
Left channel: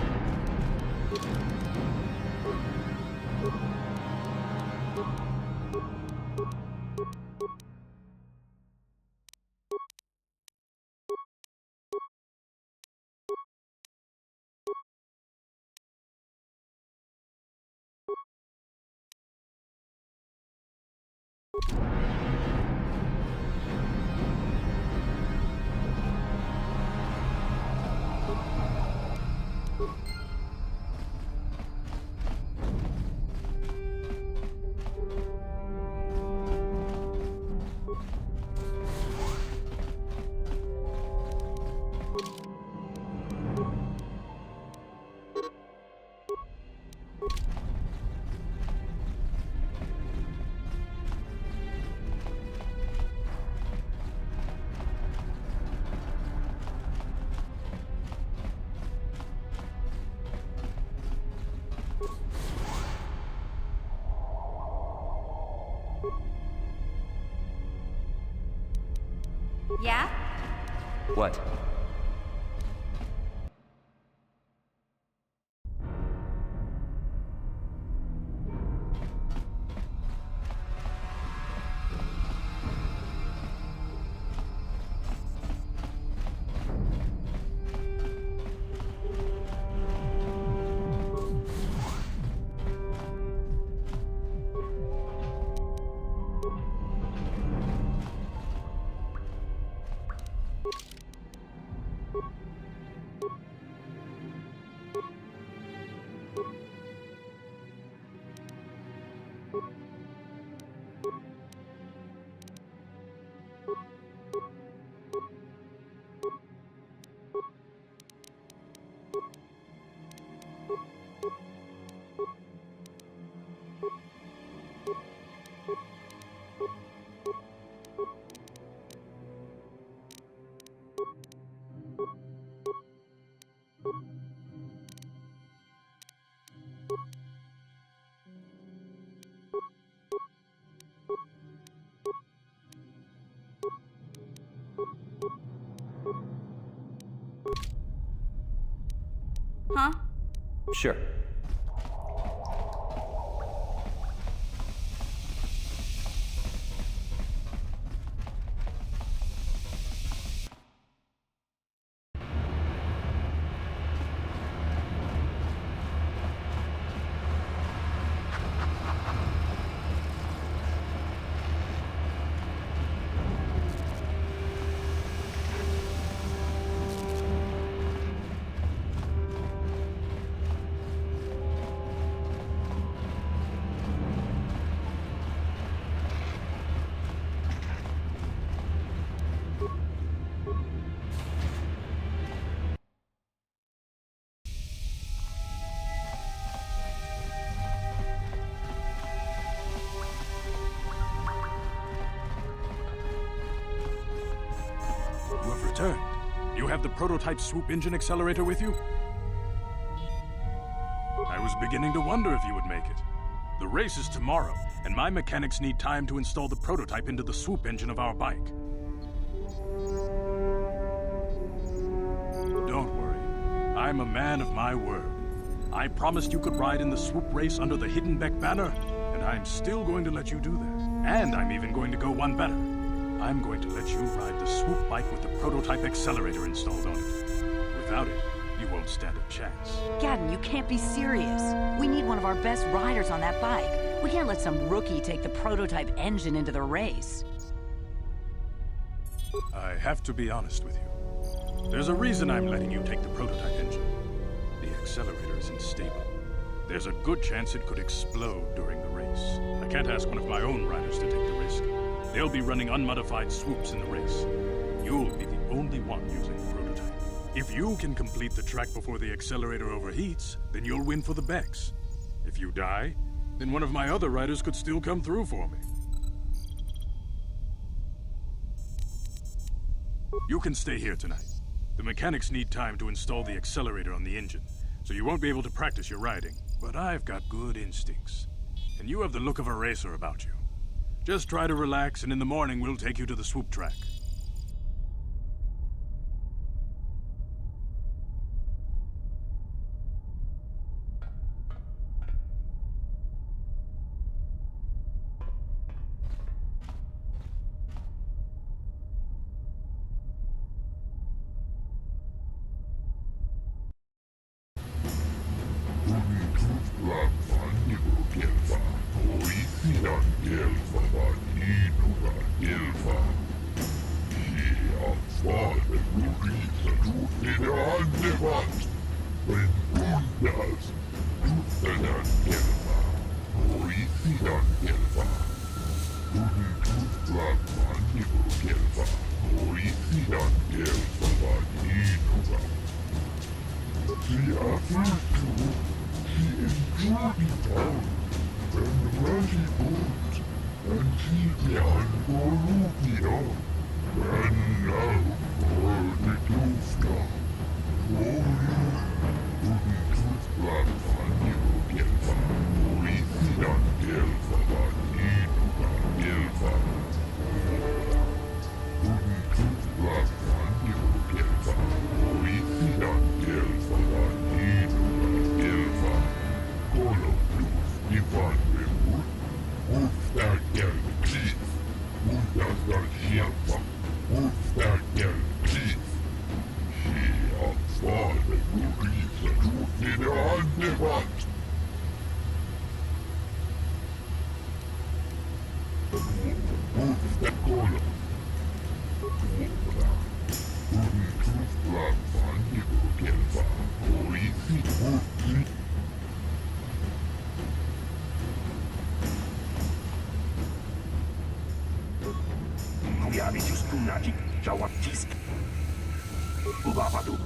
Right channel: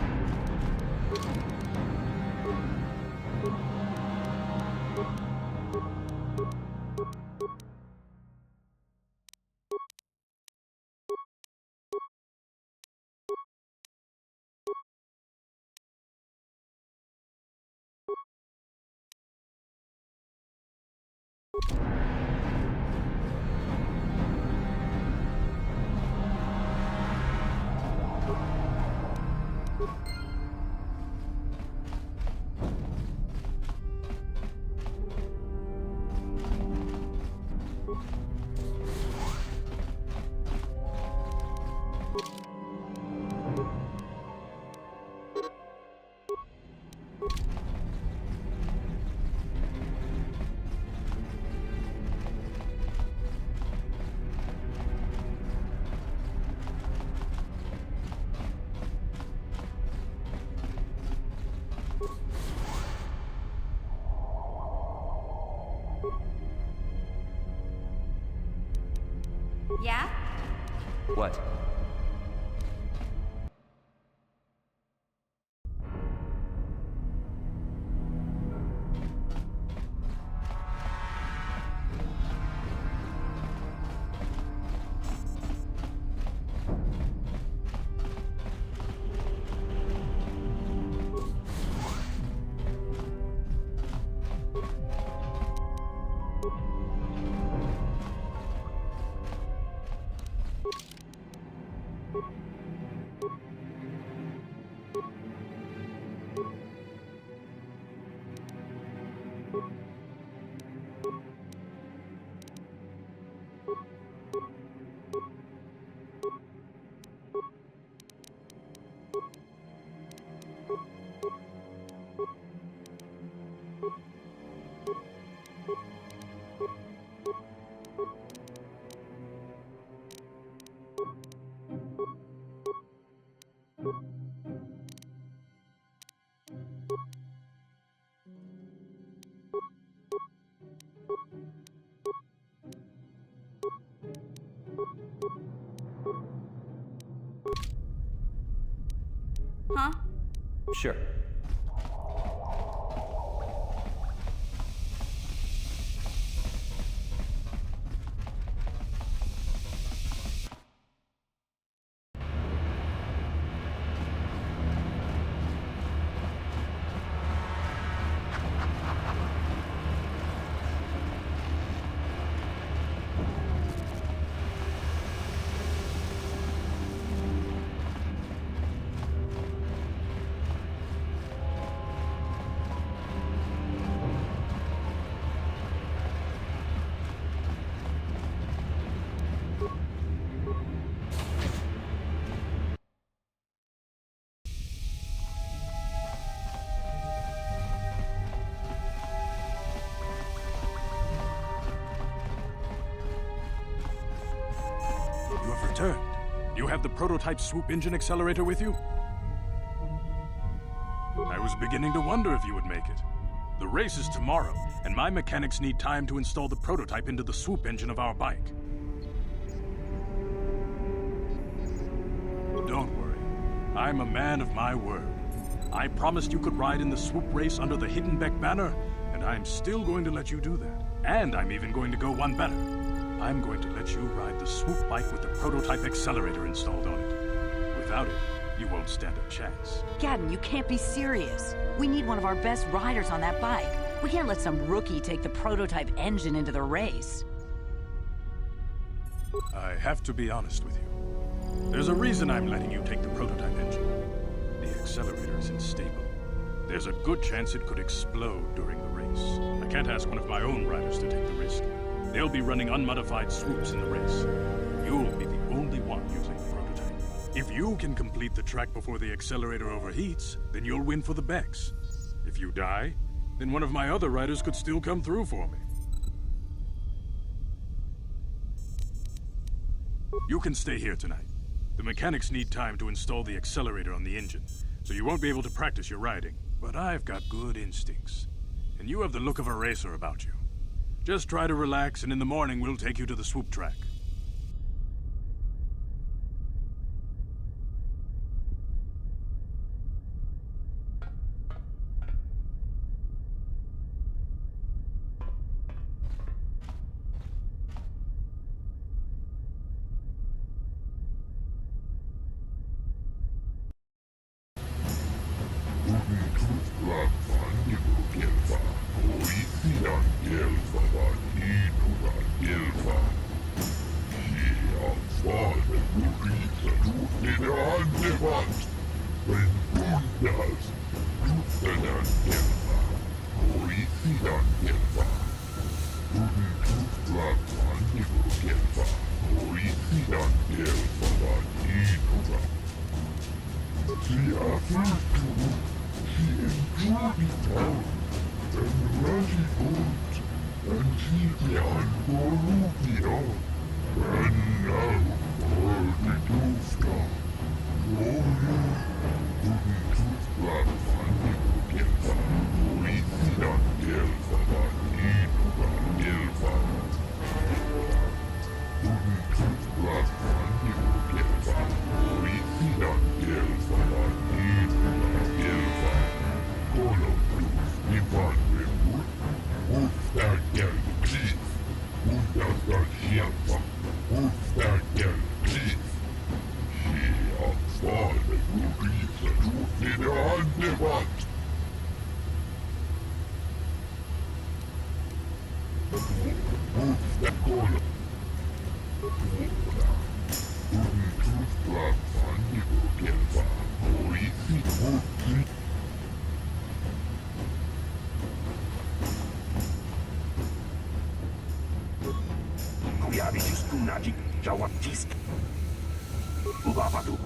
Yeah? What? Huh? Sure. You have returned. You have the prototype swoop engine accelerator with you? I was beginning to wonder if you would make it. The race is tomorrow, and my mechanics need time to install the prototype into the swoop engine of our bike. Don't worry. I'm a man of my word. I promised you could ride in the swoop race under the Hiddenbeck banner, and I'm still going to let you do that. And I'm even going to go one better. I'm going to let you ride the swoop bike with the prototype accelerator installed on it. Without it, you won't stand a chance. Gaddon, you can't be serious. We need one of our best riders on that bike. We can't let some rookie take the prototype engine into the race. I have to be honest with you. There's a reason I'm letting you take the prototype engine. The accelerator is unstable. There's a good chance it could explode during the race. I can't ask one of my own riders to take the risk. They'll be running unmodified swoops in the race. You'll be the only one using the prototype. If you can complete the track before the accelerator overheats, then you'll win for the Becks. If you die, then one of my other riders could still come through for me. You can stay here tonight. The mechanics need time to install the accelerator on the engine, so you won't be able to practice your riding. But I've got good instincts, and you have the look of a racer about you. Just try to relax, and in the morning we'll take you to the swoop track. Kuyabitus punajik jawatisk. Ubabatu.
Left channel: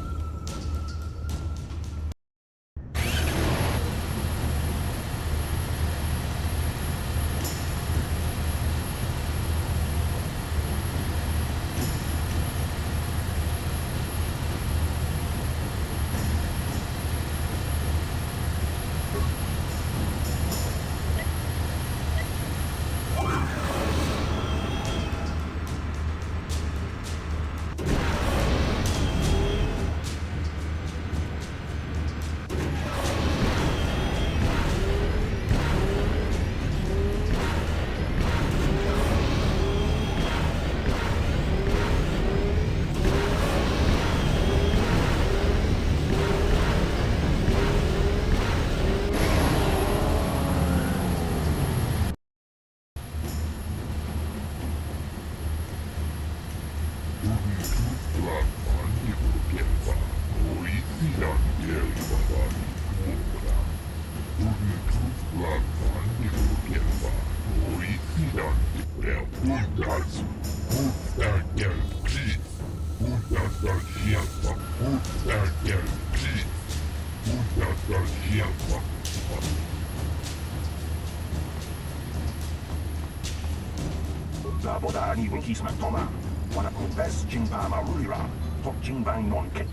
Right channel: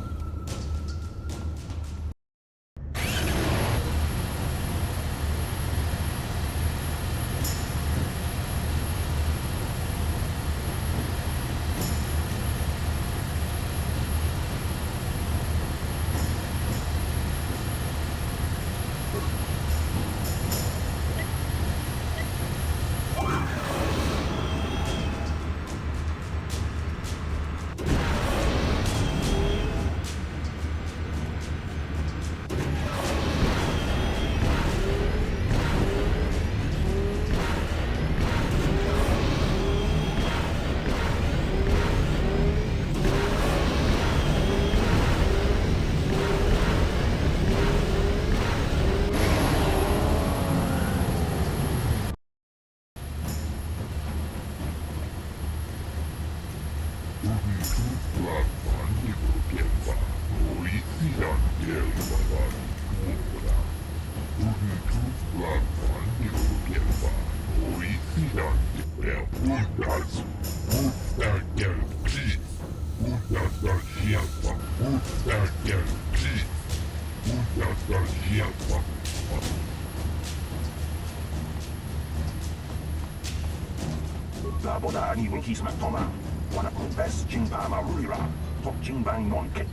Boda ni winkies matoma. Wana kumbes jingpa marulira. Tok jingbang non kek.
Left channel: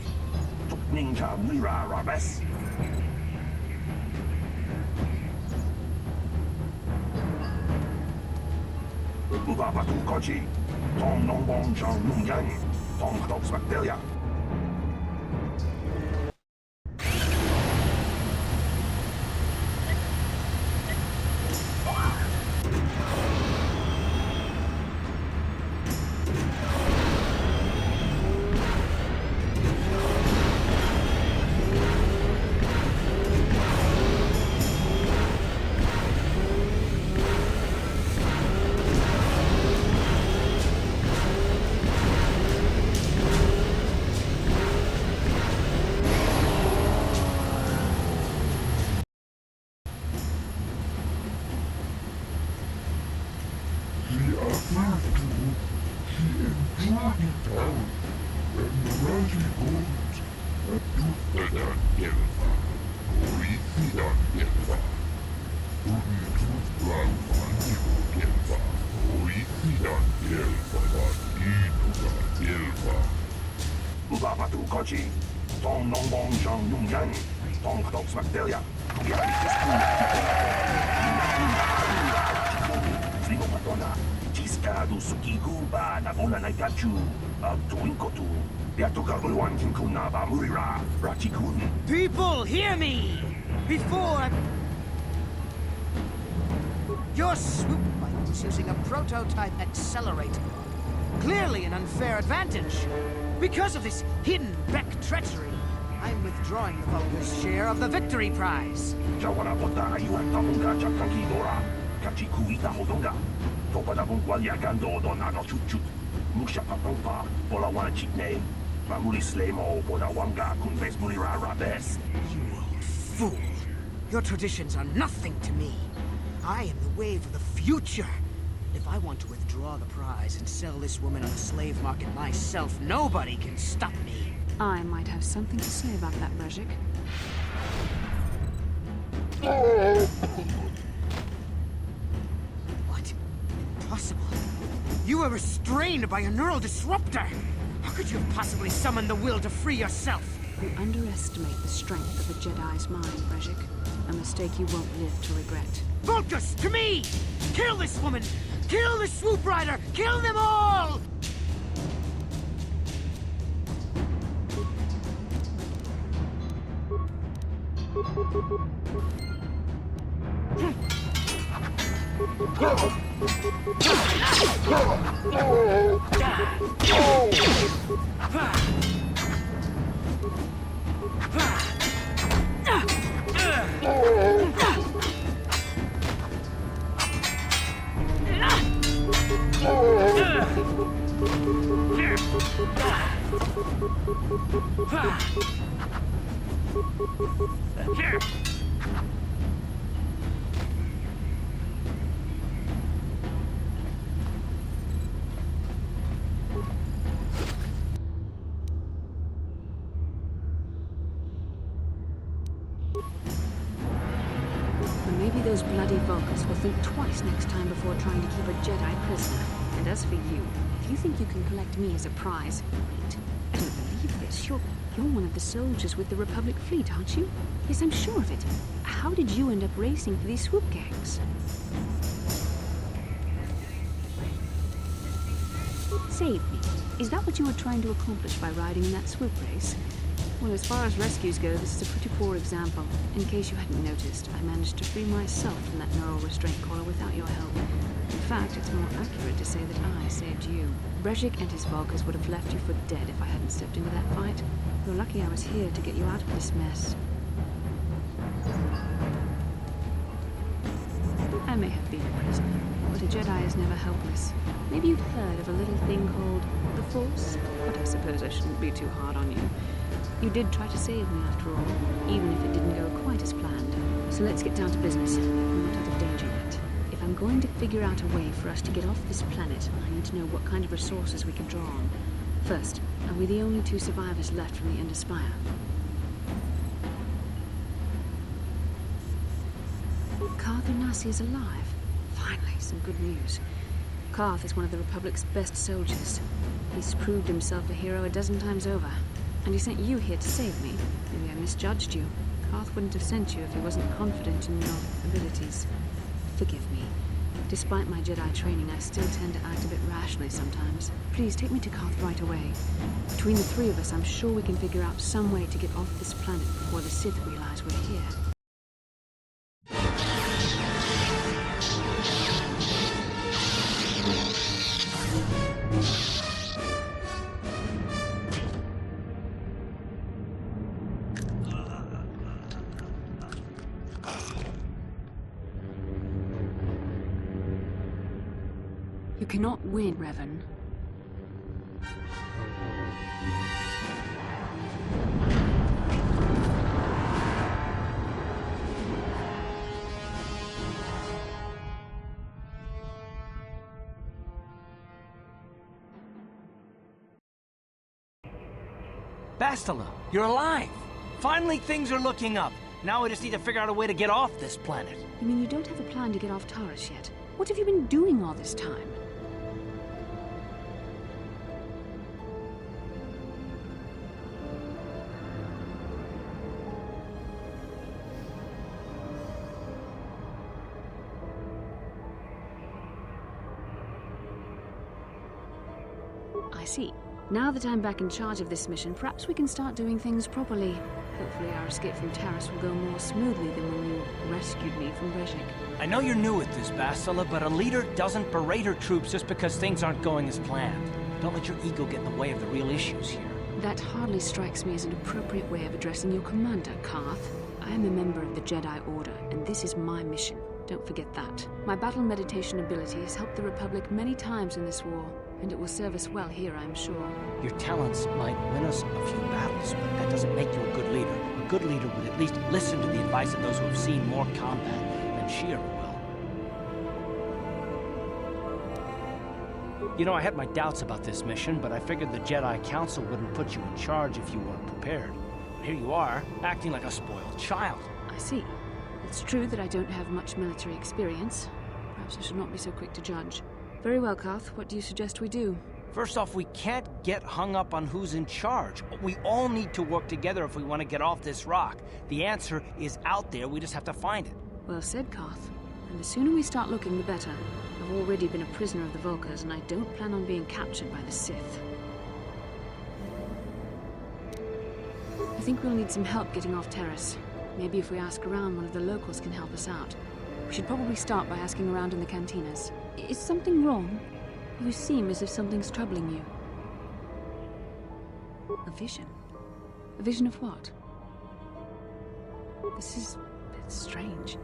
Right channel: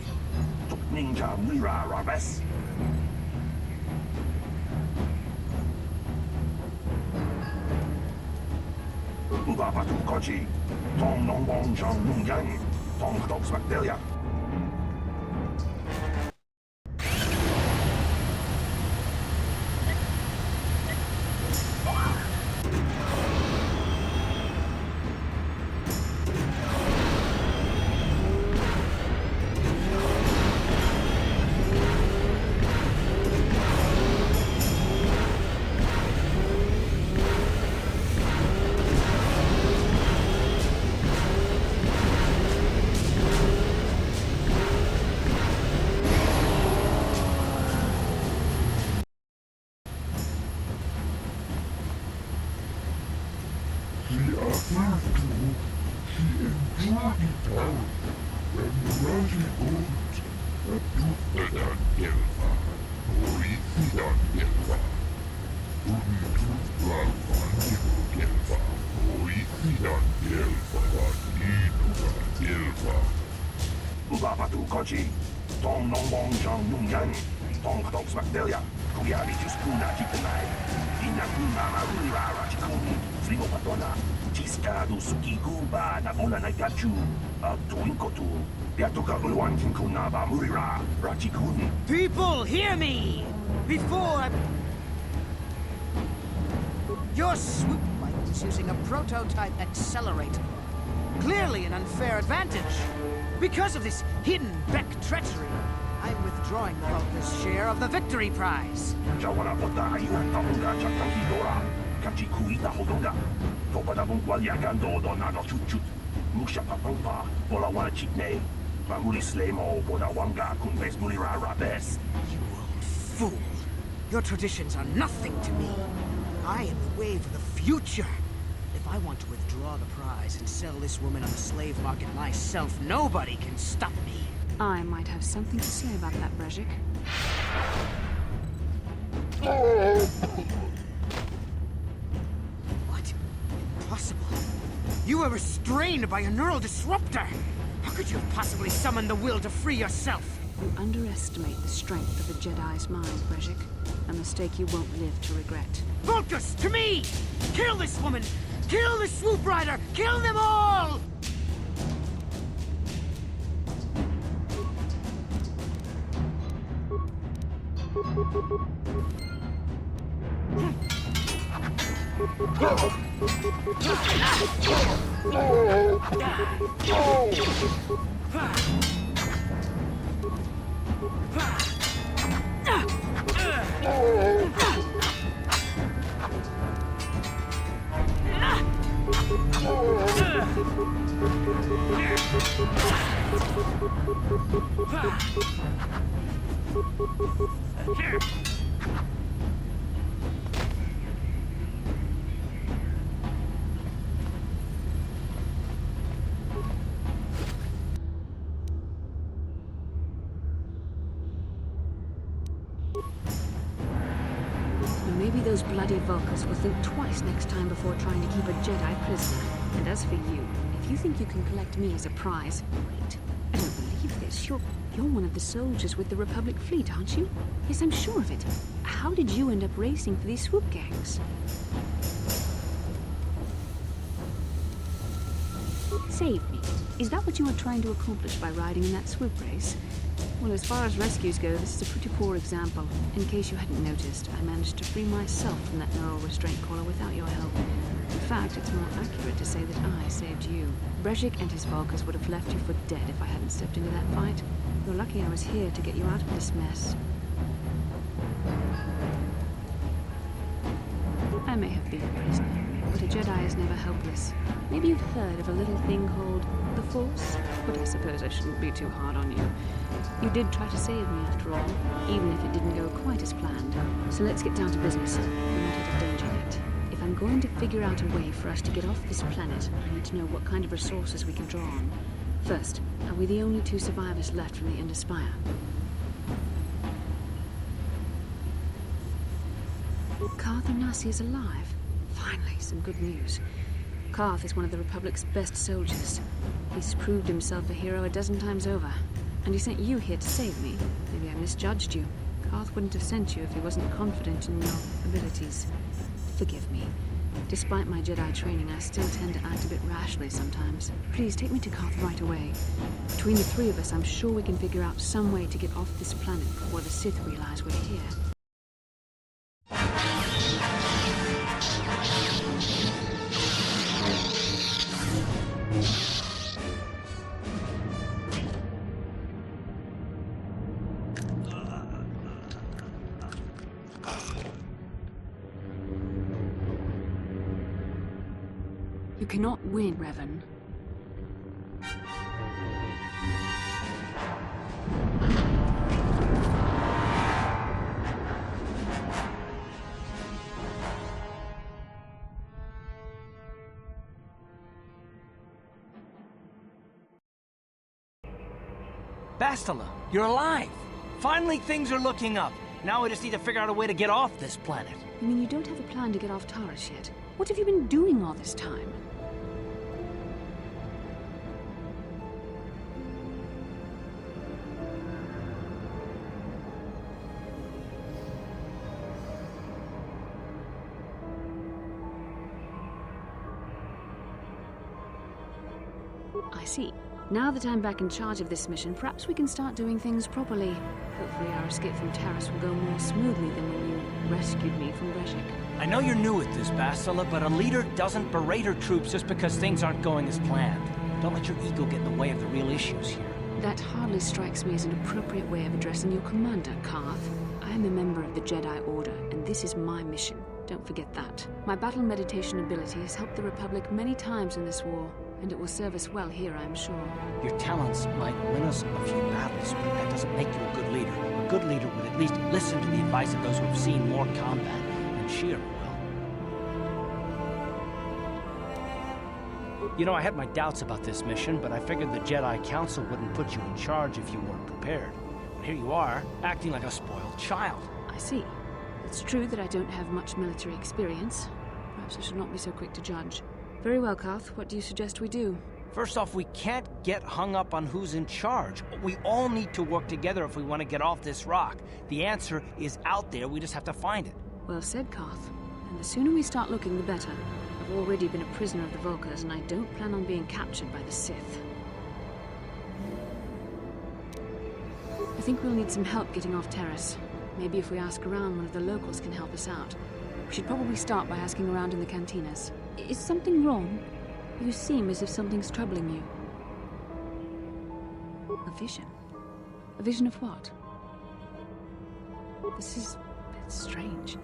Tok ninja mira rabes. Uba batu koji. Tong nong bong chang nung yang. Tong tok spectelia. Ubabatu koji. Tong nong bong chang nung yang. Tong tok spectelia. Kuyari just kuna kikuna. Ina kuna marula rachikuni. Sligo patona. Chiska du suki kuba na ona na kachu. Tuinkotu. Yatoka uluan kinkuna ba murira. Rachikuni. People, hear me! Before I... Your swoop bike was using a prototype accelerator. Clearly an unfair advantage. Because of this hidden Beck treachery, I'm withdrawing the Vulgar's share of the victory prize. Jawana bota ayuhan tamunga chakanki dora. Kachi kuita hodonga. Topada bungwalia gando donano chut. Musha papampa, bola wana chitne. Mamuli slemo, boda wanga kunbes mulira rabes. You old fool. Your traditions are nothing to me. I am the wave of the future. If I want to withdraw the prize and sell this woman on the slave market myself, nobody can stop me. I might have something to say about that, Brejik. What? Impossible. You were restrained by a neural disruptor. How could you have possibly summoned the will to free yourself? You underestimate the strength of a Jedi's mind, Brejik. A mistake you won't live to regret. Vultus, to me! Kill this woman! Kill the swoop rider! Kill them all! Well, maybe those bloody Vulkars will think twice next time before trying to keep a Jedi prisoner. And as for you, if you think you can collect me as a prize... Wait, I don't believe this. You're one of the soldiers with the Republic fleet, aren't you? Yes, I'm sure of it. How did you end up racing for these swoop gangs? Save me. Is that what you were trying to accomplish by riding in that swoop race? Well, as far as rescues go, this is a pretty poor example. In case you hadn't noticed, I managed to free myself from that neural restraint collar without your help. In fact, it's more accurate to say that I saved you. Brejik and his Vulkars would have left you for dead if I hadn't stepped into that fight. You're lucky I was here to get you out of this mess. I may have been a prisoner, but a Jedi is never helpless. Maybe you've heard of a little thing called the Force? But I suppose I shouldn't be too hard on you. You did try to save me after all, even if it didn't go quite as planned. So let's get down to business. We're not out of danger yet. If I'm going to figure out a way for us to get off this planet, I need to know what kind of resources we can draw on. First, are we the only two survivors left from the Ender Spire? Carth Onasi is alive. Finally, some good news. Carth is one of the Republic's best soldiers. He's proved himself a hero a dozen times over. And he sent you here to save me. Maybe I misjudged you. Carth wouldn't have sent you if he wasn't confident in your abilities. Forgive me. Despite my Jedi training, I still tend to act a bit rashly sometimes. Please, take me to Carth right away. Between the three of us, I'm sure we can figure out some way to get off this planet before the Sith realize we're here. You cannot win, Revan. Bastila, you're alive! Finally, things are looking up. Now we just need to figure out a way to get off this planet. You mean you don't have a plan to get off Taris yet? What have you been doing all this time? I see. Now that I'm back in charge of this mission, perhaps we can start doing things properly. Hopefully our escape from Taris will go more smoothly than when you rescued me from Brejik. I know you're new at this, Bastila, but a leader doesn't berate her troops just because things aren't going as planned. Don't let your ego get in the way of the real issues here. That hardly strikes me as an appropriate way of addressing your commander, Carth. I am a member of the Jedi Order, and this is my mission. Don't forget that. My battle meditation ability has helped the Republic many times in this war, and it will serve us well here, I'm sure. Your talents might win us a few battles, but that doesn't make you a good leader. A good leader would at least listen to the advice of those who have seen more combat than she ever will. You know, I had my doubts about this mission, but I figured the Jedi Council wouldn't put you in charge if you weren't prepared. But here you are, acting like a spoiled child. I see. It's true that I don't have much military experience. Perhaps I should not be so quick to judge. Very well, Carth. What do you suggest we do? First off, we can't get hung up on who's in charge. We all need to work together if we want to get off this rock. The answer is out there, we just have to find it. Well said, Carth. And the sooner we start looking, the better. I've already been a prisoner of the Vulkars, and I don't plan on being captured by the Sith. I think we'll need some help getting off Taris. Maybe if we ask around, one of the locals can help us out. We should probably start by asking around in the cantinas. Is something wrong? You seem as if something's troubling you. A vision? A vision of what? This is a bit strange.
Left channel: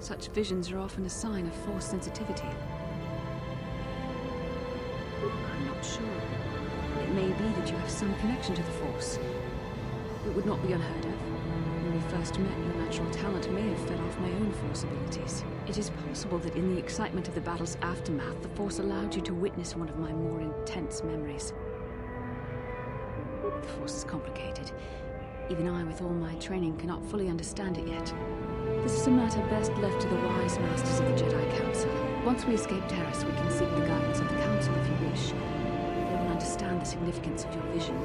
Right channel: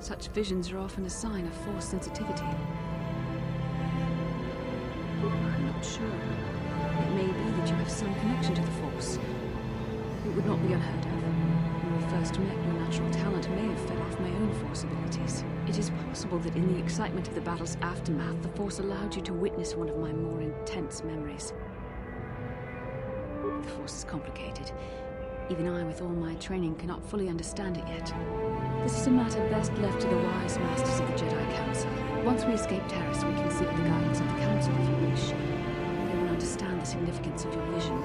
Such visions are often a sign of Force sensitivity. I'm not sure. It may be that you have some connection to the Force. It would not be unheard of. When we first met, your natural talent may have fed off my own Force abilities. It is possible that in the excitement of the battle's aftermath, the Force allowed you to witness one of my more intense memories. The Force is complicated. Even I, with all my training, cannot fully understand it yet. This is a matter best left to the wise masters of the Jedi Council. Once we escape Terrace, we can seek the guidance of the Council if you wish. They will understand the significance of your vision,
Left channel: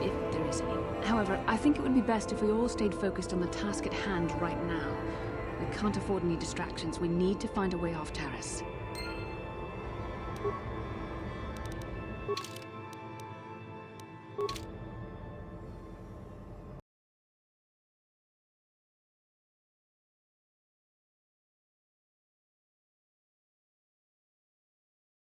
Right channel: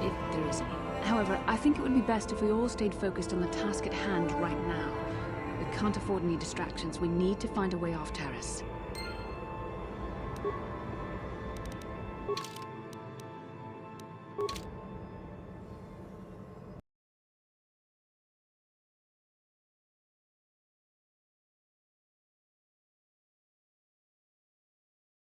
if there is any. However, I think it would be best if we all stayed focused on the task at hand right now. We can't afford any distractions. We need to find a way off Terrace.